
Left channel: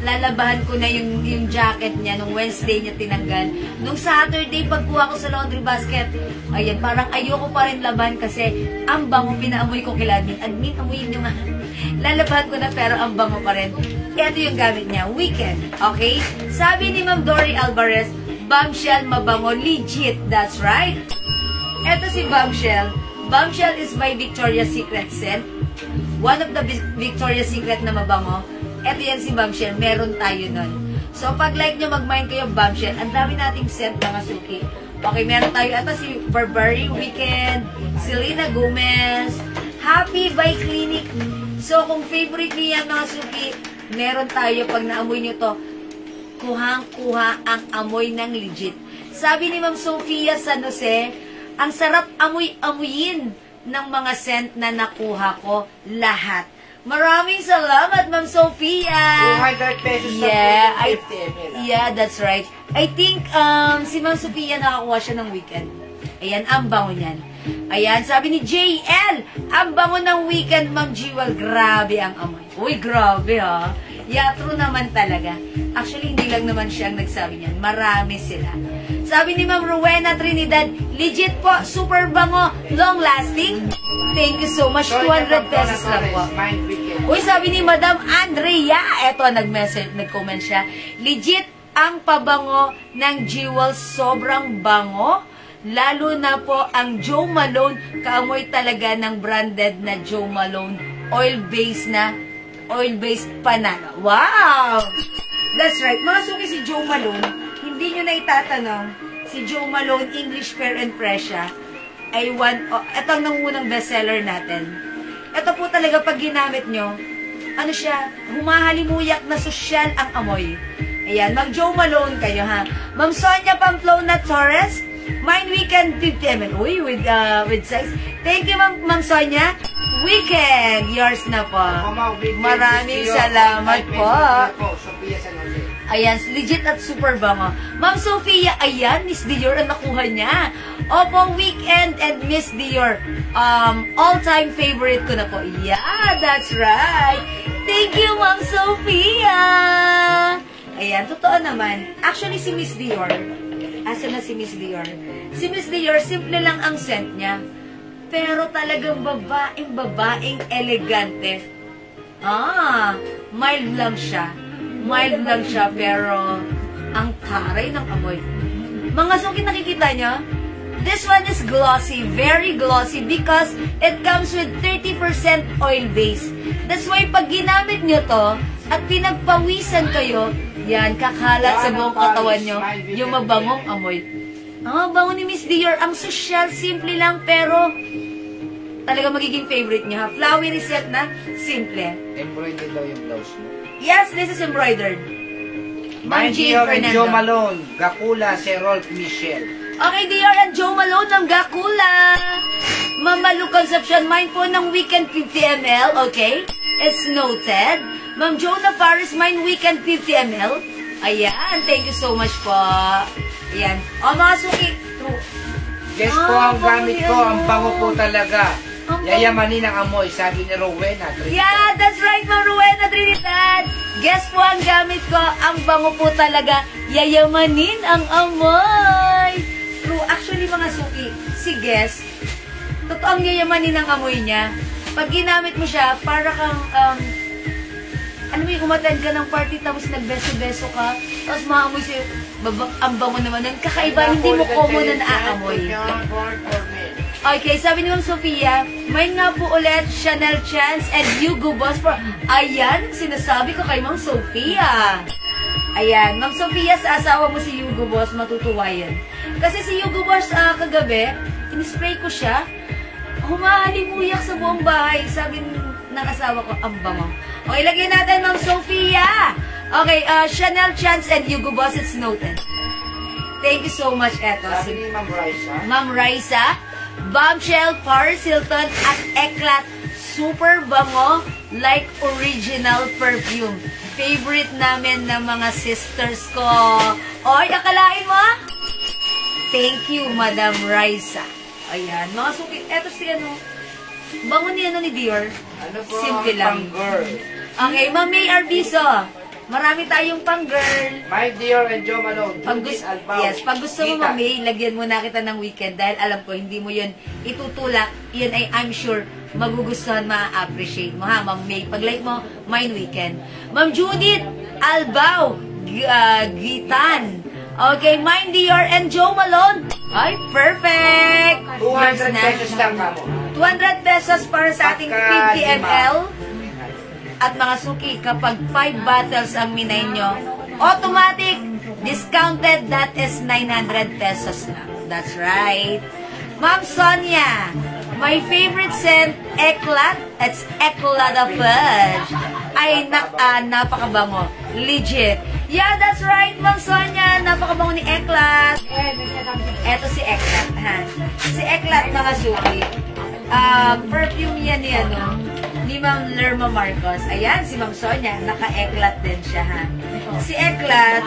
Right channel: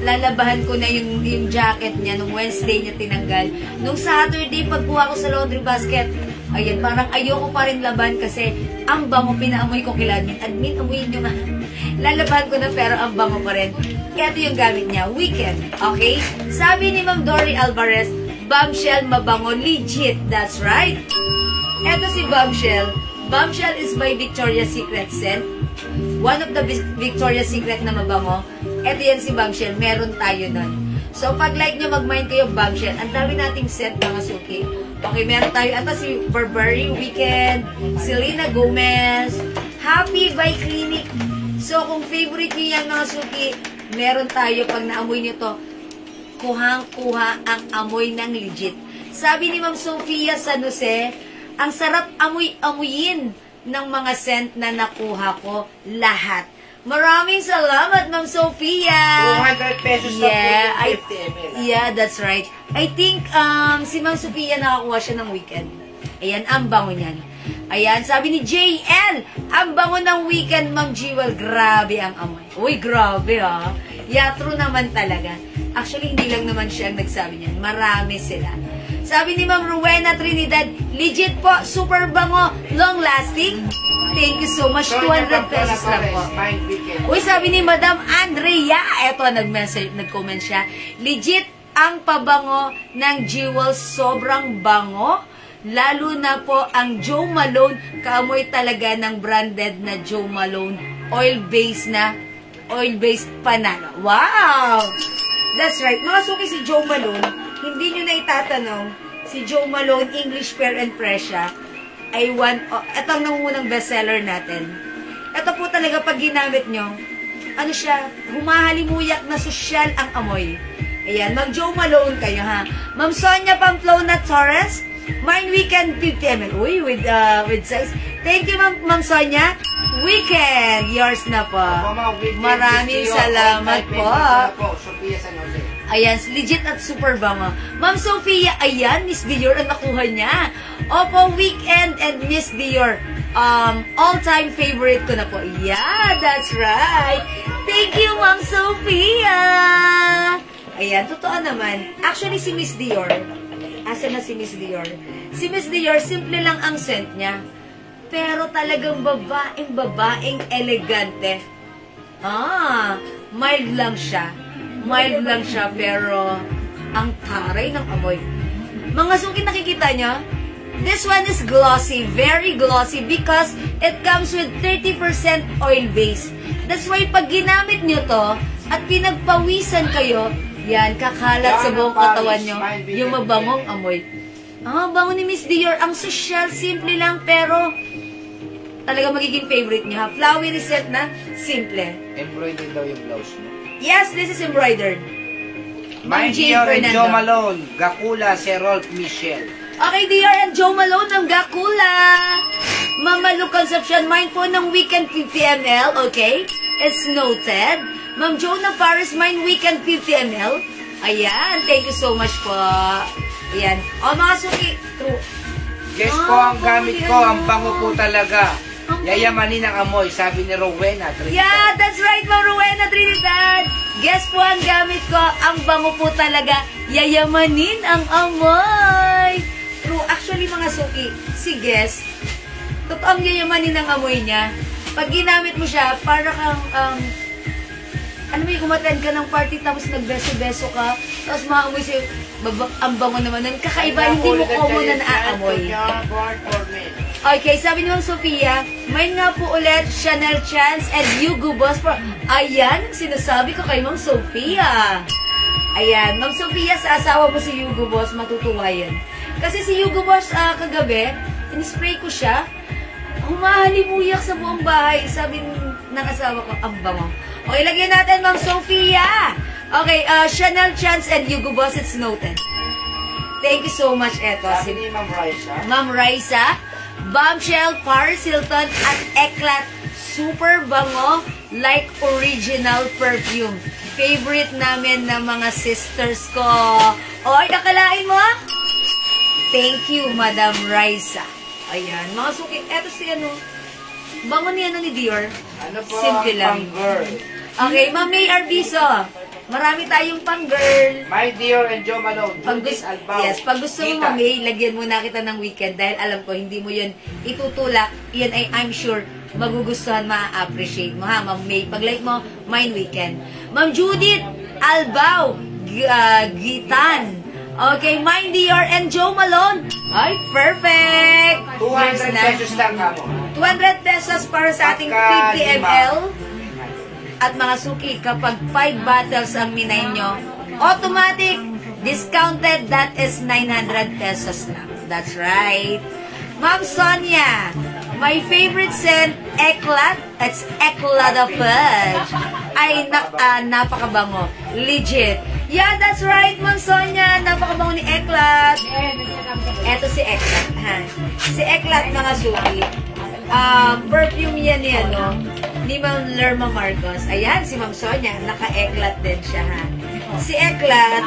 lalabahan ko na yung jacket niya nung Wednesday niya tinanggal. Nung Saturday, pagkuha ko sa laundry basket, ayan, parang ayoko pa rin laban kasi ang bango, pinaamoy ko kila admin. Admin, amoyin nyo nga. Lalabahan ko na pero ang bango pa rin. Ito yung gamit niya, Weekend. Okay? Sabi ni Ma'am Dory Alvarez, Bombshell mabango, legit. That's right. Ito si Bombshell. Bombshell is by Victoria's Secret scent. One of the Victoria's Secret na mabango. Ito yan si Bombshell. Meron tayo nun. So, pag like nyo, mag-mind kayo Bombshell. Ang dami nating scent mga suki. Okay, meron tayo. Ito si Burberry Weekend, Selena Gomez, Happy by Clinique. So, kung favorite nyo yan mga suki, meron tayo. Pag naamoy nyo to, kuhang-kuha ang amoy ng legit. Sabi ni Ma'am Sofia San Jose, ang sarap amoy-amoyin ng mga scent na nakuha ko lahat. Maraming salamat, Ma'am Sofia! 200 pesos Yeah, na po, 50 ml. yeah, that's right. I think si Ma'am Sofia nakakuha siya ng Weekend. Ayan, ang bango niyan. Ayan, sabi ni JL, ang bango ng Weekend, Ma'am Jewel. Grabe ang amoy. Uy, grabe ha. Yeah, true naman talaga. Actually, hindi lang naman siya ang nagsabi niyan. Marami sila. Sabi ni Ma'am Rowena Trinidad, legit po, super bango, long lasting. Thank you so much. 200 pesos lang po. Mind Weekend. Uy, sabi ni Madam Andrea, eto, nag-comment siya. Legit ang pabango ng Jewels, sobrang bango. Lalo na po ang Joe Malone, kaamoy talaga ng branded na Joe Malone, oil-based panalo. Wow! That's right. Mga suki, si Joe Malone, hindi nyo na itatanong, si Joe Malone, English Fair and Precious, ay ito ang nangungunang bestseller natin. Ito po talaga pag ginamit nyo, ano siya, humahalimuyak na sosyal ang amoy. Ayan, mag-Joe Malone kayo ha. Ma'am Sonia Pamplona Torres, Mind Weekend 50 ml. Uy, with sex. Thank you, Ma'am Sonia. Weekend, yours na po. Maraming salamat po. Sophia San Jose. Ayan, legit at super bango. Ma'am Sophia, ayan, Miss Dior ang nakuha niya. Opo, Weekend and Miss Dior. All-time favorite ko na po. Yeah, that's right. Thank you, Ma'am Sophia. Ayan, totoo naman. Actually, si Miss Dior, asa na si Miss Dior? Si Miss Dior, simple lang ang scent niya. pero talagang babaeng elegante. Mild lang siya. Pero ang taray ng amoy. Mga suki, nakikita nyo? This one is glossy, very glossy because it comes with 30% oil base. That's why pag ginamit nyo to at pinagpawisan kayo, yan, kakalat sa buong katawan nyo, yung mabangong amoy. Bango ni Miss Dior. Ang social, simple lang, pero talaga magiging favorite nyo, ha? Flowery set na, simple. Embroidered daw yung blouse mo. Yes, this is embroidered. My Dior and Joe Malone, Gakula, Rolf Michel. Okay, Dior and Joe Malone ng Gakula. Mamalu Conception, mine po ng Weekend 50 ml, okay? It's noted. Ma'am Jonah Paris, mine Weekend 50 ml. Ayan, thank you so much po. Ayan. Mga suki, true. Guess po ang gamit ko, ang bango po talaga. Yayamanin ang amoy, sabi ni Rowena Trinidad. Yeah, that's right, Ma'am Rowena Trinidad. Guess po ang gamit ko, ang bango po talaga. Yayamanin ang amoy. True, actually mga suki, si Guess, totoong yayamanin ang amoy niya. Pag ginamit mo siya, para kang, ano mo yung kumatan ka ng party tapos nagbeso-beso ka, tapos maamoy sa'yo, ang bango naman nun. Kakaiba, hindi mo common na naaamoy. Okay, sabi ni Ma'am Sofia, mine nga po ulit, Chanel Chance and Hugo Boss. Ayan, sinasabi ko kay Ma'am Sofia. Ayan, Ma'am Sofia, sa asawa mo si Hugo Boss, matutuwa yan. Kasi si Hugo Boss, kagabi, in-spray ko siya, humahalimuyak sa buong bahay. Sabi ng asawa ko, ang bango. Okay, lagyan natin, Ma'am Sofia. Okay, Chanel Chance and Hugo Boss, it's noted. Thank you so much, eto. Sabi ni Ma'am Raisa. Ma'am Raisa, Bombshell, Paris Hilton, at Eclat. Super bango, like original perfume. Favorite namin ng mga sisters ko. Oy, akalain mo? Thank you, Madam Raisa. Ayan, mga suki. Eto si ano, bango ni ano ni Dior. Ano po simple ang lang. pang-girl? Okay, Ma'am May Arbizo. Marami tayong pang-girl. My Dior and Joe Malone, Pag Judith gusto, Albao. yes, pag gusto mo, Mami, lagyan mo na kita ng weekend dahil alam ko, hindi mo yun itutulak. Yun ay, I'm sure, magugustuhan, ma-appreciate mo, ha, Ma'am May. Pag-like mo, mine weekend. Ma'am Judith Albao, Gitan. Okay, mine Dior and Joe Malone. Ay, perfect! 200 pesos lang ka mo. 200 pesos para sa ating 50 ml. At mga suki, kapag 5 bottles ang minay nyo, automatic, discounted, that is 900 pesos na. That's right. Ma'am Sonia, my favorite scent, Eclat. It's Eclat of Fudge. Ay, napakabango. Legit. Yeah, that's right, Ma'am Sonia. Napakabango ni Eclat. Eto si Eclat, ha. Si Eclat, mga suki. Perfume yan ni ano, ni Ma'am Lerma Marcos. Ayan, si Ma'am Sonia, naka-Eclat din siya, ha. Si Eclat,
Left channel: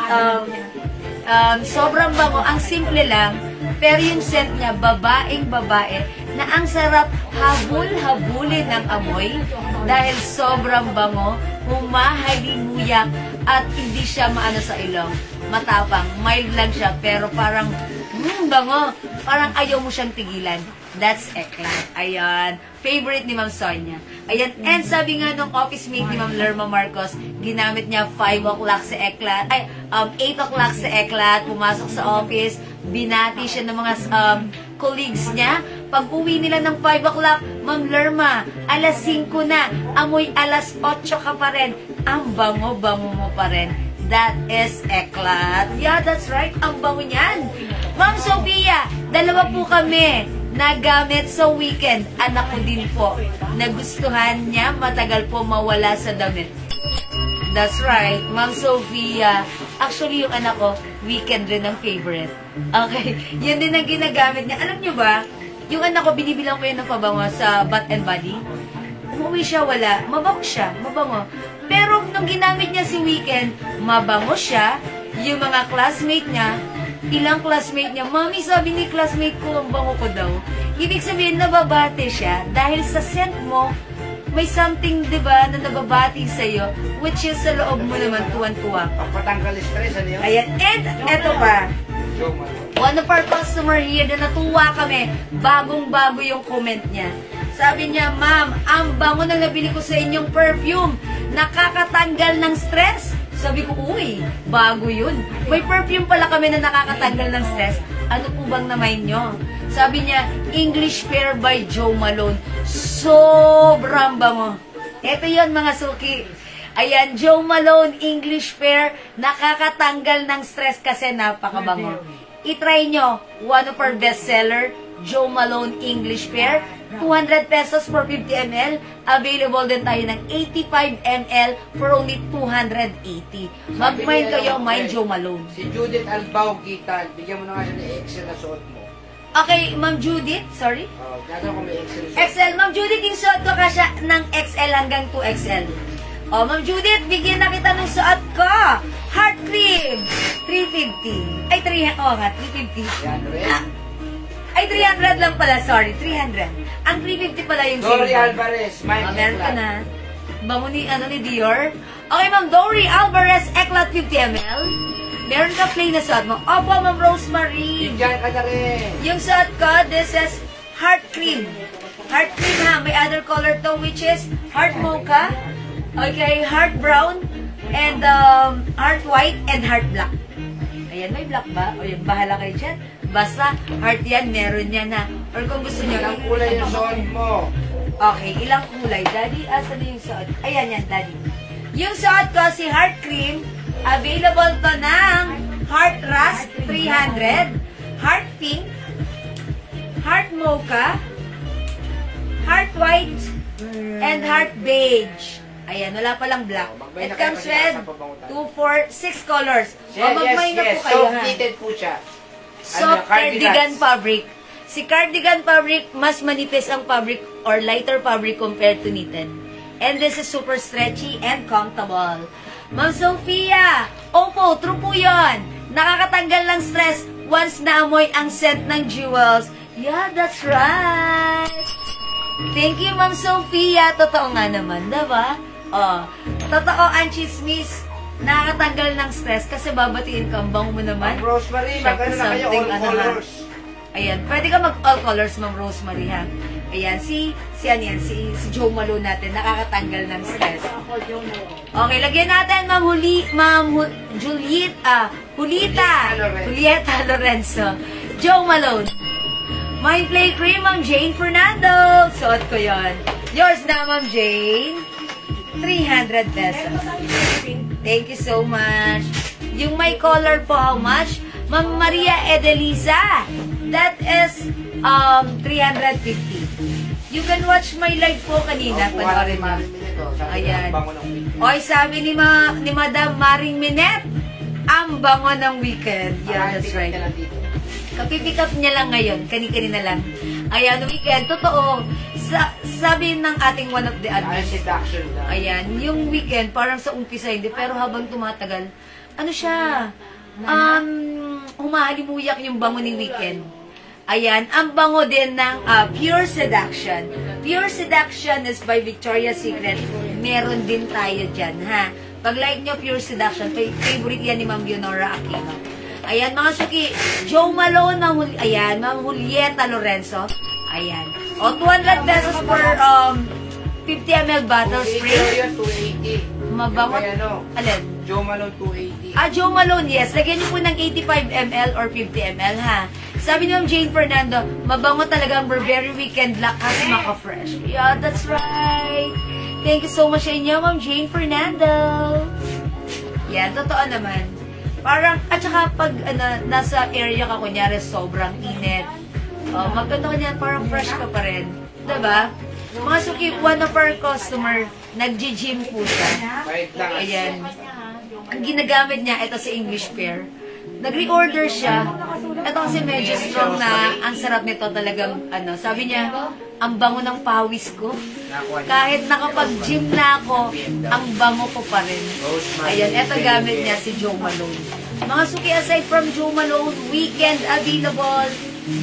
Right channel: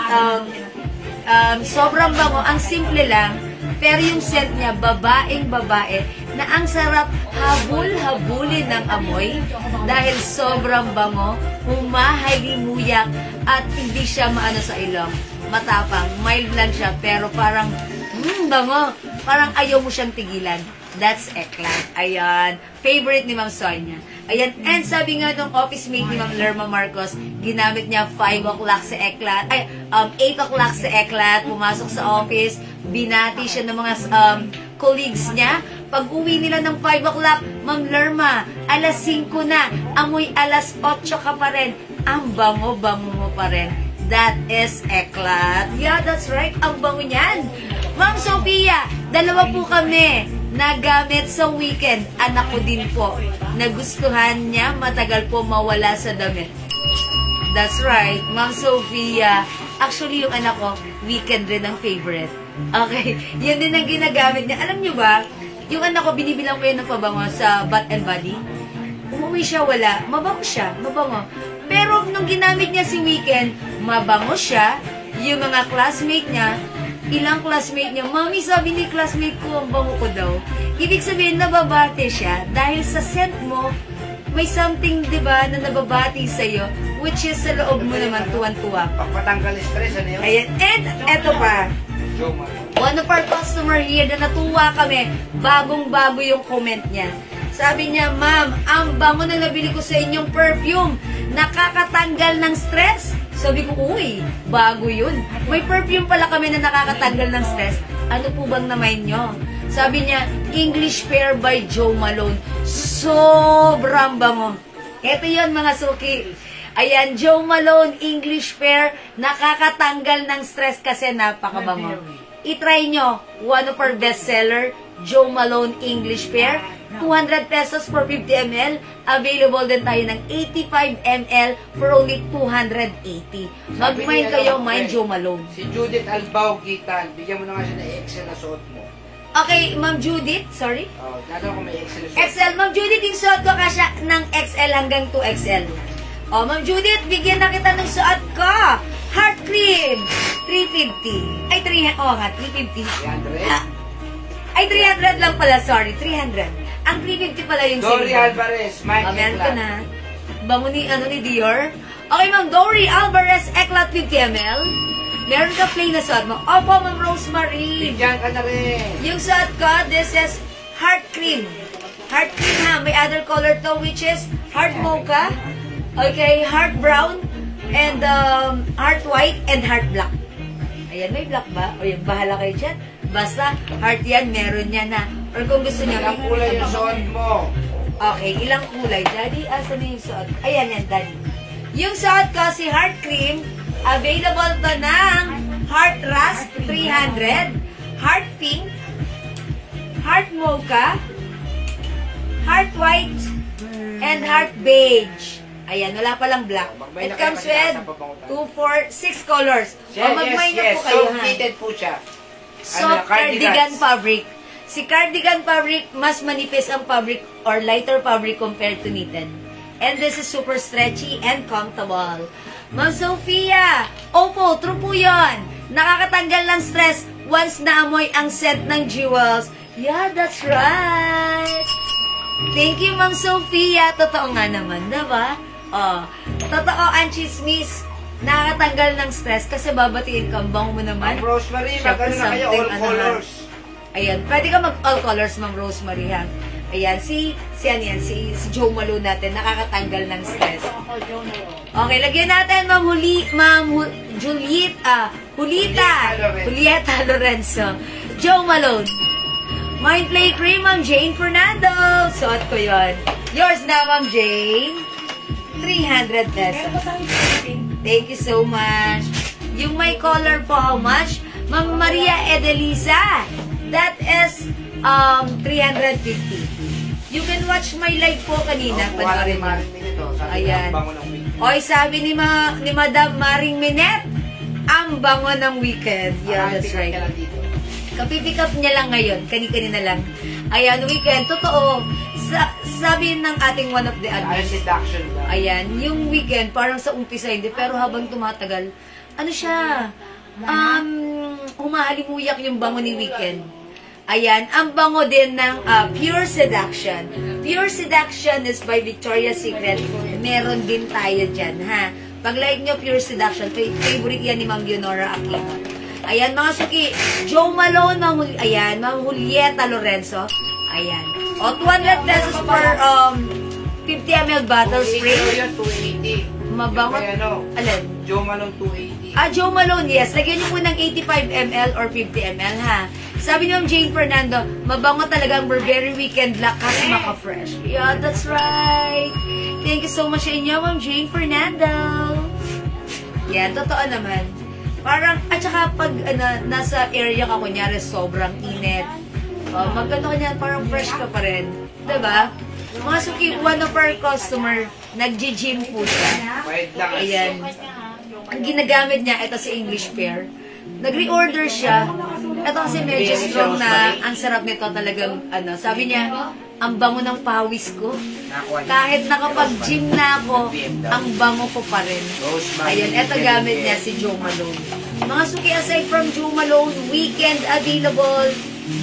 sobrang bango, ang simple lang, pero yung scent niya, babaeng-babae, na ang sarap habul-habulin ng amoy, dahil sobrang bango, humahalimuyak, at hindi siya maano sa ilong. Matapang, mild lang siya, pero parang, bango, parang ayaw mo siyang tigilan. That's Eclat. Ayan. Favorite ni Ma'am Sonia. Ayan. And sabi nga nung office mate ni Ma'am Lerma Marcos, ginamit niya 5 o'clock sa Eclat. Ay, 8 o'clock sa Eclat. Pumasok sa office. Binati siya ng mga colleagues niya. Pag uwi nila ng 5 o'clock, Ma'am Lerma, alas 5 na. Amoy alas 8 ka pa rin. Ang bango-bango mo pa rin. That is Eclat. Yeah, that's right. Ang bango niyan. Ma'am Sophia, dalawa po kami nagamit sa weekend. Anak ko din po. Nagustuhan niya, matagal po mawala sa damit. That's right, Ma'am Sophia. Actually, yung anak ko, weekend rin ang favorite. Okay, yan din ang ginagamit niya. Alam niyo ba, yung anak ko, binibilang ko yun ng pabango sa Bath and Body. Umuwi siya, wala. Mabango siya, mabango. Pero nung ginamit niya si weekend, mabango siya. Yung mga classmate niya, ilang classmate niya, Mami, sabi ni classmate ko, ang bango ko daw. Ibig sabihin, nababate siya dahil sa scent mo, may something, di ba, na nababati sa'yo, which is sa loob mo naman, tuwan-tuwa. Pagpatanggal stress, ano yun? Ayan, and eto pa, Joe Malone. One of our customer here na natuwa kami, bagong-bago yung comment niya. Sabi niya, ma'am, ang bango na nabili ko sa inyong perfume, nakakatanggal ng stress. Sabi ko, uy, bago yun. May perfume pala kami na nakakatanggal ng stress. Ano po bang naman nyo? Sabi niya, English Pear by Joe Malone. Sobrang bango. Ito yun mga suki. Ayan, Joe Malone English Pear, nakakatanggal ng stress kasi napakabango. I-try nyo, one of our bestseller, Joe Malone English Pear, 200 pesos for 50 ml. Available din tayo ng 85 ml for only 280. Mag-mind kayo, mind Joe Malone. Si Judith Albao Gitan, bigyan mo na nga siya ng XL na suot mo. Okay, Ma'am Judith, sorry. Gano'n kung may XL na suot. XL, Ma'am Judith, yung suot ko kasi ng XL hanggang 2XL. Ma'am Judith, bigyan na kita ng suot ko. Heart cream, 350. Ay, 350. 300? Ay, 300 lang pala, sorry, 300. Ang 350 pala yung Dory silver. Alvarez, Mike Meron ka Eclat. na. Bango ni Dior. Okay, Ma'am Dory Alvarez, Eclat 50 ml. Meron ka plain na suot mo. Opo, Ma'am Rosemary. Bigyan ka na rin. Yung suot ko, this is heart cream. Heart cream ha. May other color to, which is heart mocha. Okay, heart brown. And heart white and heart black. Ayan, may black ba? O yung bahala kayo dyan. Basta, heart yan, meron yan na. Or kung gusto niya, Ilang kulay yung suot mo? okay, ilang kulay? Daddy, asan na yung suot? Ayan yan, Daddy. Yung suot ko, si heart cream, available to ng heart rust, 300, heart pink, heart mocha, heart white, and heart beige. Ayan, wala palang black. It comes with 2, 4, 6 colors. Yes, magmay na po kayo, soft ha? knitted po siya. Soft cardigan fabric. Si cardigan fabric, mas manipis ang fabric or lighter fabric compared to knitted. And this is super stretchy and comfortable. Ma'am Sophia, opo, true po yun. Nakakatanggal ng stress once naamoy ang scent ng jewels. Yeah, that's right. Thank you, Ma'am Sophia. Totoo nga naman, diba? Totoo ang chismis. Nakakatanggal ng stress kasi babatiin ka, ang bango mo naman. Ma'am Rosemary, mag-ano na kayo, all colors. Ayan, pwede ka mag-all colors, Ma'am Rosemary, ha? Ayan, si Joe Malone natin, nakakatanggal ng stress. Okay, lagyan natin, Julieta Lorenzo. Joe Malone. Mind Play Cream, Ma'am Jane Fernando. Suot ko yon. Yours na, Ma'am Jane. 300 pesos. Thank you so much. Yung may color po, how much? Ma'am Maria Edelisa. That is 350. You can watch my live po kanina. Panoorin mo. Ayan. Oy, sabi ni Madam Maring Minette, ang bango ng weekend. Yeah, that's right. Kapipick up niya lang ngayon. Kani-kanina lang. Ayan, weekend. Totoo. Sabi ng ating one of the admins. Ayan, yung weekend, parang sa umpisa hindi. Pero habang tumatagal, ano siya? Humahalimuyak yung bango ni weekend. Ayan, ang bango din ng Pure Seduction. Pure Seduction is by Victoria's Secret. Meron din tayo dyan, ha? Pag like nyo, Pure Seduction, favorite yan ni Ma'am Leonora Aquino. Ayan, mga suki, Joe Malone, Ma'am Julieta Lorenzo. Ayan. O, 200 pesos for 50 ml bottle spray. 280. Mabangot. Alin? Joe Malone 280. Joe Malone, yes. Lagyan niyo po ng 85 ml or 50 ml, ha? Sabi niyo, Jane Fernando, mabango talaga ang Burberry Weekend Lakas Maka-Fresh. Yeah, that's right. Thank you so much sa inyo, Ma'am Jane Fernando. Yan, totoo naman. Parang, at saka pag nasa area ka, kunyari, sobrang init. Magkano niyan, parang fresh ka pa rin. Diba? Mga suki, one of our customer, nag-gym po siya. Ayan. Ang ginagamit niya, ito sa English Pear. Nag-reorder siya. Ito kasi medyo strong na, ang sarap nito talagang, sabi niya, ang bango ng pawis ko. Kahit nakapag-gym na ako, ang bango ko pa rin. Ayan, ito gamit niya si Joe Malone. Mga suki, aside from Joe Malone, weekend available,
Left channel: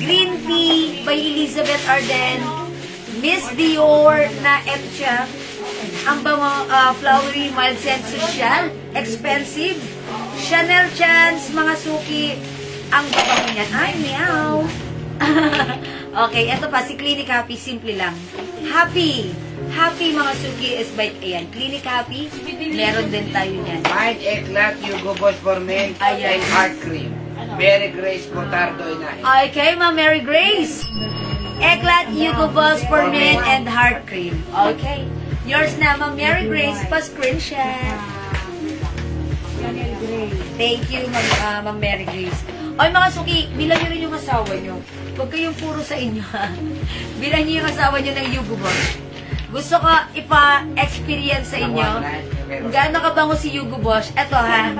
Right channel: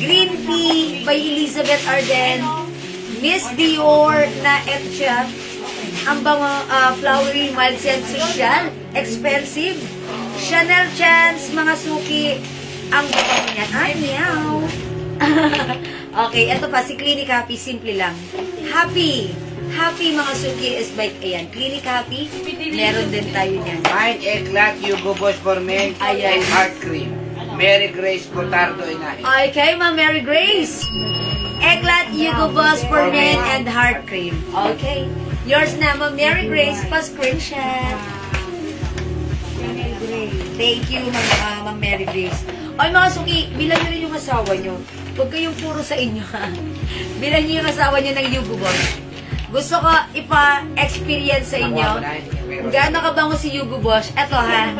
Green Tea by Elizabeth Arden, Miss Dior na ito siya, ang bango, flowery, mild scent, social, expensive, Chanel Chance, mga suki, Ang babango niyan. Ay, meow. Okay, eto pa, si Clinic Happy, simple lang. Happy. Happy mga suki is bike. Ayan, Clinic Happy. Meron din tayo niyan. Mind Eclat, Hugo Boss for Men, Ayan. and Heart Cream. Mary Grace Cotardo Inahin. Okay, Ma'am Mary Grace. Eclat, Hugo Boss for Men, and Heart Cream. Okay. Yours na, Ma'am Mary Grace. Pa-screenshot. Thank you, Ma'am Mary Grace. Ay, mga suki, bilang nyo rin yung asawa nyo. Huwag kayong puro sa inyo, ha. Bilang nyo yung asawa nyo ng Hugo Boss. Gusto ko ipa-experience sa inyo kung gaano kabango si Hugo Boss. Eto, ha.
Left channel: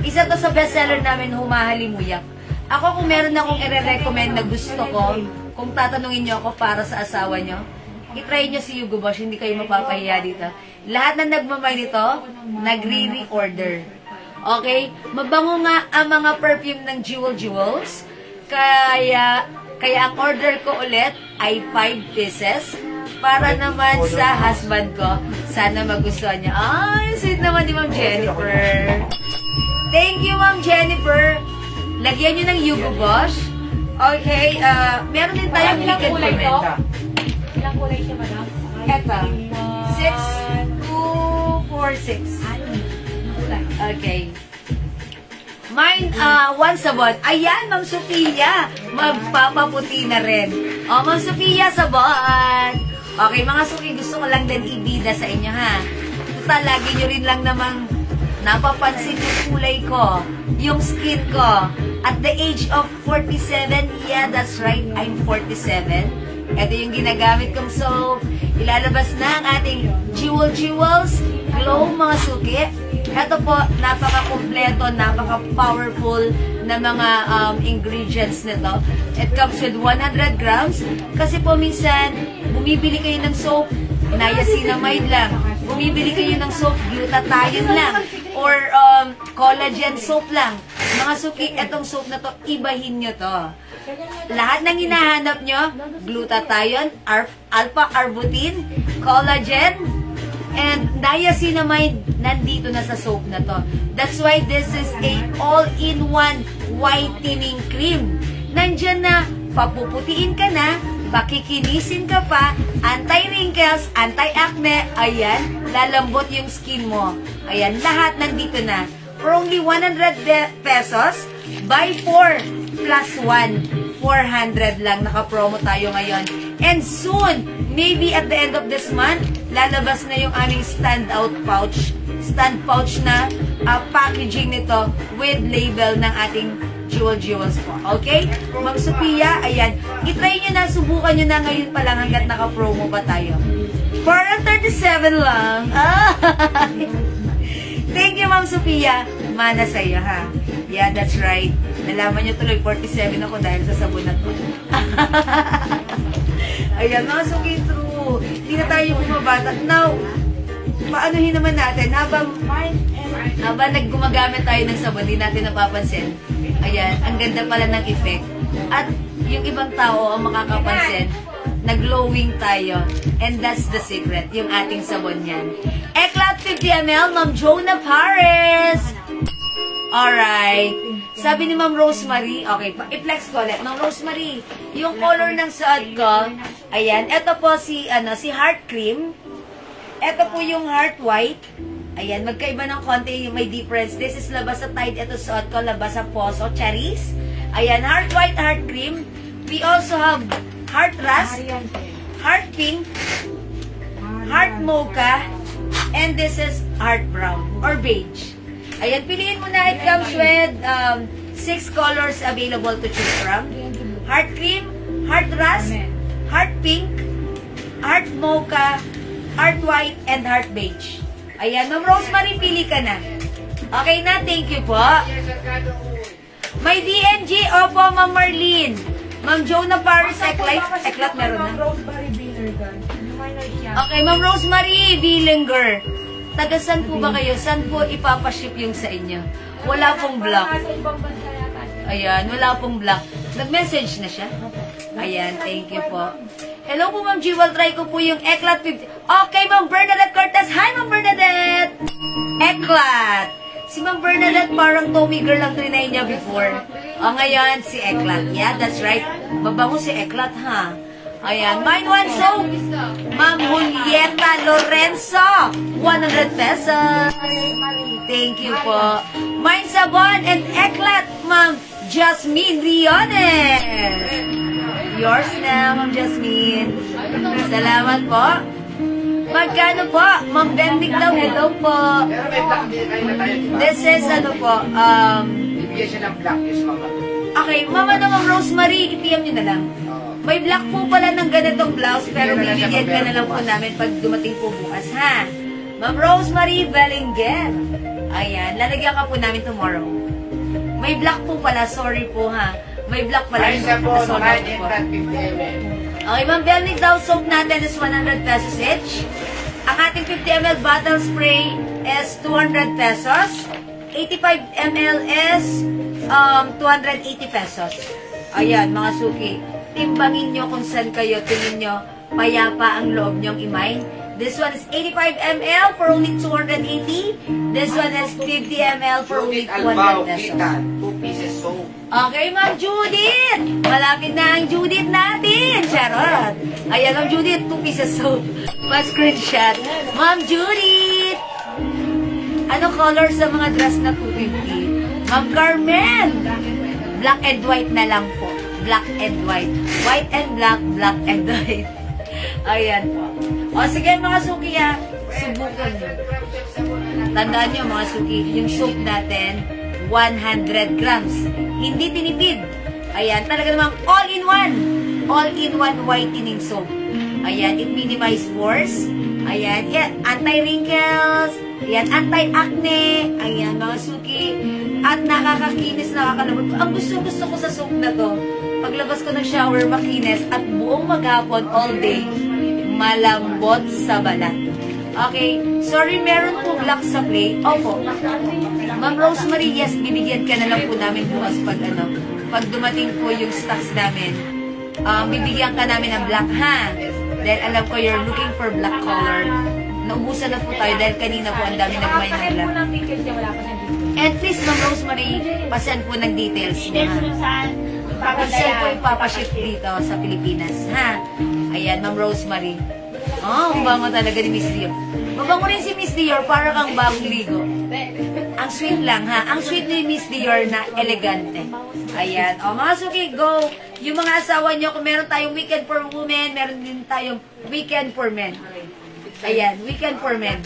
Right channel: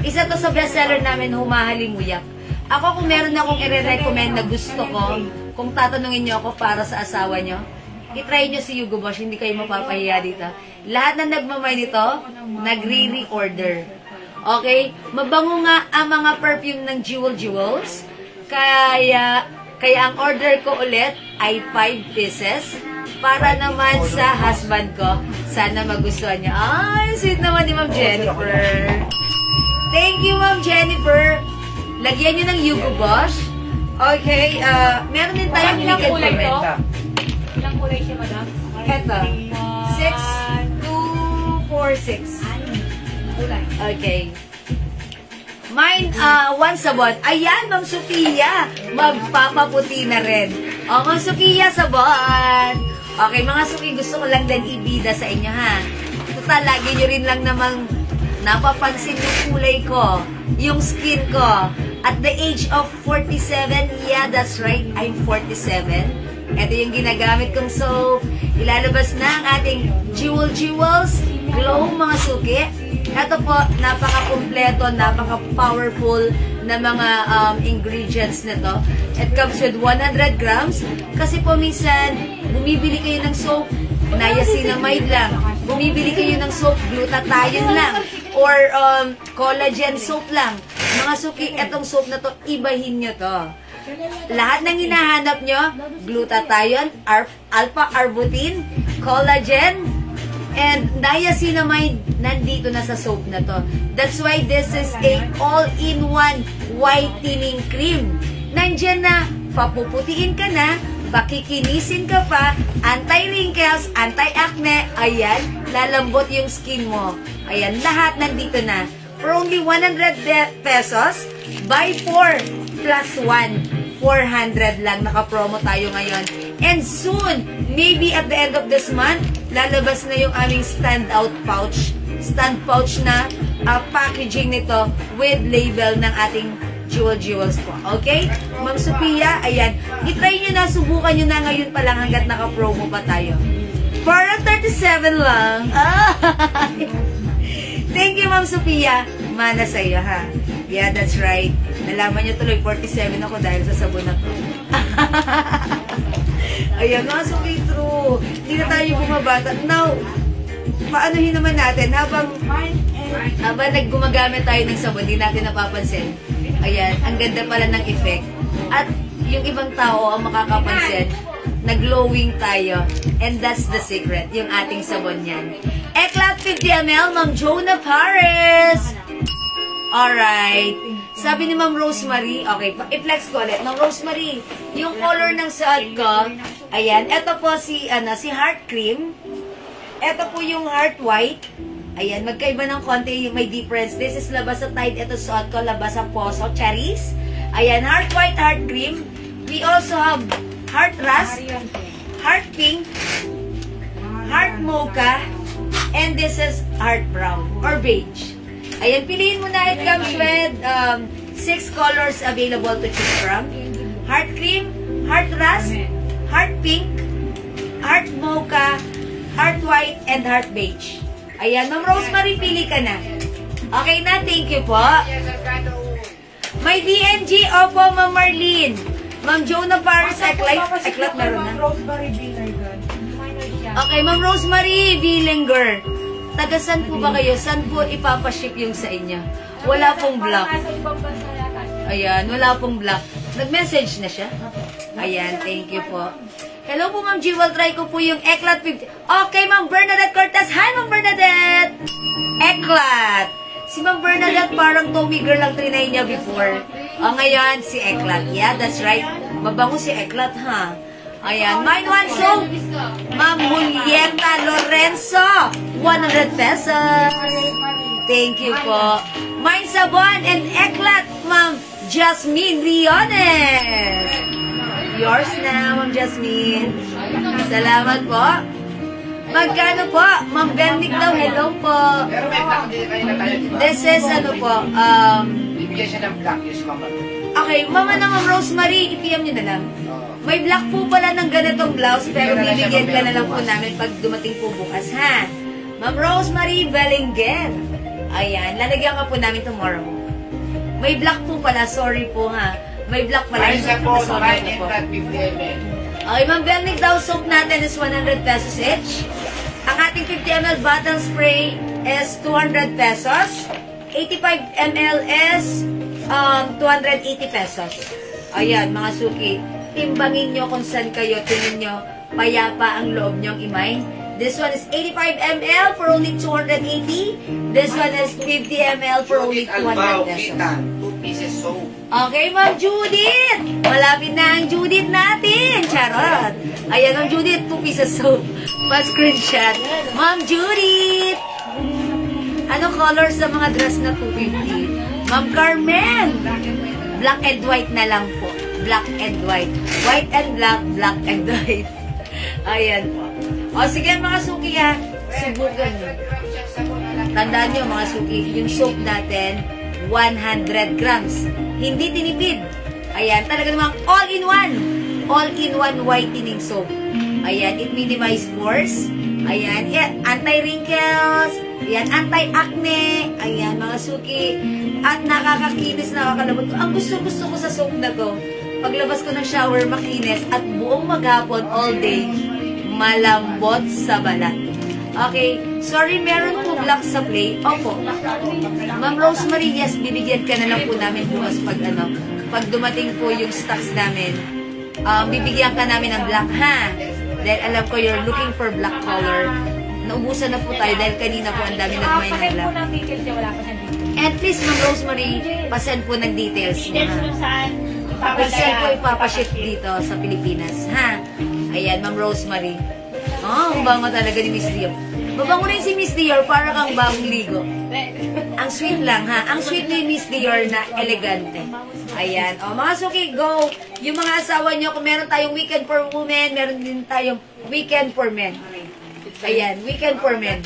Isa to sa bestseller namin, Humahalimuyak. Ako, kung meron akong i-recommend na gusto ko, kung tatanungin nyo ako para sa asawa nyo, itry nyo si Hugo Boss, hindi kayo mapapahiya dito. Lahat na nagmamay nito, nagre-reorder. Okay? Mabango nga ang mga perfume ng Jewels. Kaya ang order ko ulit ay 5 pieces para naman sa husband ko. Sana magustuhan niya. Ay, sweet naman ni Ma'am Jennifer. Thank you, Ma'am Jennifer. Lagyan nyo ng Hugo Boss. Okay, meron din tayong Ilang kulay to? Komenta. Ilang kulay siya, madam? Eto. 6, 2, 4, 6. Okay. Mine, one sabon. Ayan, Ma'am Sophia. Magpapaputi na rin. O, Ma'am Sophia, sabon. Okay, mga suki, gusto ko lang din ibida sa inyo, ha. Total, lagi nyo rin lang namang napapansin yung kulay ko, yung skin ko. At the age of 47, yeah, that's right, I'm 47. Ito yung ginagamit kong soap. Ilalabas na ang ating Jewels Glow, mga suki. Ito po, napaka-kompleto, napaka-powerful na mga ingredients nito. It comes with 100 grams. Kasi po minsan, bumibili kayo ng soap, niacinamide lang. Bumibili kayo ng soap, glutathione lang. Or collagen soap lang. Mga suki, etong soap na to, ibahin nyo to. Lahat ng hinahanap nyo, glutathione, alpha-arbutin, collagen, and niacinamide, nandito na sa soap na to. That's why this is a all-in-one whitening cream. Nandyan na, papuputiin ka na, pakikinisin ka pa, anti-wrinkles, anti-acne, ayan, lalambot yung skin mo. Ayan, lahat nandito na. For only 100 pesos, buy 4 plus 1, 400 lang. Naka-promo tayo ngayon. And soon, maybe at the end of this month, lalabas na yung aming stand pouch na packaging nito with label ng ating Jewels po. Okay? Ma'am Sophia, ayan. I-try nyo na, subukan nyo na ngayon pa lang hanggat naka-promo pa tayo. For 37 lang. Thank you, Ma'am Sophia. Mana sa'yo, ha? Yeah, that's right. Nalaman nyo tuloy, 47 ako dahil sa sabon na to. Ayan, mga suki, true. Hindi na tayo bumabata. Now, paanohin naman natin, habang naggumagamit tayo ng sabon, hindi natin napapansin. Ayan, ang ganda pala ng effect. At yung ibang tao ang makakapansin, nag-glowing tayo. And that's the secret, yung ating sabon yan. Eclat 50 ml, Ma'am Jonah Paris. Alright. Sabi ni Ma'am Rosemary, okay, i-flex ko ulit. Ma'am Rosemary, yung color ng suot ko, ayan, ito po si Heart Cream. Ito po yung Heart White. Ayan, magkaiba ng konti, may difference. This is labas sa Tide, ito suot ko, labas sa Poso, Cherries. Ayan, Heart White, Heart Cream. We also have Heart Rust, Heart Pink, Heart Mocha, and this is Heart Brown or Beige. Ayan, piliin mo na. It comes with 6 colors available to choose from. Heart Cream, Heart Rust, Heart Pink, Heart Mocha, Heart White, and Heart Beige. Ayan, Ma'am Rosemary, pili ka na. Okay na, thank you po. May DNG, opo, Ma'am Marlene. Ma'am Jonah Paris, Eclat meron na. Okay, Ma'am Rosemary Billinger. Taga saan po ba kayo? Saan po ipapaship yung sa inyo? Wala pong block. Ayan, wala pong block. Nag-message na siya? Ayan, thank you po. Hello po, Ma'am Jewel. Try ko po yung Eclat 50. Okay, Ma'am Bernadette Cortez. Hi, Ma'am Bernadette! Eclat. Si Ma'am Bernadette parang Tommy girl ang trinay niya before. Ngayon, si Eklat. Yeah, that's right. Mabango si Eklat, ha? Ayan. Mine one soap. Ma'am Julieta Lorenzo. 100 pesos. Thank you po. Mine sabon and Eklat, Ma'am Jasmine Riones. Yours na, Ma'am Jasmine. Salamat po. Magkano po? Ma'am Dendic daw, hello po. Pero may black din kayo na tayo, di ba? This is ano po, Bibigyan siya ng black, yung mama. okay, Mama na Ma'am Rosemary, i-PM nyo na lang. May black po pala ng ganitong blouse, pero bibigyan ka na lang po namin pag dumating po bukas, ha? Ma'am Rosemary Bellinger. Ayan, lalagyan ka po namin tomorrow. May black po pala, sorry po, ha? May black pala. Ay, isa po, Sorry mine po. and 50 ml. Okay, Ma'am Belnick daw, soap natin is 100 pesos each. Ang ating 50 ml bottle spray is 200 pesos. 85 ml is 280 pesos. Ayan, mga suki. Timbangin nyo kung saan kayo. Tingin nyo, payapa ang loob nyong imay. This one is 85 ml for only 280. This one is 50 ml for only 200 pesos. 2 pieces soap. Okay, Ma'am Judith! Malapit na ang Judith natin! Charot! Ayan, Ma'am Judith, 2 pieces soap. Pa-screenshot. Ma'am Judith! Ano color sa mga dress na 250? Ma'am Carmen! Black and white na lang po. Black and white. White and black, black and white. Ayan po. O sige mga suki ha, subukan nyo. Tandaan nyo mga suki, yung soap natin, 100 grams. Hindi tinipid. Ayan, talaga namang all-in-one. All-in-one whitening soap. Ayan, it minimize pores. Ayan, anti-wrinkles. Ayan, anti-acne. Ayan, mga suki. At nakakakinis, nakakalabot ko. Ang gusto ko sa soap na to, paglabas ko ng shower, makinis. At buong maghapon, all day, malambot sa balat. Okay, sorry, meron po black sa play. Opo. Ma'am Rosemary, yes, bibigyan ka na lang po namin bukas pag dumating po yung stocks namin. Bibigyan ka namin ng black, ha? Dahil alam ko you're looking for black color. Naubusan na po tayo dahil kanina po ang dami nagmay ng black. ng details niya, wala pa siyang details. And please, Ma'am Rosemary, pasend po ng details mo, Details ha? kung saan Pasend po ipapaship dito sa Pilipinas, ha? Ayan, Ma'am Rosemary. Oh, ang bango talaga ni Miss Dior. Mabango rin si Miss Dior, para kang bagong ligo. Ang sweet lang, ha? Ang sweet ni Miss Dior na elegante. Ayan. O, mga suki, go! Yung mga asawa nyo, kung meron tayong weekend for women, meron din tayong weekend for men. Ayan, weekend for men.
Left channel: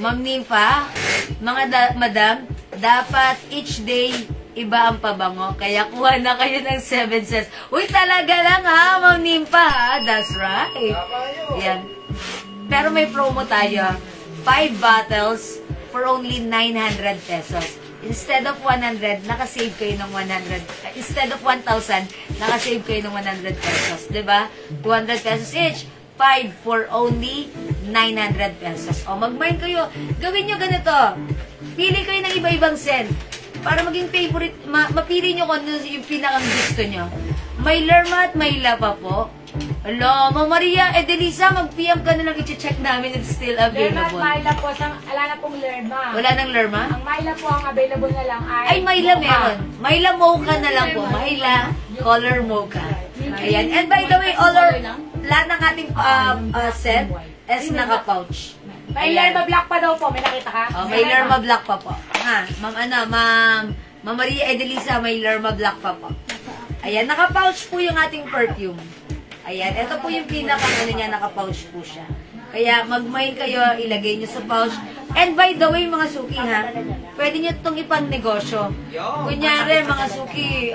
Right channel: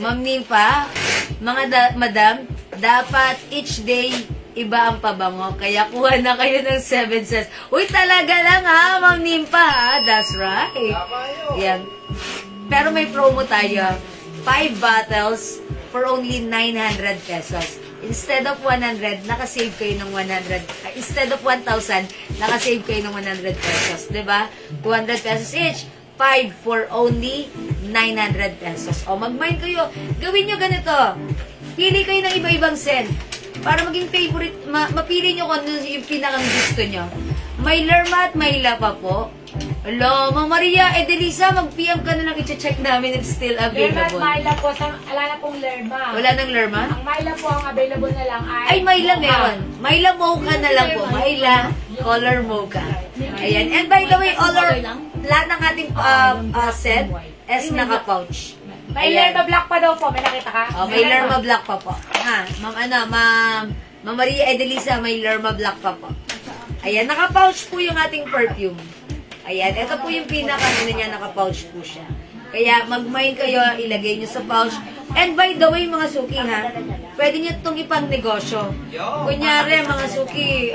Ma'am Nympha, mga madam, dapat each day iba ang pabango. Kaya kuha na kayo ng 7 cents. Uy, talaga lang ha, Ma'am Nympha, ha? That's right. Yan. Pero may promo tayo. 5 bottles for only 900 pesos. Instead of 100, nakasave kayo ng 100. Instead of 1,000, nakasave kayo ng 100 pesos. Diba? 200 pesos each. 5 for only 900 pesos. O, mag-mine kayo. Gawin nyo ganito. Pili kayo ng iba-ibang scent. Para maging favorite, mapili nyo kung ano yung pinakang gusto nyo. May Lerma at may Lapa po. Hello, Ma'am Maria Edelisa, mag-PM ka na lang, i-check namin if still Lerma at available. Myla po, wala na pong Lerma. Wala nang Lerma? Ang Myla po, ang available na lang Ay, Myla meron. Myla mocha na lang po. Myla color mocha. Ayan. And by the way, lahat ng ating set is naka-pouch. May Lerma black pa daw po, may nakita ka? Oh, may Lerma black pa po. Ha, Ma'am Maria Edelisa, may Lerma black pa po. Ayan, naka-pouch po yung ating perfume. Ayan, ito po yung pinaka-ano niya, naka-pouch po siya. Kaya mag-mine kayo, ilagay nyo sa pouch. And by the way, mga suki ha, pwede nyo itong ipang-negosyo. Kunyari, mga suki,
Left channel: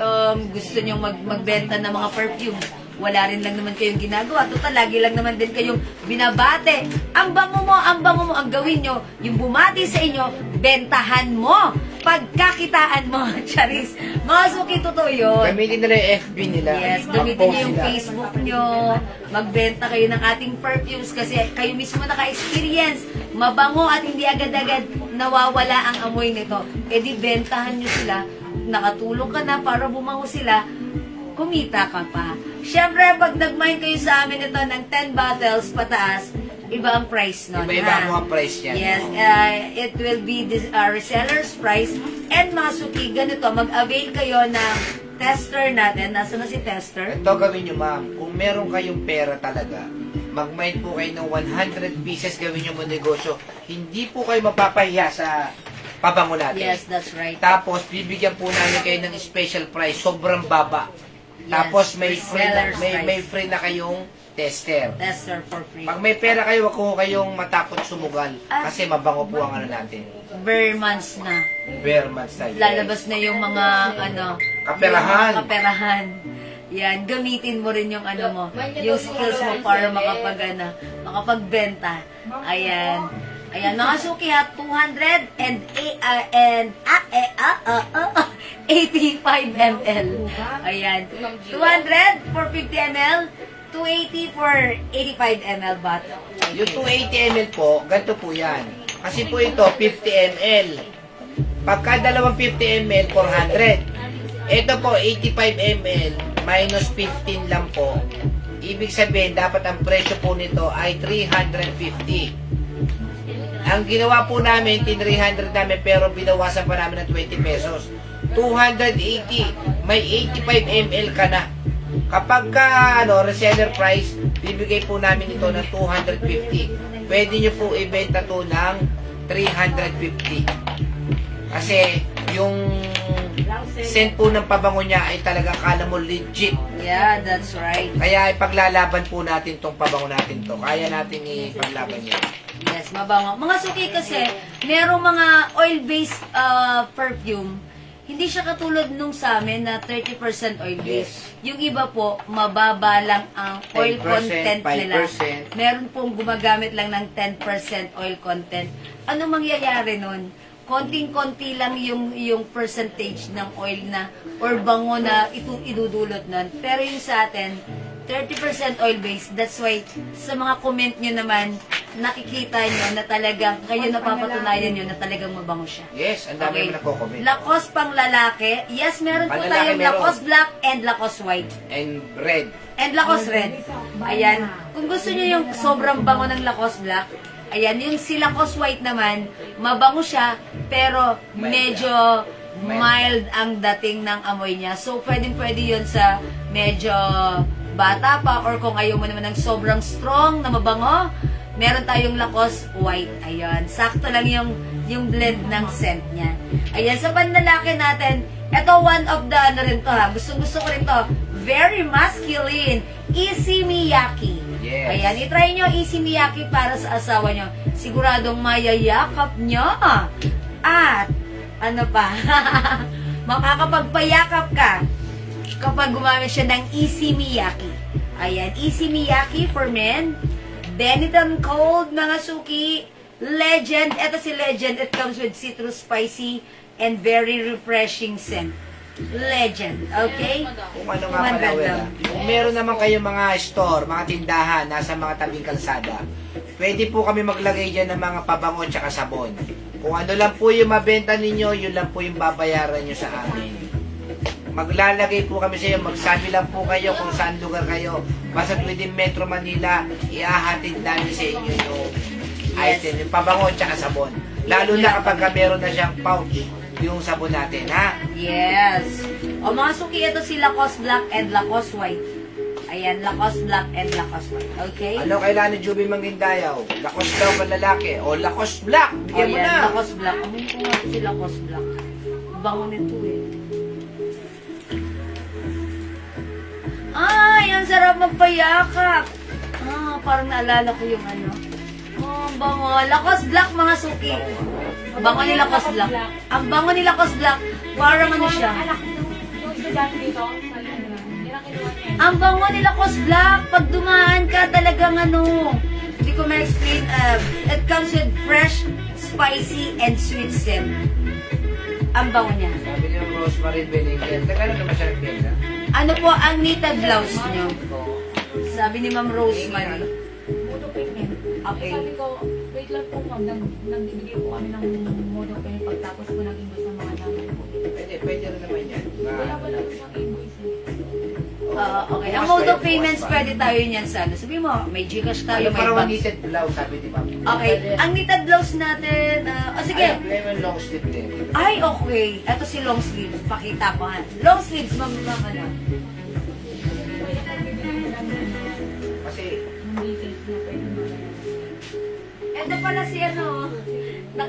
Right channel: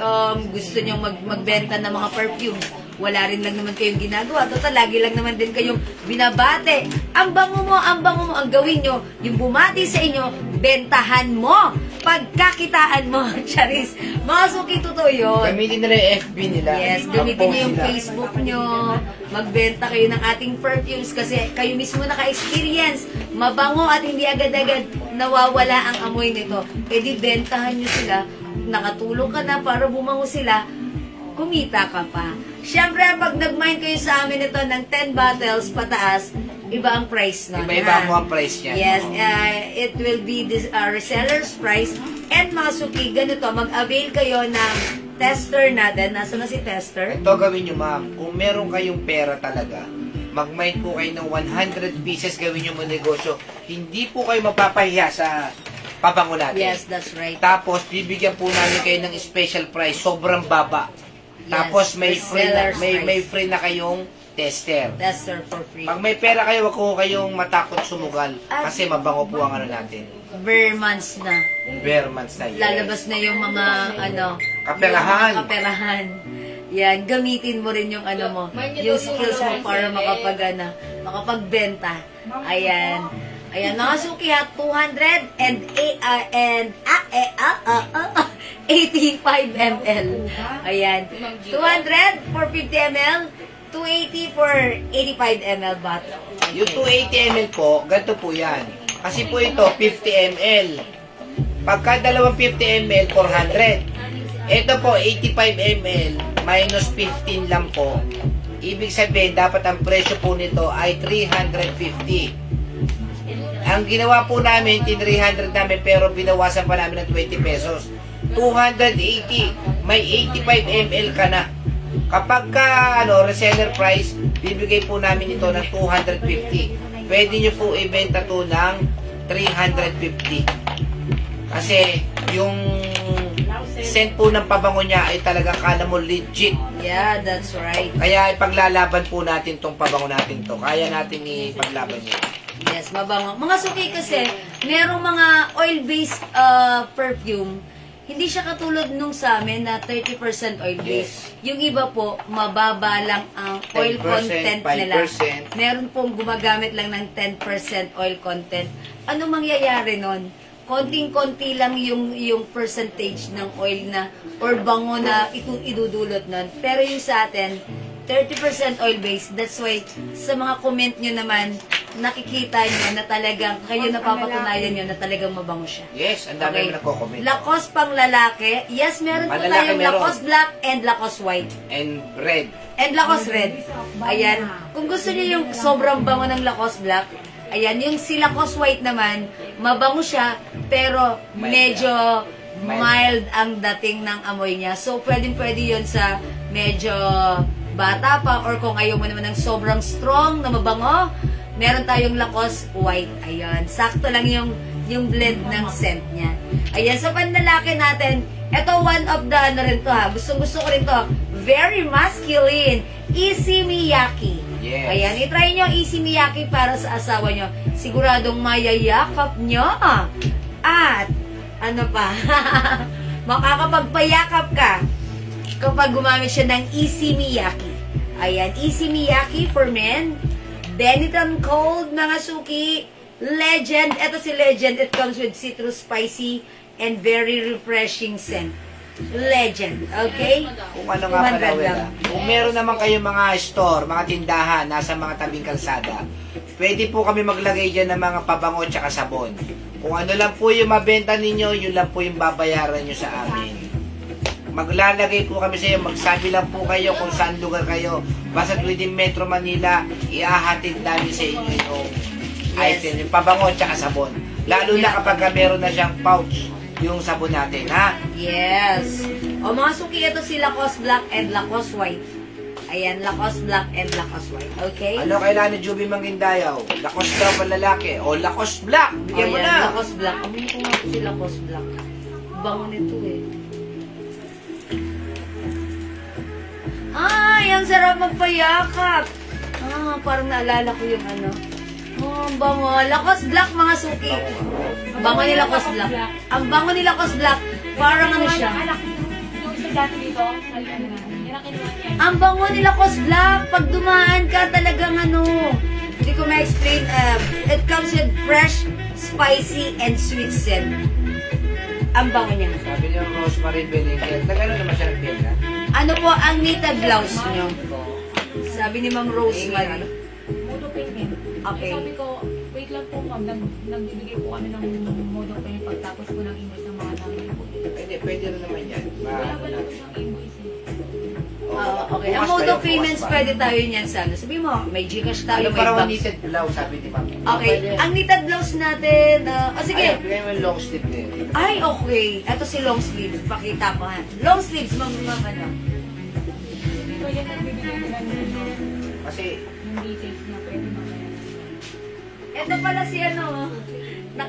gusto nyo magbenta ng mga perfume. Wala rin lang naman kayong ginagawa. Total, lagi lang naman din kayong binabate. Ang bango mo, ang gawin nyo, yung bumati sa inyo, bentahan mo. Pagkakitaan mo, Charis. Mga suki, totoo yun. Gamitin nila yung FB nila. Yes, gamitin nyo yung Facebook nyo. Magbenta kayo ng ating perfumes kasi kayo mismo naka-experience. Mabango at hindi agad-agad nawawala ang amoy nito. E di bentahan nyo sila. Nakatulong ka na para bumango sila. Kumita ka pa. Siyempre, pag nag-mine kayo sa amin ito ng 10 bottles pataas, iba ang price nun. Iba-iba mo ang price niya. Yes, it will be this reseller's price. And mga suki, ganito, mag-avail kayo ng tester natin. Nasaan na si tester? Ito gawin nyo, ma'am. Kung meron kayong pera talaga, mag-mind po kayo ng 100 pieces gawin nyo mo negosyo. Hindi po kayo mapapahiya sa pabango natin. Yes, that's right. Tapos, bibigyan po namin kayo ng special price. Sobrang baba. Tapos, may free na kayong tester. Tester for free. Pag may pera kayo, wag ko kayong matakot sumugal. Kasi mabango po ang ano natin. Bare months na. Bare months na. Yes. Lalabas na yung mga, kaperahan. yung kaperahan. Yan, gamitin mo rin yung mo, yung skills mo para makapagbenta. Ayan. Ayan, mga suki ha, 85 ml. Ayan. 200 for 50 ml, 280 for 85 ml bottle. Yung 280 ml po, ganito po yan. Kasi po ito, 50 ml. Pagka dalawang 50 ml, 400. Ito po, 85 ml, minus 15 lang po. Ibig sabihin, dapat ang presyo po nito ay 350. Ang ginawa po namin, 300 namin, pero binawasan pa namin ng 20 pesos. 280, may 85 ml ka na. Kapag ka, reseller price, bibigay po namin ito ng 250. Pwede nyo po ibenta to ng 350. Kasi, yung scent po ng pabango niya ay talaga kala mo legit. Yeah, that's right. Kaya ipaglalaban po natin tong pabango natin to. Kaya natin ipaglaban niya. Yes, mabango. Mga suki kasi, merong mga oil-based perfume. Hindi siya katulad nung sa amin na 30% oil-based. Yes. Yung iba po, mababa lang ang oil 10%, content nila. 5%. Meron pong gumagamit lang ng 10% oil content. Ano mangyayari nun? Konting-konti lang yung percentage ng oil na or bango na idudulot nun. Pero yung sa atin, 30% oil-based. That's why, sa mga comment nyo naman, nakikita nyo na talagang, kayo napapatunayan nyo na talagang mabango siya. Yes, ang dami mo nagko-comment. Lacoste pang lalaki. Yes, meron po Panlalaki tayong meron. Lacoste black and Lacoste white. And red. And Lacoste red. Ayan. Kung gusto nyo yung sobrang bango ng Lacoste black, ayan, yung si Lacoste white naman, mabango siya, pero medyo mild ang dating ng amoy niya. So, pwedeng-pwede yun sa medyo bata pa, or kung ayaw mo naman ng sobrang strong na mabango, meron tayong Lacoste white. Ayan, sakto lang yung blend ng scent niya. Ayan, sa panlalaki natin, ito one of the rin to ha, gusto ko rin to, very masculine, Issey Miyake. Yes. Ayan, itry nyo Issey Miyake para sa asawa nyo. Siguradong mayayakap nyo. At, ano pa, makakapagpayakap ka kapag gumamit siya ng Issey Miyake. Ayan, Issey Miyake for men. Benetton Cold, mga suki. Legend. Ito si Legend. It comes with citrus, spicy, and very refreshing scent. Legend. Okay? Kung ano nga pala, Wela. Kung meron naman kayong mga store, mga tindahan, nasa mga tabing kalsada, pwede po kami maglagay dyan ng mga pabango at saka sabon. Kung ano lang po yung mabenta ninyo, yun lang po yung babayaran nyo sa amin. Maglalagay po kami sa iyo, magsabi lang po kayo kung saan lugar kayo. Basta within Metro Manila, iahatid namin sa inyo yung item, yung pabango at saka sabon. Lalo na kapag meron na siyang pouch, yung sabon natin, ha? Yes. O mga suki, ito si Lacoste Black and Lacoste White. Ayan, Lacoste Black and Lacoste White. Okay? Ano kailangan ni Juby Mangindayaw? Lacoste daw pa lalaki. O Lacoste Black, bigyan mo na. Lacoste Black. Amoy ko nga si Lacoste Black. Bango nito eh. Ay, ang sarap magpayakap. Parang naalala ko yung ano. Ang bango. Lacoste Black, mga suki. Bango ni Lacoste Black. Ang bango ni Lacoste Black. Parang ano siya. Yung estudyante dito, sabi ano na, yun ang kinuha niya. Ang bango ni Lacoste Black. Pag dumaan ka, talagang ano. Hindi ko ma-explain. It comes with fresh, spicy, and sweet scent. Ang bango niya. Sabi niyo Rosemary Benigel. Nagano naman siya nagbenta? Ano po ang knitted blouse niyo? Sabi ni Ma'am Rosemary. Modo payment. Okay. Sabi ko, wait lang po ma'am, nagbibigay po kami ng modo payment pagtapos po ng invoice ng mga namin po. Pwede rin naman yan. Wala ba lang siyang invoice eh. Okay. Ang mode of payments, pwede tayo niyan sa ano. Sabi mo, may Gcash tayo, Ano may parang banks. knitted blouse, sabi di ba? Okay, ang knitted blouse natin, sige. Ay, bigay mo yung long sleeve na yun. Ay, okay. Ito si long sleeves. Pakita ko ha. Long sleeves, ma'am, ano. So, yan ang bibigay nila ng Kasi, details na pwede mamaya. Ito pala si ano,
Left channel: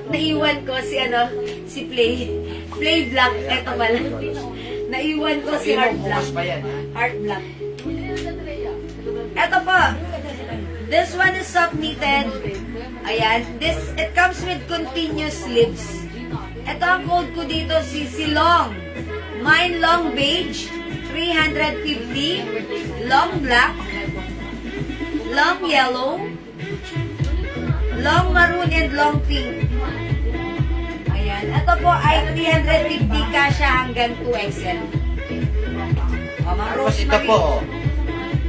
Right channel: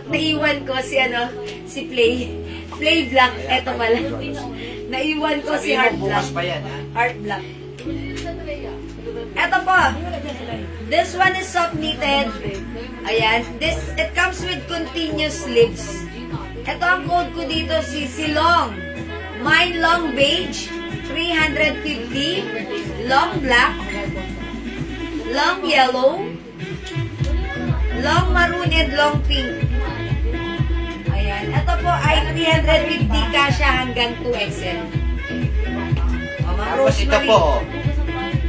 naiwan ko si ano, si Play Black. Ito pala. Naiwan ko si sabi mo, Heart Black. bukas pa yan, ha? Heart Black. Ito po. This one is soft knitted. Ayan. It comes with continuous sleeves. Ito ang code ko dito, si Long. Mine long beige, 350. Long black. Long yellow. Long maroon and long pink. Ayan. Ito po ay 350 kasha hanggang 2XL. O, mga Tapos ito rosemary. po,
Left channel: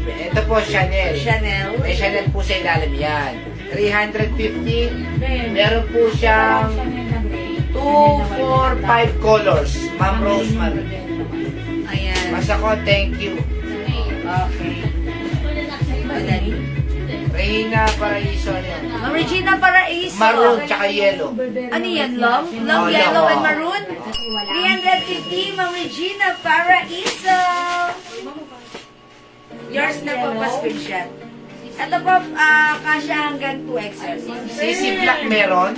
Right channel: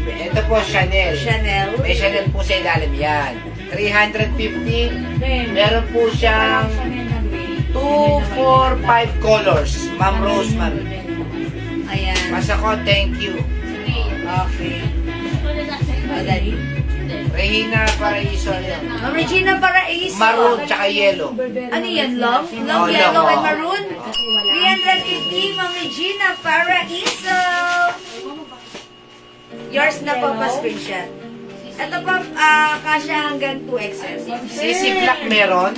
ito po, Chanel. Chanel. May Chanel po sa ilalim yan. 350. Meron po siyang 2, 4, 5 colors. Ma'am Rosemary. Ayan. Basta ko, thank you. Okay. Ayan. Rehina Paraiso yan. Ma'am Regina Paraiso. Maroon tsaka yellow. Ano yan, long? Long, Oh, yellow, long, and oh. maroon? 350, Ma'am Regina Paraiso. Yours na po pa screenshot. Ito po, kasha hanggang 2XL. CC Black meron.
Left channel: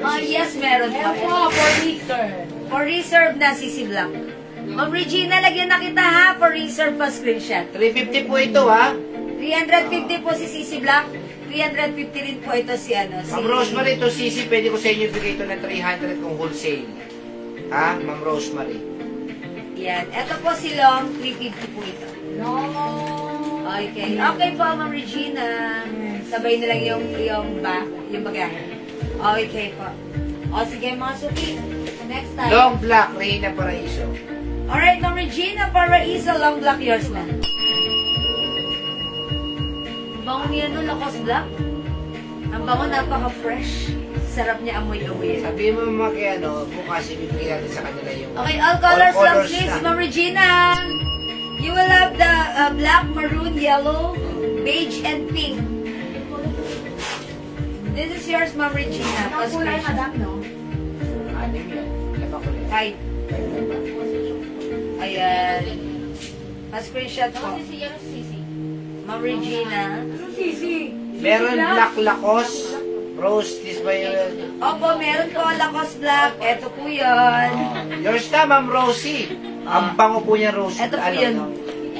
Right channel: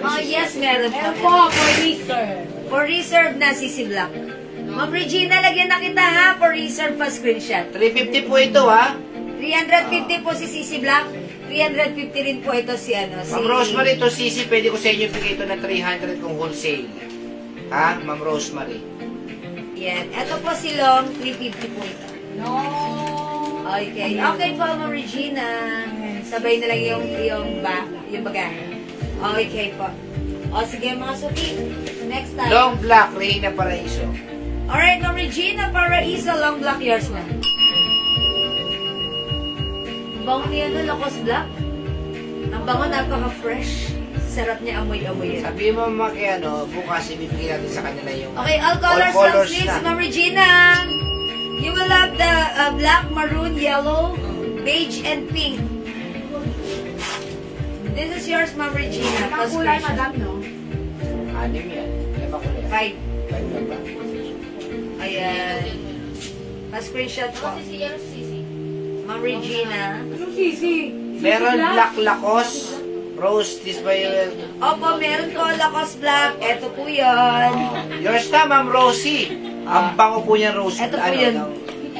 Oh, yes, meron Ayan po. po, for Easter. For reserve na CC Black. Ma'am Regina, lagyan na kita ha, for reserve pa screenshot. 350 po ito, ha? 350 po si CC Black. 350 rin po ito si ano. Si Ma'am Rosemary, ito CC, pwede ko sa inyo bigay ito ng 300 kung wholesale. Ha, Ma'am Rosemary? Yan. Ito po si Long, 350 po ito. No. Okay. Okay po, Ma'am Regina. Sabay na lang yung bagahe. Okay po. O, sige mga suki. Next time. Long Black, Rehina Paraiso. Alright, Ma'am Regina, Paraiso, long black, yours na. Ang bango niya no, Lacoste Black. Ang bango, napaka-fresh. Sarap niya amoy-amoy. Sabi mo kay ano, bukas ibibigay natin sa kanila yung Okay, all colors, long colors sleeves, na. Ma'am Regina. You will have the black, maroon, yellow, beige, and pink. This is yours, Ma'am Regina. Ang kulay, madam, no? Anim yan. Ilan ba ko yan? 5. 5 na ba? Ayan. Pa-screenshot po. Ma'am Regina. Ano, Sisi? Meron Black Lacoste. Rose, this ba yun? Opo, meron po Lacoste Black. Ito po yun. Yours na, Ma'am Rosie. Ang bango po niya, Rose. Ito po Ano, yun. ng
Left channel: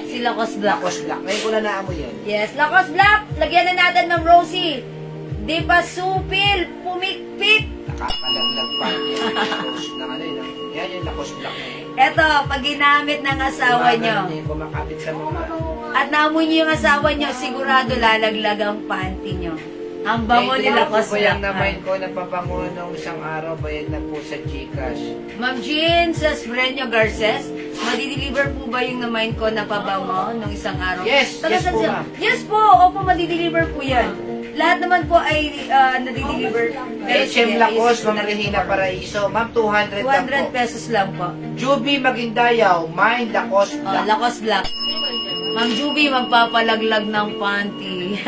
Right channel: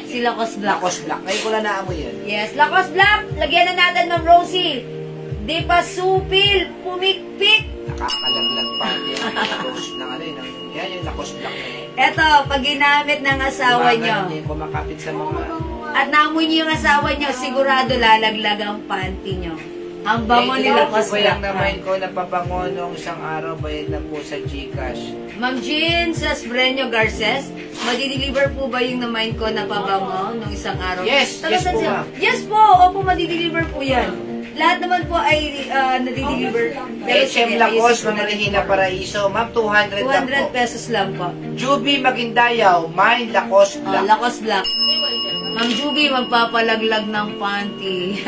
Si Lacoste Black. Lacoste Black. Ngayon ko lang naamoy yan. Yes, Lacoste Black. Lagyan na natin, Ma'am Rosie. Di pa supil, pumikpik. Nakakalaglag pa yan. Rose na ano yun. Yan yung Lacoste Black. Ito, pag ginamit ng asawa nyo, Gumagan yung kumakapit sa mga... at naamoy nyo yung asawa nyo, sigurado lalaglag ang panty nyo. Ang bango ni Lacoste po yung Black. namain ko na pabango nung isang araw, bayad na po sa Gcash. Ma'am Jean sa Sbreño Garces, madideliver po ba yung namain ko na pabango nung isang araw? Yes, Taga yes saan po, siya? ma'am. Yes po, opo, madideliver po yan. Lahat naman po ay nadideliver. HM Lacoste, Ma'am Rehina Paraiso. Ma'am, 200 lang po. 200 pesos lang po. Juby Maguindayaw, mine Lacoste Black. Lacoste Black. Ma'am Juby, magpapalaglag ng panty.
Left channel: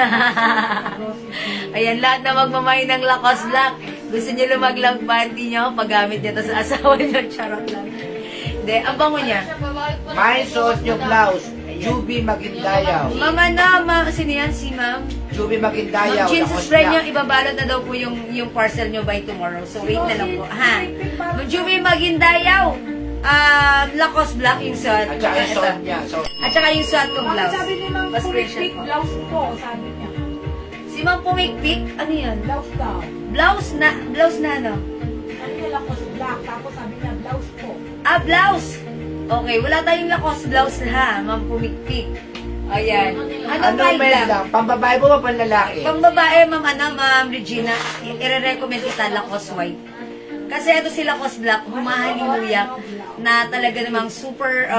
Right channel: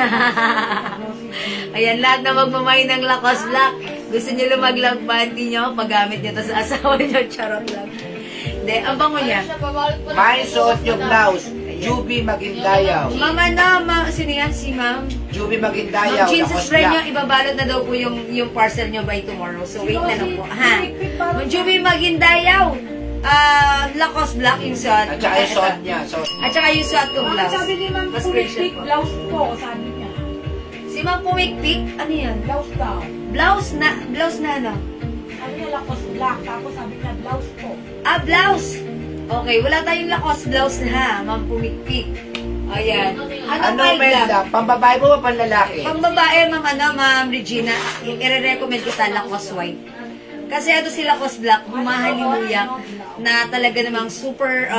Ayan, lahat na magmamay ng Lacoste Black. Gusto nyo lumaglang panty nyo, paggamit nyo to sa asawa nyo, charot lang. Hindi, ang bango niya. Mine suot nyo blouse, Juby Maguindayaw. Ma'am, sino yan? Si Ma'am? Juby Ma'am Maguindayaw, Jean, Lacoste subscribe nyo, Black. ibabalot na daw po yung parcel nyo by tomorrow. So, wait na lang po. Ha? Ma'am Juby Maguindayaw. Lacoste Black yung suot. At saka yung suot niya. So, At saka yung suot kong blouse. Sabi ni Ma'am, Pa-screenshot pumikpik, po. blouse po, sabi niya. Si Ma'am Pumikpik, ano yan? Blouse daw. Blouse na ano? Sabi niya, Lacoste Black. Tapos sabi niya, blouse po. Blouse. Okay, wala tayong Lacoste blouse na ha, Ma'am Pumikpik. Ayan. ano Melda? Melda? Pambabae mo ba panlalaki? Pang babae, Ma'am Regina, i-recommend kita Lacoste White. Kasi ito si Lacoste Black, humahaliluya, na talaga namang super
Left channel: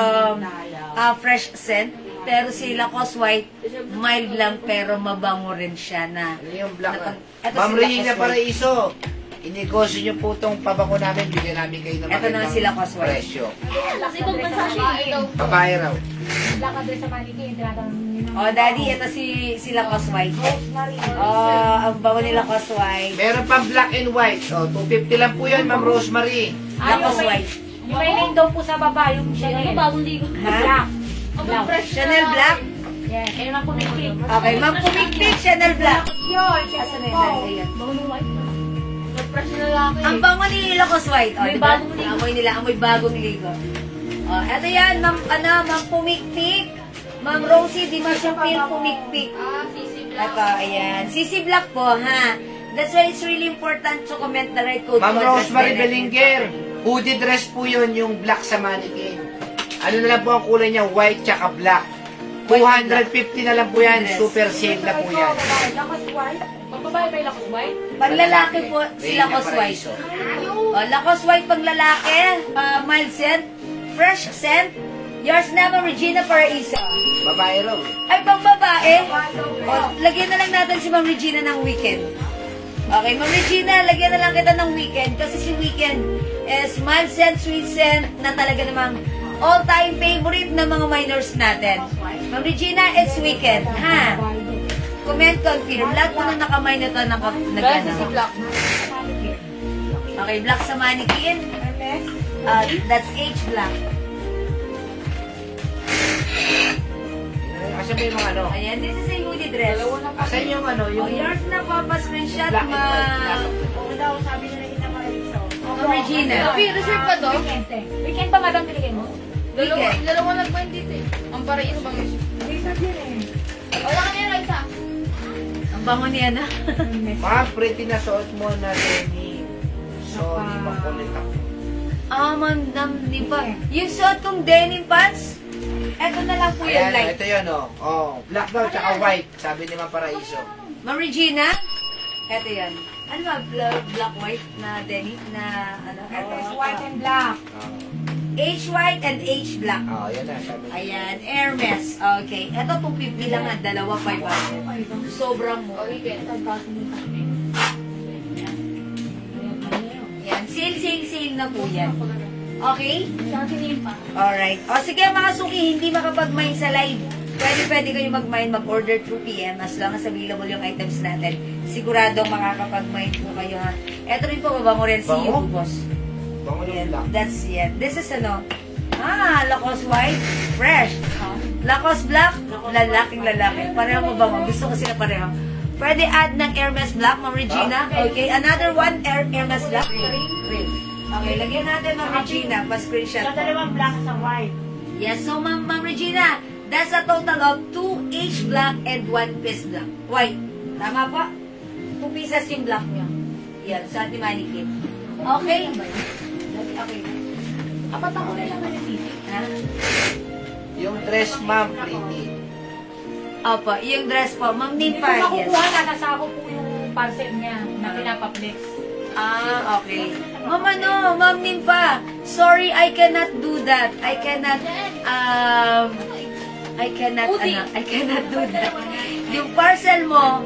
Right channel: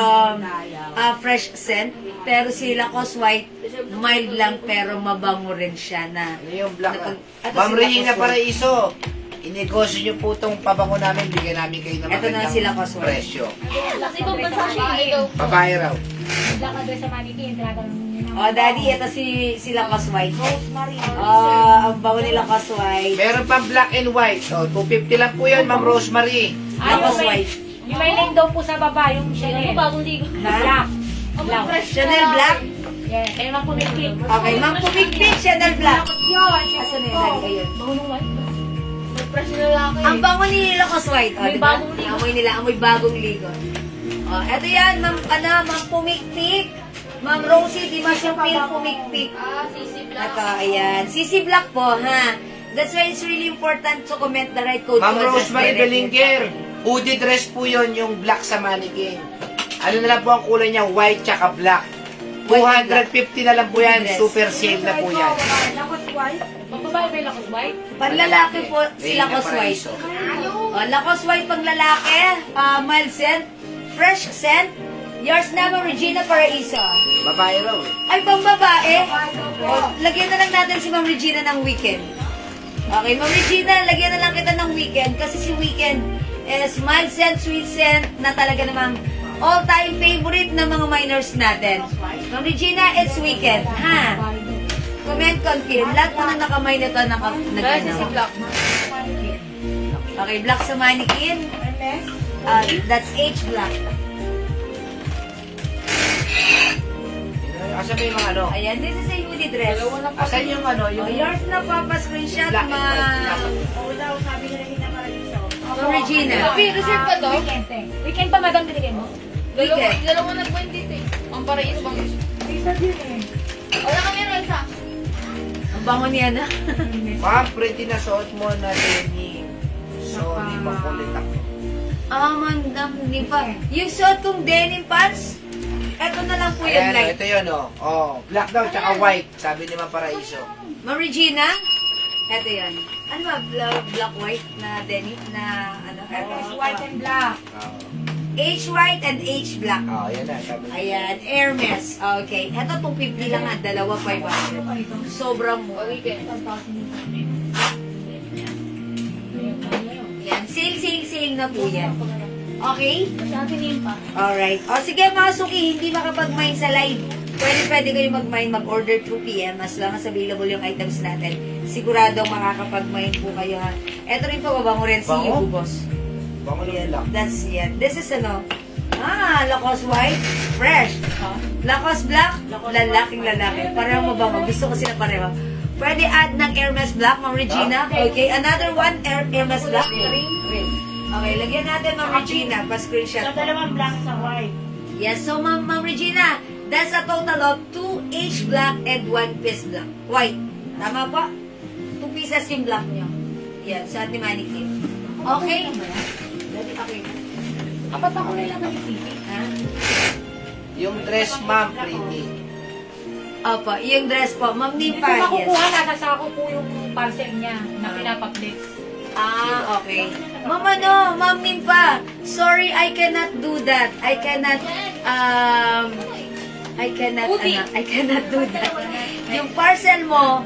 fresh scent. Pero si Lacoste White, mild lang pero mabango rin siya na. Ano yung black? Ito Ma'am si Rehina Lacoste White. Paraiso. inegosyo nyo po itong pabango namin, bigyan namin kayo ng Ito na sila, Cosmo. presyo. Kasi ibang bansa siya eh. Babae raw. Black address sa mannequin. Tinatanong nyo na. Oh, Daddy, ito sila Cosway. Ang bango nila Cosway. Meron pang black and white. O, 250 lang po yun, Ma'am Rosemary. Yung may name daw po sa baba, yung Chanel. Bagong ligo. Na black. Black. Chanel Black? Yeah, ayun lang po may pink. Okay, Ma'am Pumikpik, Chanel Black. Asan na yun? Bango ng white. Mag-fresh na lalaki. Ang bango ni Lacos White. Oh, May diba? bagong ligo. Amoy nila, amoy bagong ligo. Oh, eto yan, Ma'am Pumikpik. Ma'am Rosie, di ba siya Pumikpik? Sisi Black. Ito, ayan. Sisi Black po, ha? That's why it's really important to comment the right code. Ma'am to address Rosemary the right Belinger, hoodie dress po yun, yung black sa mannequin. Ano na lang po ang kulay niya, white tsaka black. 250 na lang po yan, super sale na po yan. Magbabae ba yung Lacos White? Panlalaki po si Reyna Lacos White. Paraiso. Oh, Lacos White pang lalaki, mild scent, fresh scent. Yours na, Ma'am Regina Paraiso. Babae raw. Ay, pang babae. Oh, lagyan na lang natin si Ma'am Regina ng weekend. Okay, Ma'am Regina, lagyan na lang kita ng weekend kasi si weekend is mild scent, sweet scent na talaga namang all-time favorite ng mga minors natin. Ma'am Regina, it's weekend, ha? Comment, confirm. Lahat po na nakamay na ito, Sisi Black. Okay, black sa mannequin. That's H black. Asan ba yung mga ano? Ayan, this is a hoodie dress. Asan yung ano? Oh, Yung yours na po, pa-screenshot, black and white. Nasa Ma'am Regina. Reserve pa to? Weekend eh. Weekend pa, madam, binigay mo? Dalawa nag-point dito eh. Ang paraiso bang isa? Isa din eh. Wala kami yung isa. Ang bango niya na. Ma'am, pretty na suot mo na denim. Sorry, makulit ako. Mandam, di ba? Yung suot kong denim pants, eto na lang po yun, Ayan, like. ito yun, oh. Oh, black daw, tsaka white. Sabi ni Ma'am Paraiso. Ma'am Regina, eto yan. Ano ba, black, white na denim na, ano? It's white and black. H white and H black. Oh, yan na, sabi. Ayan, Hermes. Okay. Ito, 250 lang nga. Dalawa, 500. Sobrang mo. Yan. Sale na po yan. Okay? Alright. O, sige mga suki, hindi makapag-mine sa live. Pwede kayo mag-mine, mag-order through PM as long as available yung items natin. Siguradong makakapag-mine po kayo ha. Ito rin po, babango rin si Bango? Boss. Bango ng black. That's it. This is ano? Lacoste white, fresh. Lacoste black, lalaking lalaki. Pareho mo ba? Gusto ko sila pareho. Pwede add ng Hermes black, Ma'am Regina. Okay, another one, Hermes black. Green. Okay, lagyan natin, Ma'am Regina. Pa-screenshot. So, dalawang black sa white. Yes, so Ma'am Regina, that's a total of 2 H black and 1 piece black. White. Tama po? 2 pieces yung black nyo. Yan, sa ating mannequin. Okay? Okay na. Apat ako na lang yung sisi. Yung dress, ma'am, pretty. Opo, yung dress po, Ma'am Hindi Nimpa. ko makukuha na. Nasa ako po yung parcel niya na pinapaplex. Okay. Ma'am Nimpa, sorry, I cannot do that. I cannot do that. Yung parcel mo,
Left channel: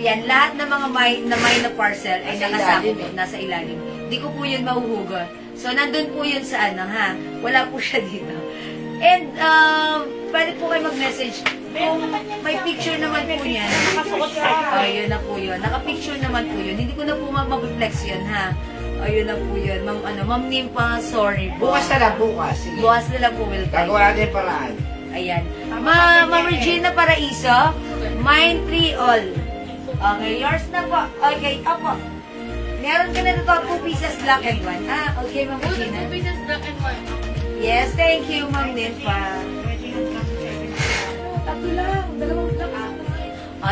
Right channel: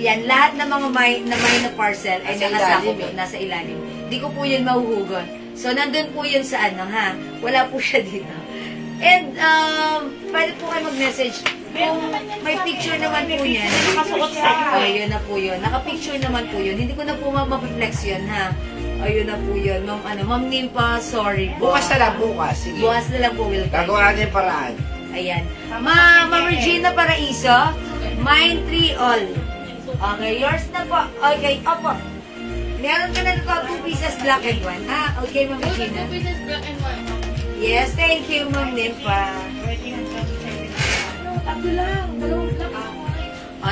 yan, lahat ng mga may na parcel ay nakasakop nasa ilalim. Hindi ko po yun mahuhugot. So, nandun po yun sa ano, ha? Wala po siya dito. And, pwede po kayo mag-message. Kung may picture naman po yan. Nakasuot sa Ayun na po yun. Naka-picture naman po yun. Hindi ko na po ma-reflex yun, ha? Ayun na po yun. Ma'am Nimpa, sorry po. Bukas na lang, bukas. Sige. Bukas na lang po, will come. Gagawa natin yung paraan. Ayan. Ma'am Regina Paraiso, mine 3 all. Okay, yours na po. Okay, opo. Meron ka na dito 2 pieces black and 1. Okay, Ma'am Regina. Pieces black and white. Yes, thank you, Ma'am Nimpa. Tatlo lang. Dalawang black.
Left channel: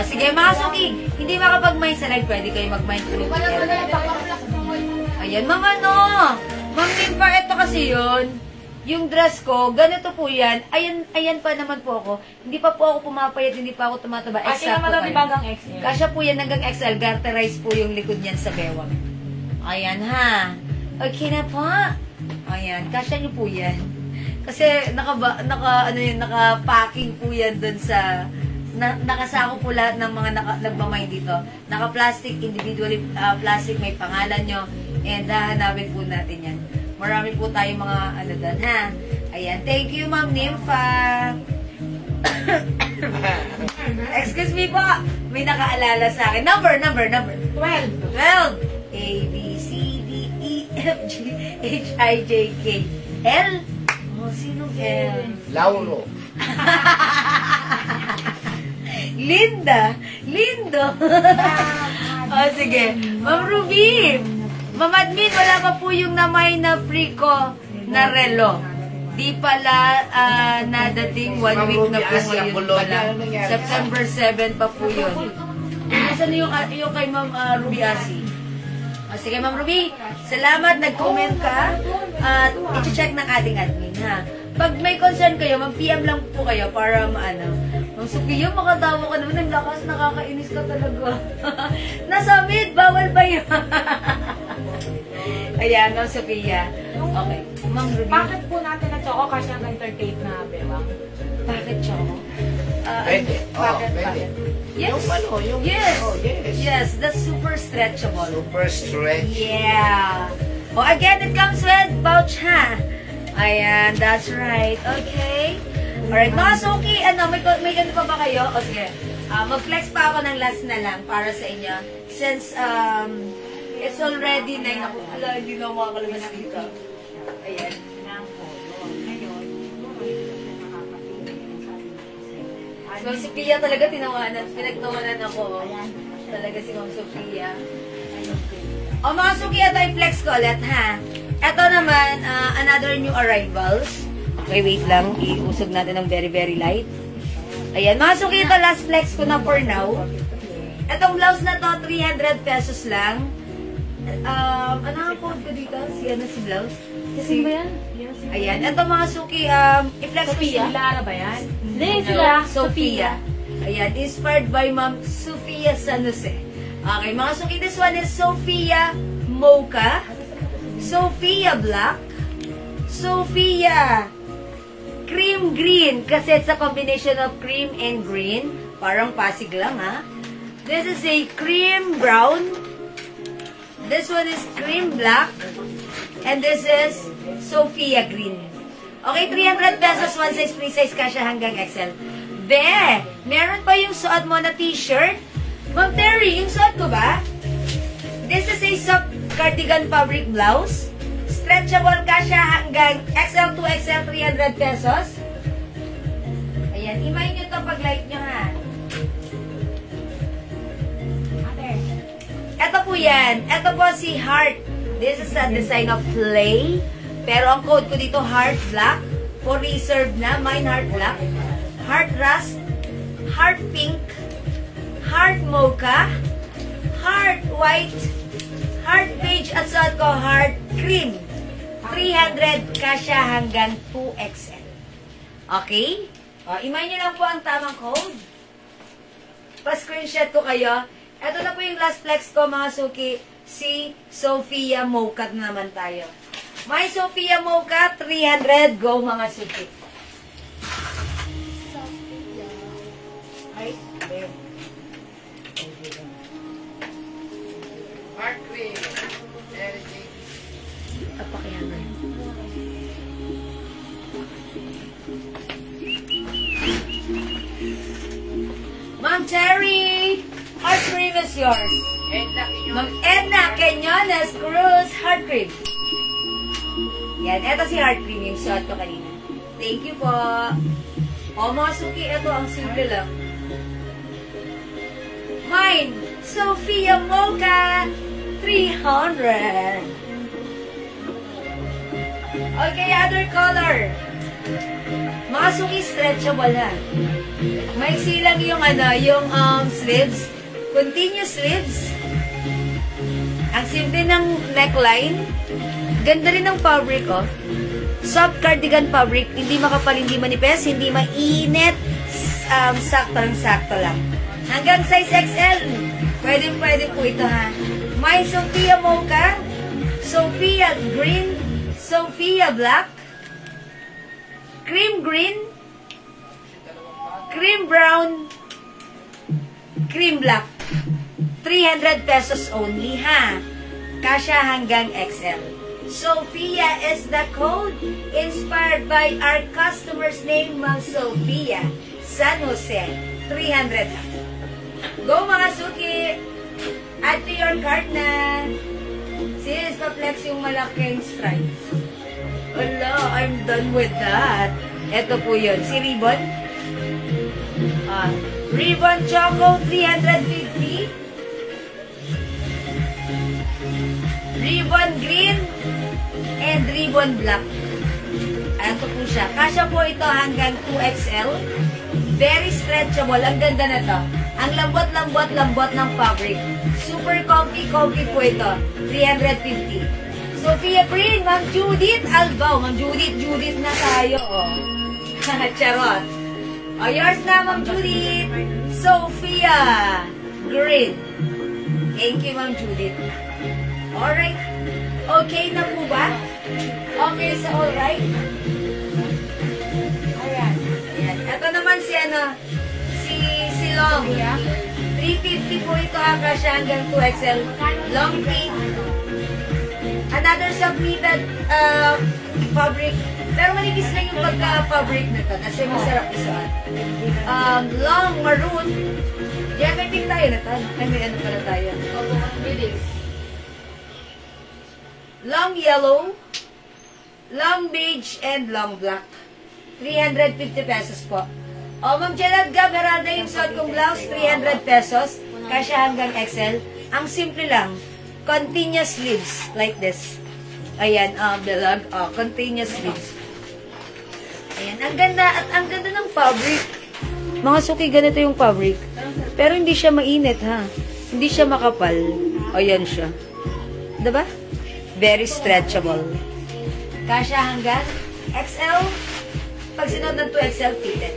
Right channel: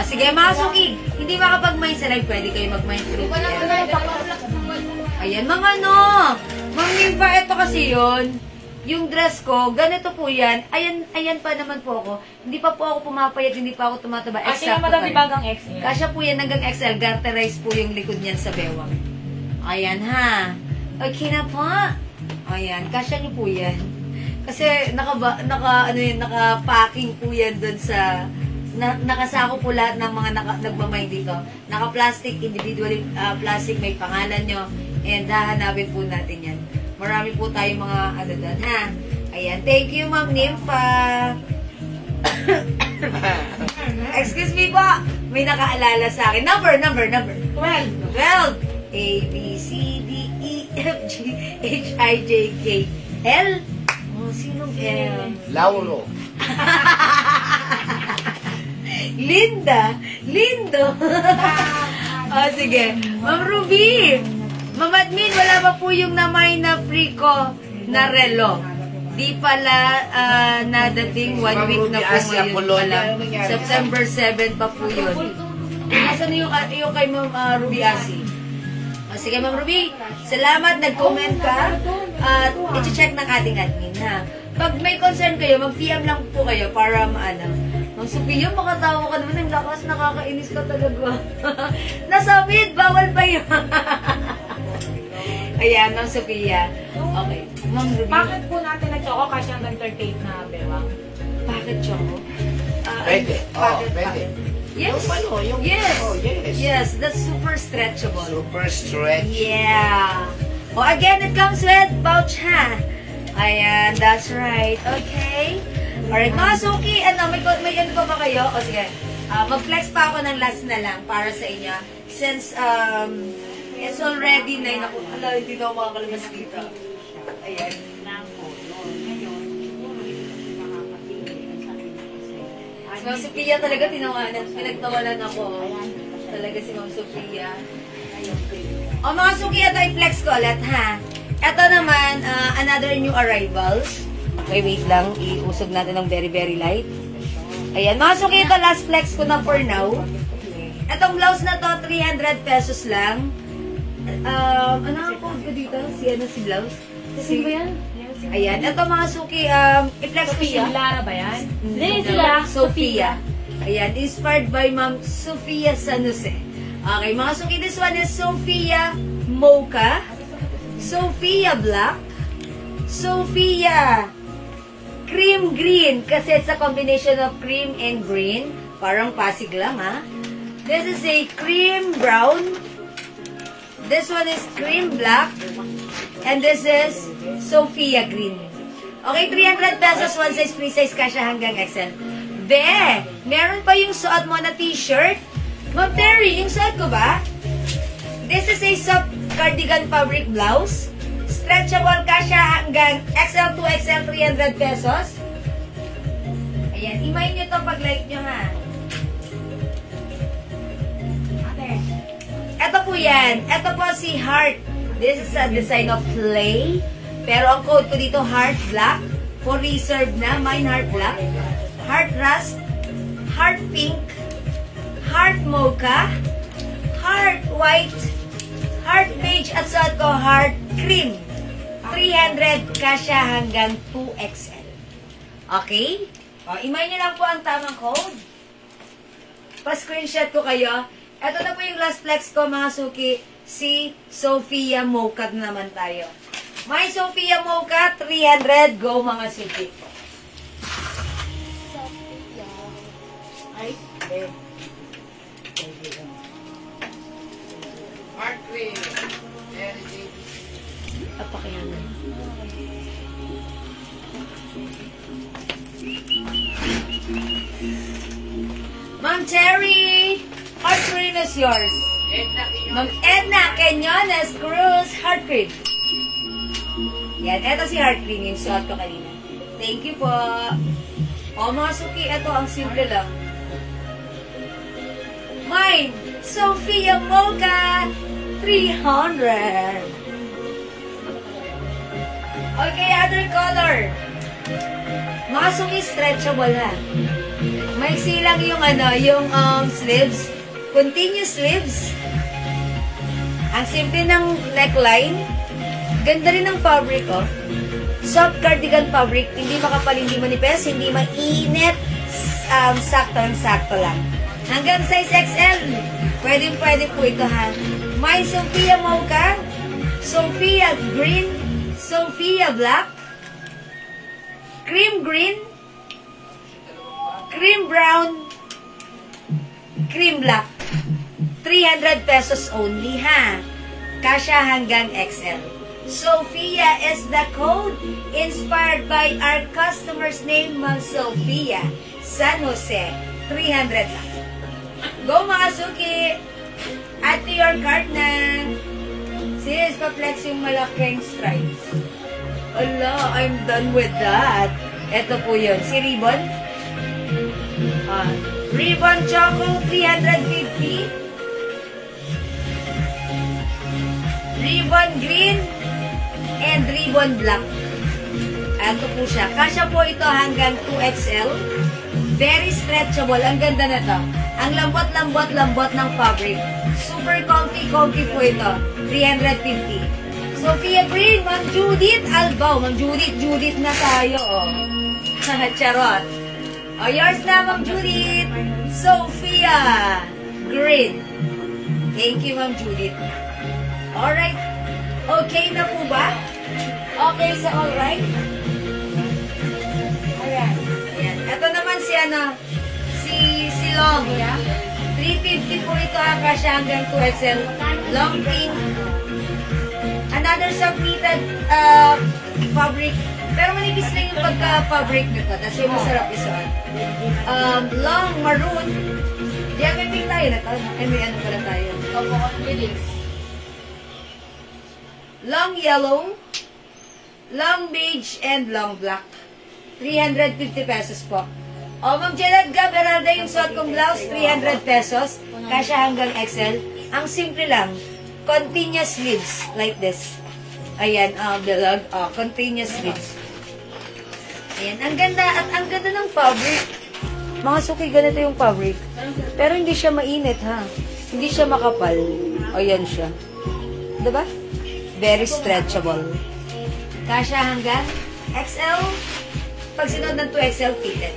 Sige, mga suki. Hindi makapag-mine sa live. Pwede kayo mag-mine through. Ayan, Ma'am Ma'am Nimpa, ito kasi yun. Yung dress ko, ganito po yan. Ayan pa naman po ako. Hindi pa po ako pumapayat, hindi pa ako tumataba. Kasi nga madami bagang XL. Kasya po yan hanggang XL. Garterize po yung likod niyan sa bewang. Ayan ha. Okay na po. Ayan, kasya niyo po yan. Kasi naka-packing po yan dun sa nakasako po lahat ng mga nagmamay dito. Naka-plastic, individually plastic, may pangalan nyo. And hahanapin po natin yan. Marami po tayong mga ano doon, ha? Ayan. Thank you, Ma'am Nympha. Excuse me po. May nakaalala sa akin. Number. 12. A, B, C, D, E, F, G, H, I, J, K, L. Oh, sinong L? Lauro. Lindo. Oh, sige. Ma'am Ruby. Ma'am Admin, wala pa po yung namay na free ko na relo. Di pala nadating 1 Ma'am week Ruby na po Asia, ngayon Polonia. pala. Ano nangyari? September 7 pa po yun. Nasaan yung kay Ma'am Ruby Asi? O, sige, Ma'am Ruby, salamat, nag-comment ka. At i-check ng ating admin, ha? Pag may concern kayo, mag-PM lang po kayo para maano. Ma'am Sophia, makatawa ka naman. Ang lakas, nakakainis ka talaga. Nasa mid, bawal ba yun? Ayan, Ma'am Sophia. Okay, Ma'am Ruby. Bakit po natin na choco kasi hanggang 38 na bewang? Bakit choco? Pwede. Bakit? Pwede. Yes. Yung ano, yung... Yes. Oh, yes. Yes, that's super stretchable. Super stretch. Yeah. Oh, again, it comes with pouch, ha? Ayan, that's right. Okay. Alright, mga suki, may ganito pa ba kayo? O, sige. Mag-flex pa ako ng last na lang para sa inyo. Since, it's already 9 ako. Ala, hindi na ako makakalabas dito. Ayan. Ma'am Sophia talaga, pinagtawanan ako. Talaga si Ma'am Sophia. O mga suki, ito i-flex ko ulit, ha? Ito naman, another new arrivals. Wait lang. Iusog natin ng very, very light. Ayan, mga suki, ito last flex ko na for now. Itong blouse na to, 300 pesos lang. Ano ang code ko dito? Si blouse? Kasi ba yan? Ayan, ito mga suki, i-flex ko siya. Lara ba yan? Sophia. Ayan, inspired by Ma'am Sophia San Jose. Okay, mga suki, this one is Sophia Mocha, Sophia Black, Sophia Cream Green, kasi it's a combination of cream and green. Parang pasig lang, ha? This is a cream brown. This one is cream black. And this is Sophia Green. Okay, 300 pesos, one size, free size, kasha hanggang XL. Meron pa yung suot mo na t-shirt. Ma'am Terry, yung suot ko ba? This is a soft cardigan fabric blouse. Stretchable, kasha hanggang XL to XL, 300 pesos. Ayan, imayin nyo to pag like nyo, ha? Ito po yan. Ito po si Heart. This is a design of clay. Pero ang code ko dito, Heart Black. For reserve na. Mine Heart Black. Heart Rust. Heart Pink. Heart Mocha. Heart White. Heart Beige. At sa ko, Heart Cream. 300 kasya hanggang 2XL. Okay? Imayin niyo lang po ang tamang code. Pa-screenshot ko kayo. Ito na po yung last flex ko, mga suki. Si Sophia Mocha naman tayo. My Sophia Mocha, 300. Go, mga suki. Sophia. Ay, Heart cream. Energy. Apakihan na yun. Ma'am Terry, heart cream is yours. Ma'am Edna Quinones Cruz, heart cream. Yan, eto si heart cream yung suot ko kanina. Thank you po. O mga suki, eto ang simple lang. Mine, Sophia Mocha, 300. Okay, other color. Mga suki, stretchable ha. May silang yung yung sleeves. Continuous sleeves. Ang simple ng neckline. Ganda rin ng fabric, oh. Soft cardigan fabric. Hindi makapal, hindi manipes, hindi mainit. Sakto lang. Hanggang size XL. Pwede po ito, ha. May Sophia Mocha, Sophia Green, Sophia Black, Cream Green, Cream Brown, cream black. 300 pesos only, ha? Kasha hanggang XL. Sophia is the code inspired by our customer's name, Ma'am Sophia. San Jose. 300 lang. Go mga suki! Add to your cart na. Sis, pa-flex yung malaking stripes. Ala, I'm done with that. Ito po yun. Si Ribbon. Ribbon Choco, 350. Ribbon Green. And Ribbon Black. Ito po siya. Kasya po ito hanggang 2XL. Very stretchable. Ang ganda na to. Ang lambot ng fabric. Super comfy po ito. 350. Sophia Green, Ma'am Judith Albaw. Ma'am Judith na tayo. Oh. Charot. Oh, yours na, Ma'am Judith. Sophia Green. Thank you, Ma'am Judith. Alright. Okay na po ba? Okay sa alright? Ayan. Ayan. Ito naman si si Long. 350 po ito ang kasya hanggang 2XL. Long pink. Another submitted fabric. Pero manipis lang yung pagka-fabric nito. Kasi masarap isuot. Long maroon. Diyan din tayo na to. Ano pala tayo? Long yellow. Long beige and long black. 350 pesos po. O, Ma'am Gerald Gaberalda yung suot kong blouse, 300 pesos. Kasya hanggang XL. Ang simple lang. Continuous sleeves. Like this. Ayan, dalag. Continuous sleeves. Ayan. Ang ganda. At ang ganda ng fabric. Mga suki, ganito yung fabric. Pero hindi siya mainit, ha? Hindi siya makapal. Ayan siya. Diba? Very stretchable. Kasya hanggang XL. Pag sinod ng 2XL, fitted.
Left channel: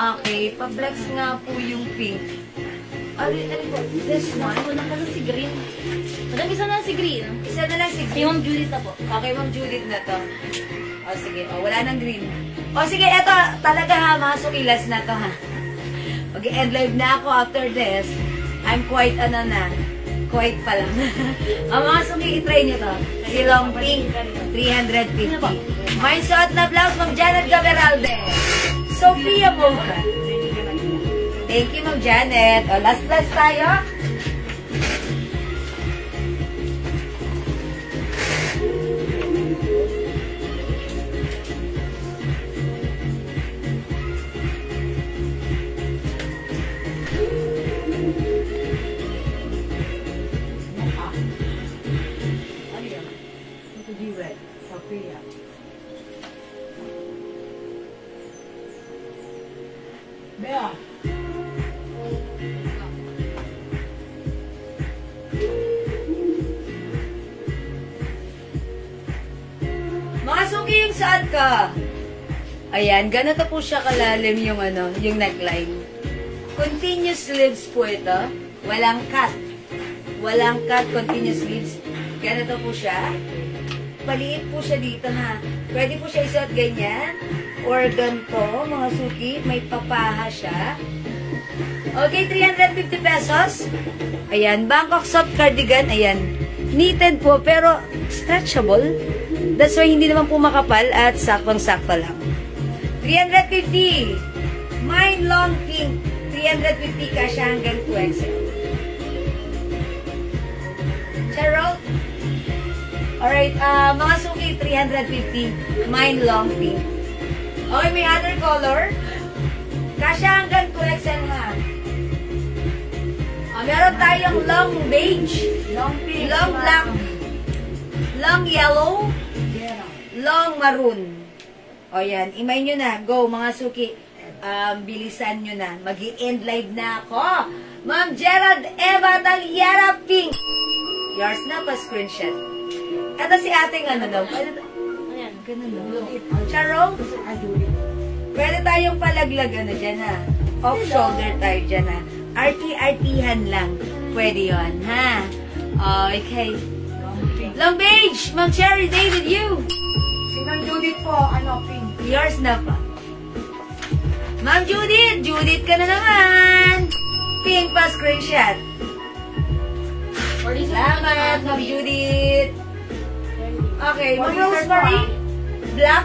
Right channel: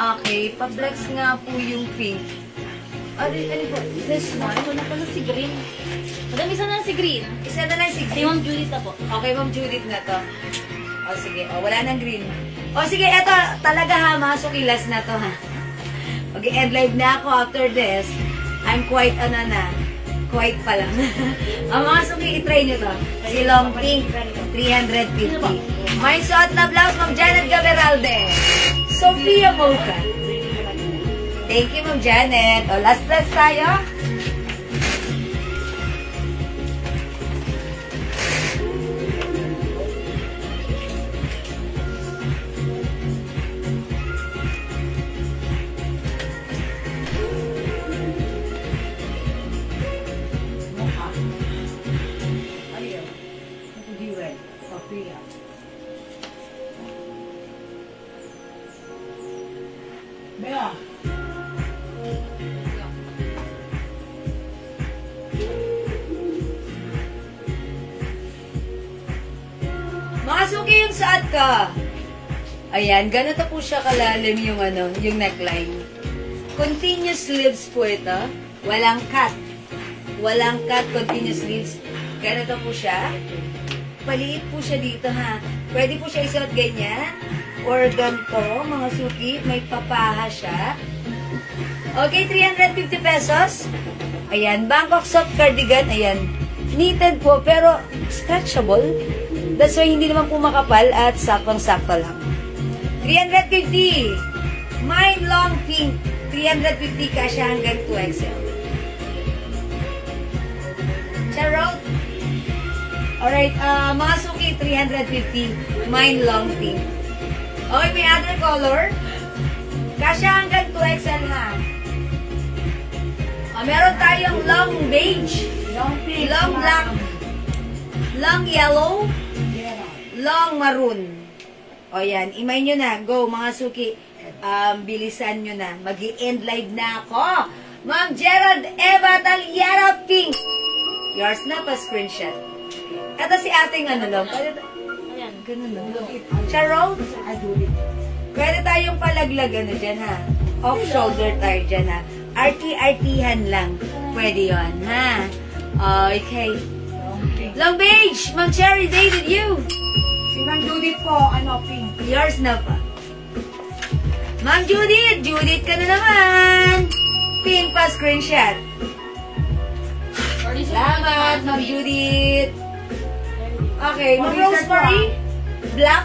Okay, pa-flex nga po yung pink. Ano po? This one. Ito na pala si Green. Madam, isa na si Green. Isa na lang si Si green. Ma'am Judith na po. Okay, Ma'am Judith na to. O, sige. O, wala nang green. O, sige, eto. Talaga ha, mga sukilas na to ha. Mag-end live na ako after this. I'm quite, quite pa lang. Ang mga suki, itry nyo to. Si Long Pink, 350. May suot na blouse, Ma'am Janet Gaberalde. Sophia Mocha. Thank you, Ma'am Janet. O, last tayo. Bea. Mga suki yung saad ka. Ayan, ganito po siya kalalim yung neckline. Continuous sleeves po ito. Walang cut. Walang cut, continuous sleeves. Ganito po siya. Paliit po siya dito ha. Pwede po siya isuot ganyan. Or ganito, mga suki. May papaha siya. Okay, 350 pesos. Ayan, Bangkok soft cardigan. Ayan, knitted po pero stretchable. That's why hindi naman po makapal at saktong-sakto lang. 350. Mine long pink. 350 kasya hanggang 2XL. Charot. Alright, mga suki, 350. Mine long pink. Okay, may other color. Kasya hanggang 2XL ha. Meron tayong long beige, long pink, long black, long yellow, long maroon. O yan, imay nyo na. Go, mga suki. Bilisan nyo na. Mag-i-end live na ako. Ma'am Gerald Eva Talyara Pink. Yours na pa screenshot. Ito si ating daw. Ganun daw. Charot. Pwede tayong palaglag dyan ha. Off shoulder tayo dyan ha. RT-RT-han lang. Pwede yun ha. Okay. Long beige. Ma'am Cherry David, you. Si Ma'am Judith po, pink. Yours na pa. Ma'am Judith! Judith ka na naman! Pink pa screenshot. Salamat, Ma'am Judith. Okay, Ma'am Rosemary. Black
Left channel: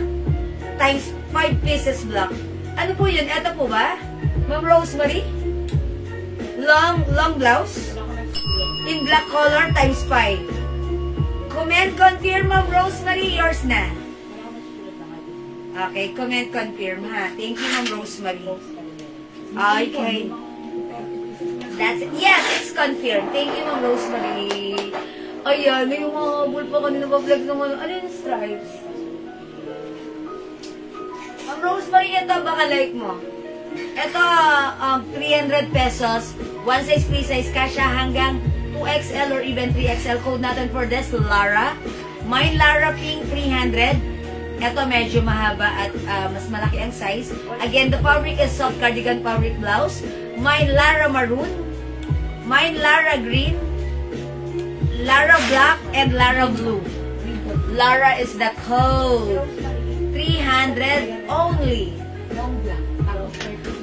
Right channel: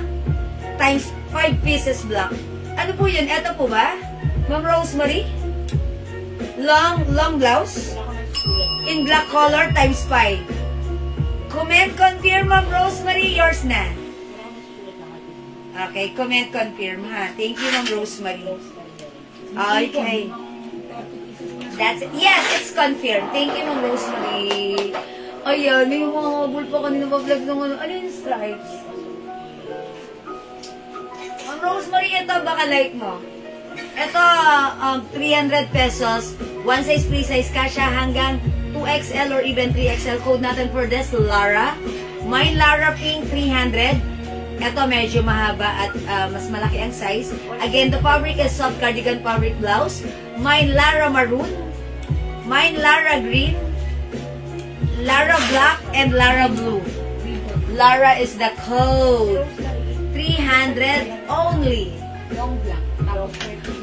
times 5 pieces black. Ano po yun? Ito po ba? Ma'am Rosemary? Long blouse? In black color times 5. Comment confirm, Ma'am Rosemary. Yours na. Okay, comment confirm ha. Thank you, Ma'am Rosemary. Okay. That's it. Yes, it's confirmed. Thank you, Ma'am Rosemary. Ayan, yung mga habol pa kanina pa-vlog ng ano yung stripes? Ma'am Rosemary, ito baka like mo. Ito, 300 pesos. One size, free size kasha hanggang 2XL or even 3XL. Code natin for this, Lara. My Lara Pink, 300. Ito medyo mahaba at mas malaki ang size. Again, the fabric is soft cardigan fabric blouse. Mine Lara Maroon. Mine Lara Green. Lara Black and Lara Blue. Lara is the code. 300 only.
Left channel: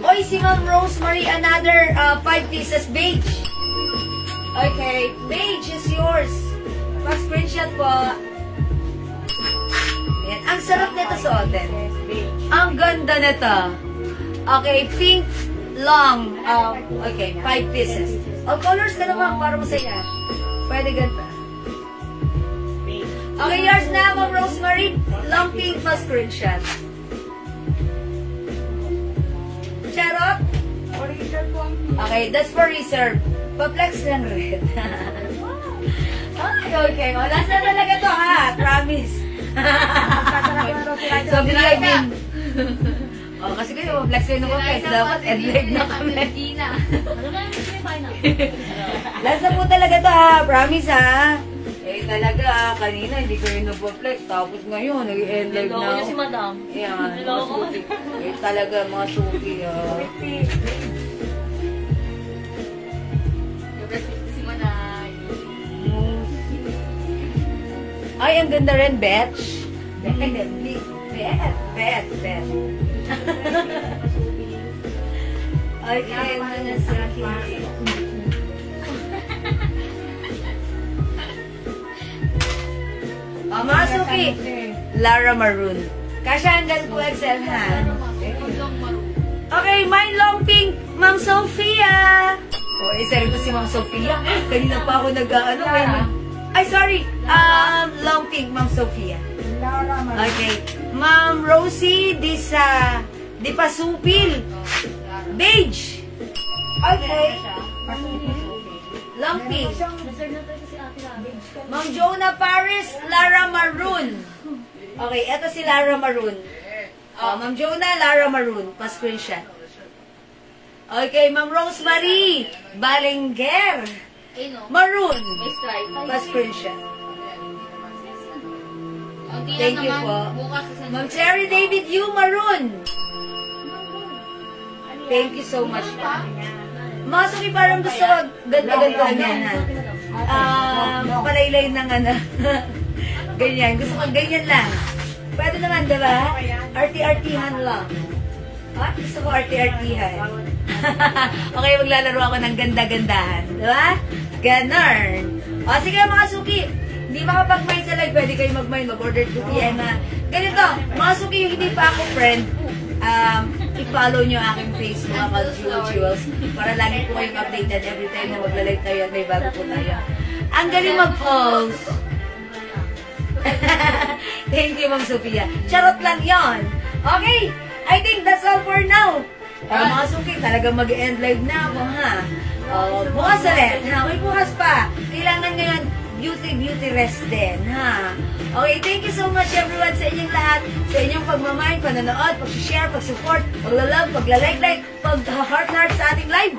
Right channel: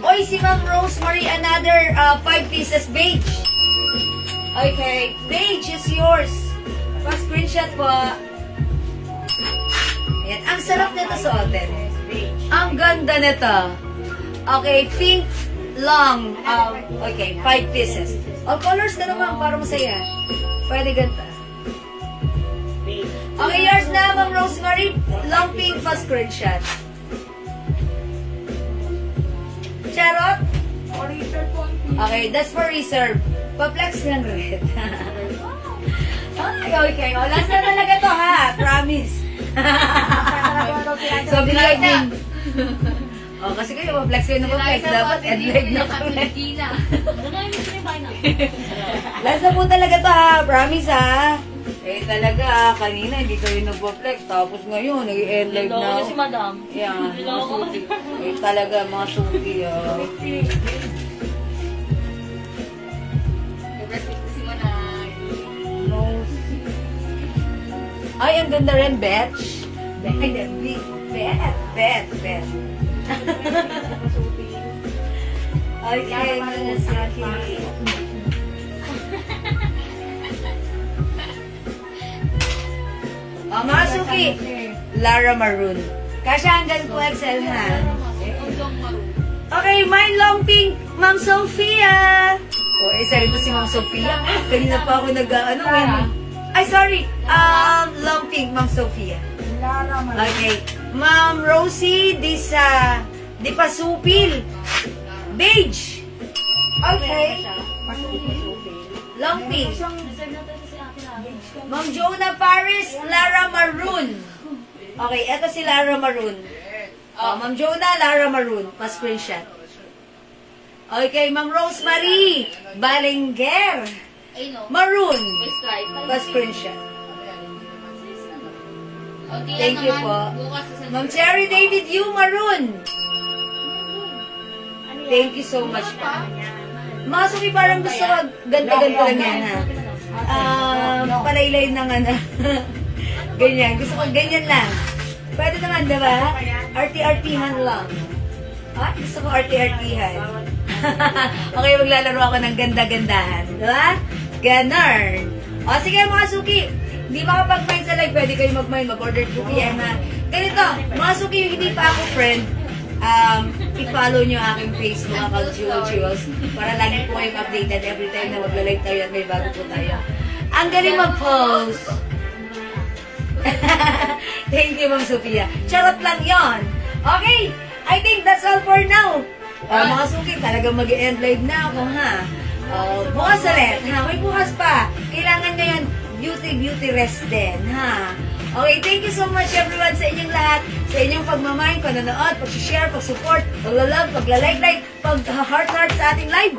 Oy, si Ma'am Rosemary, another 5 pieces beige. Okay, beige is yours. Pa-screenshot po. Ayan. Ang sarap nito suotin. Ang ganda nito. Okay, pink, long. Okay, 5 pieces. O, colors ka naman para masaya. Pwede ganda. Okay, yours na, Ma'am Rosemary. Long pink pa screenshot. Charot? Okay, that's for reserve. Pa-flex lang red. Okay. O, last na talaga to ha. Promise. So, binigay din. Oh, kasi kayo, flex kayo ng flex. Dapat end-leg na kami. Last na po talaga to ha. Promise ha. Eh, talaga, kanina hindi kayo nag-flex. Tapos ngayon, nag-end-leg na. Hello, si Madam. Yan, mga suki. Eh, talaga, mga suki. Ay, ang ganda rin, Betch. Bet. Okay, manasaki. Mga suki. Lara Maroon. Kasya hanggang 2XL na. Okay, my long pink, Ma'am Sophia. O, isali ko si Ma'am Sophia. Kanina pa ako nag-ano. Ay, sorry. Long pink, Ma'am Sophia. Okay. Ma'am Rosie, di pasupil. Beige. Okay. Long pink. Ma'am Jonah Paris, Lara Maroon. Okay, eto si Lara Maroon. Ma'am Jonah, Lara Maroon. Pa-screenshot. Okay, Ma'am Rosemary, Balinger. Maroon. Pa-screenshot. Thank you po. Ma'am Cherry David Yu, Maroon. Thank you so much po. Mga suki, parang gusto ko ganda-ganda yan ha. Palaylay ng ano. Ganyan. Gusto ko ganyan lang. Pwede naman, diba? RT-RT-han lang. Gusto ko RT-RT-han. Okay, maglalaro ako ng ganda-gandahan. Diba? Ganon. O, sige mga suki. Hindi makapag-mind sa live. Pwede kayo mag-mind. Mag-order 2 PM ha. Ganito, mga suki, yung hindi pa ako friend, i-follow nyo aking Facebook account, Jewels, para lagi po kayong updated every time na magla-live tayo at may bago po tayo. Ang galing mag-post. Thank you, Ma'am Sophia. Charot lang yon. Okay, I think that's all for now. Mga suki, talagang mag-end live na ako, ha? Bukas ulit. May bukas pa. Kailangan ngayon, beauty rest din, ha? Okay, thank you so much everyone sa inyong lahat, sa inyong pagmamahal, panonood, pag-share, pag-support, pag-love, pag-like, pag-heart sa ating live.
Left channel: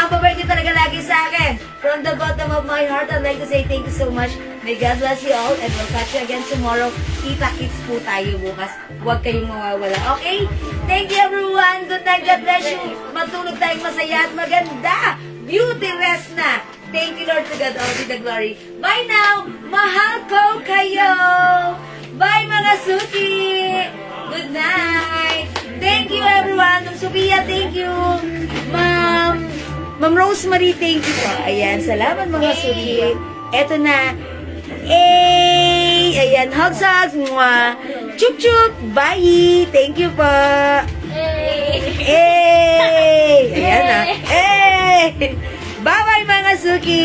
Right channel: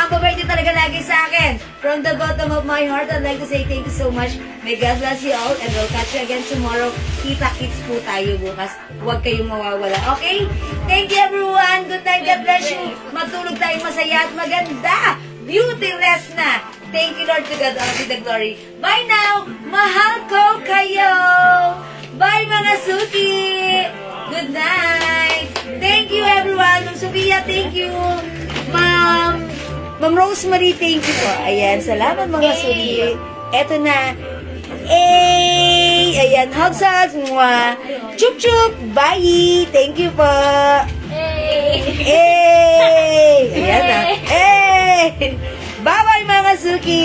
Ang babay niyo talaga lagi sa akin. From the bottom of my heart, I'd like to say thank you so much. May God bless you all and we'll catch you again tomorrow. Kita-kits po tayo bukas. Huwag kayong mawawala. Okay? Thank you everyone. Good night. God bless you. Matulog tayong masaya at maganda. Beauty rest na. Thank you, Lord, to God all be the glory. Bye now! Mahal ko kayo! Bye, mga suki! Good night! Thank you, everyone! Sophia, thank you. Ma'am Rosemary, thank you po. Ayan, salamat mga suki. Eto na. Ayan, hugs. Mwah. Chup chup. Bye. Thank you po. Ayan na. Bye-bye mga suki.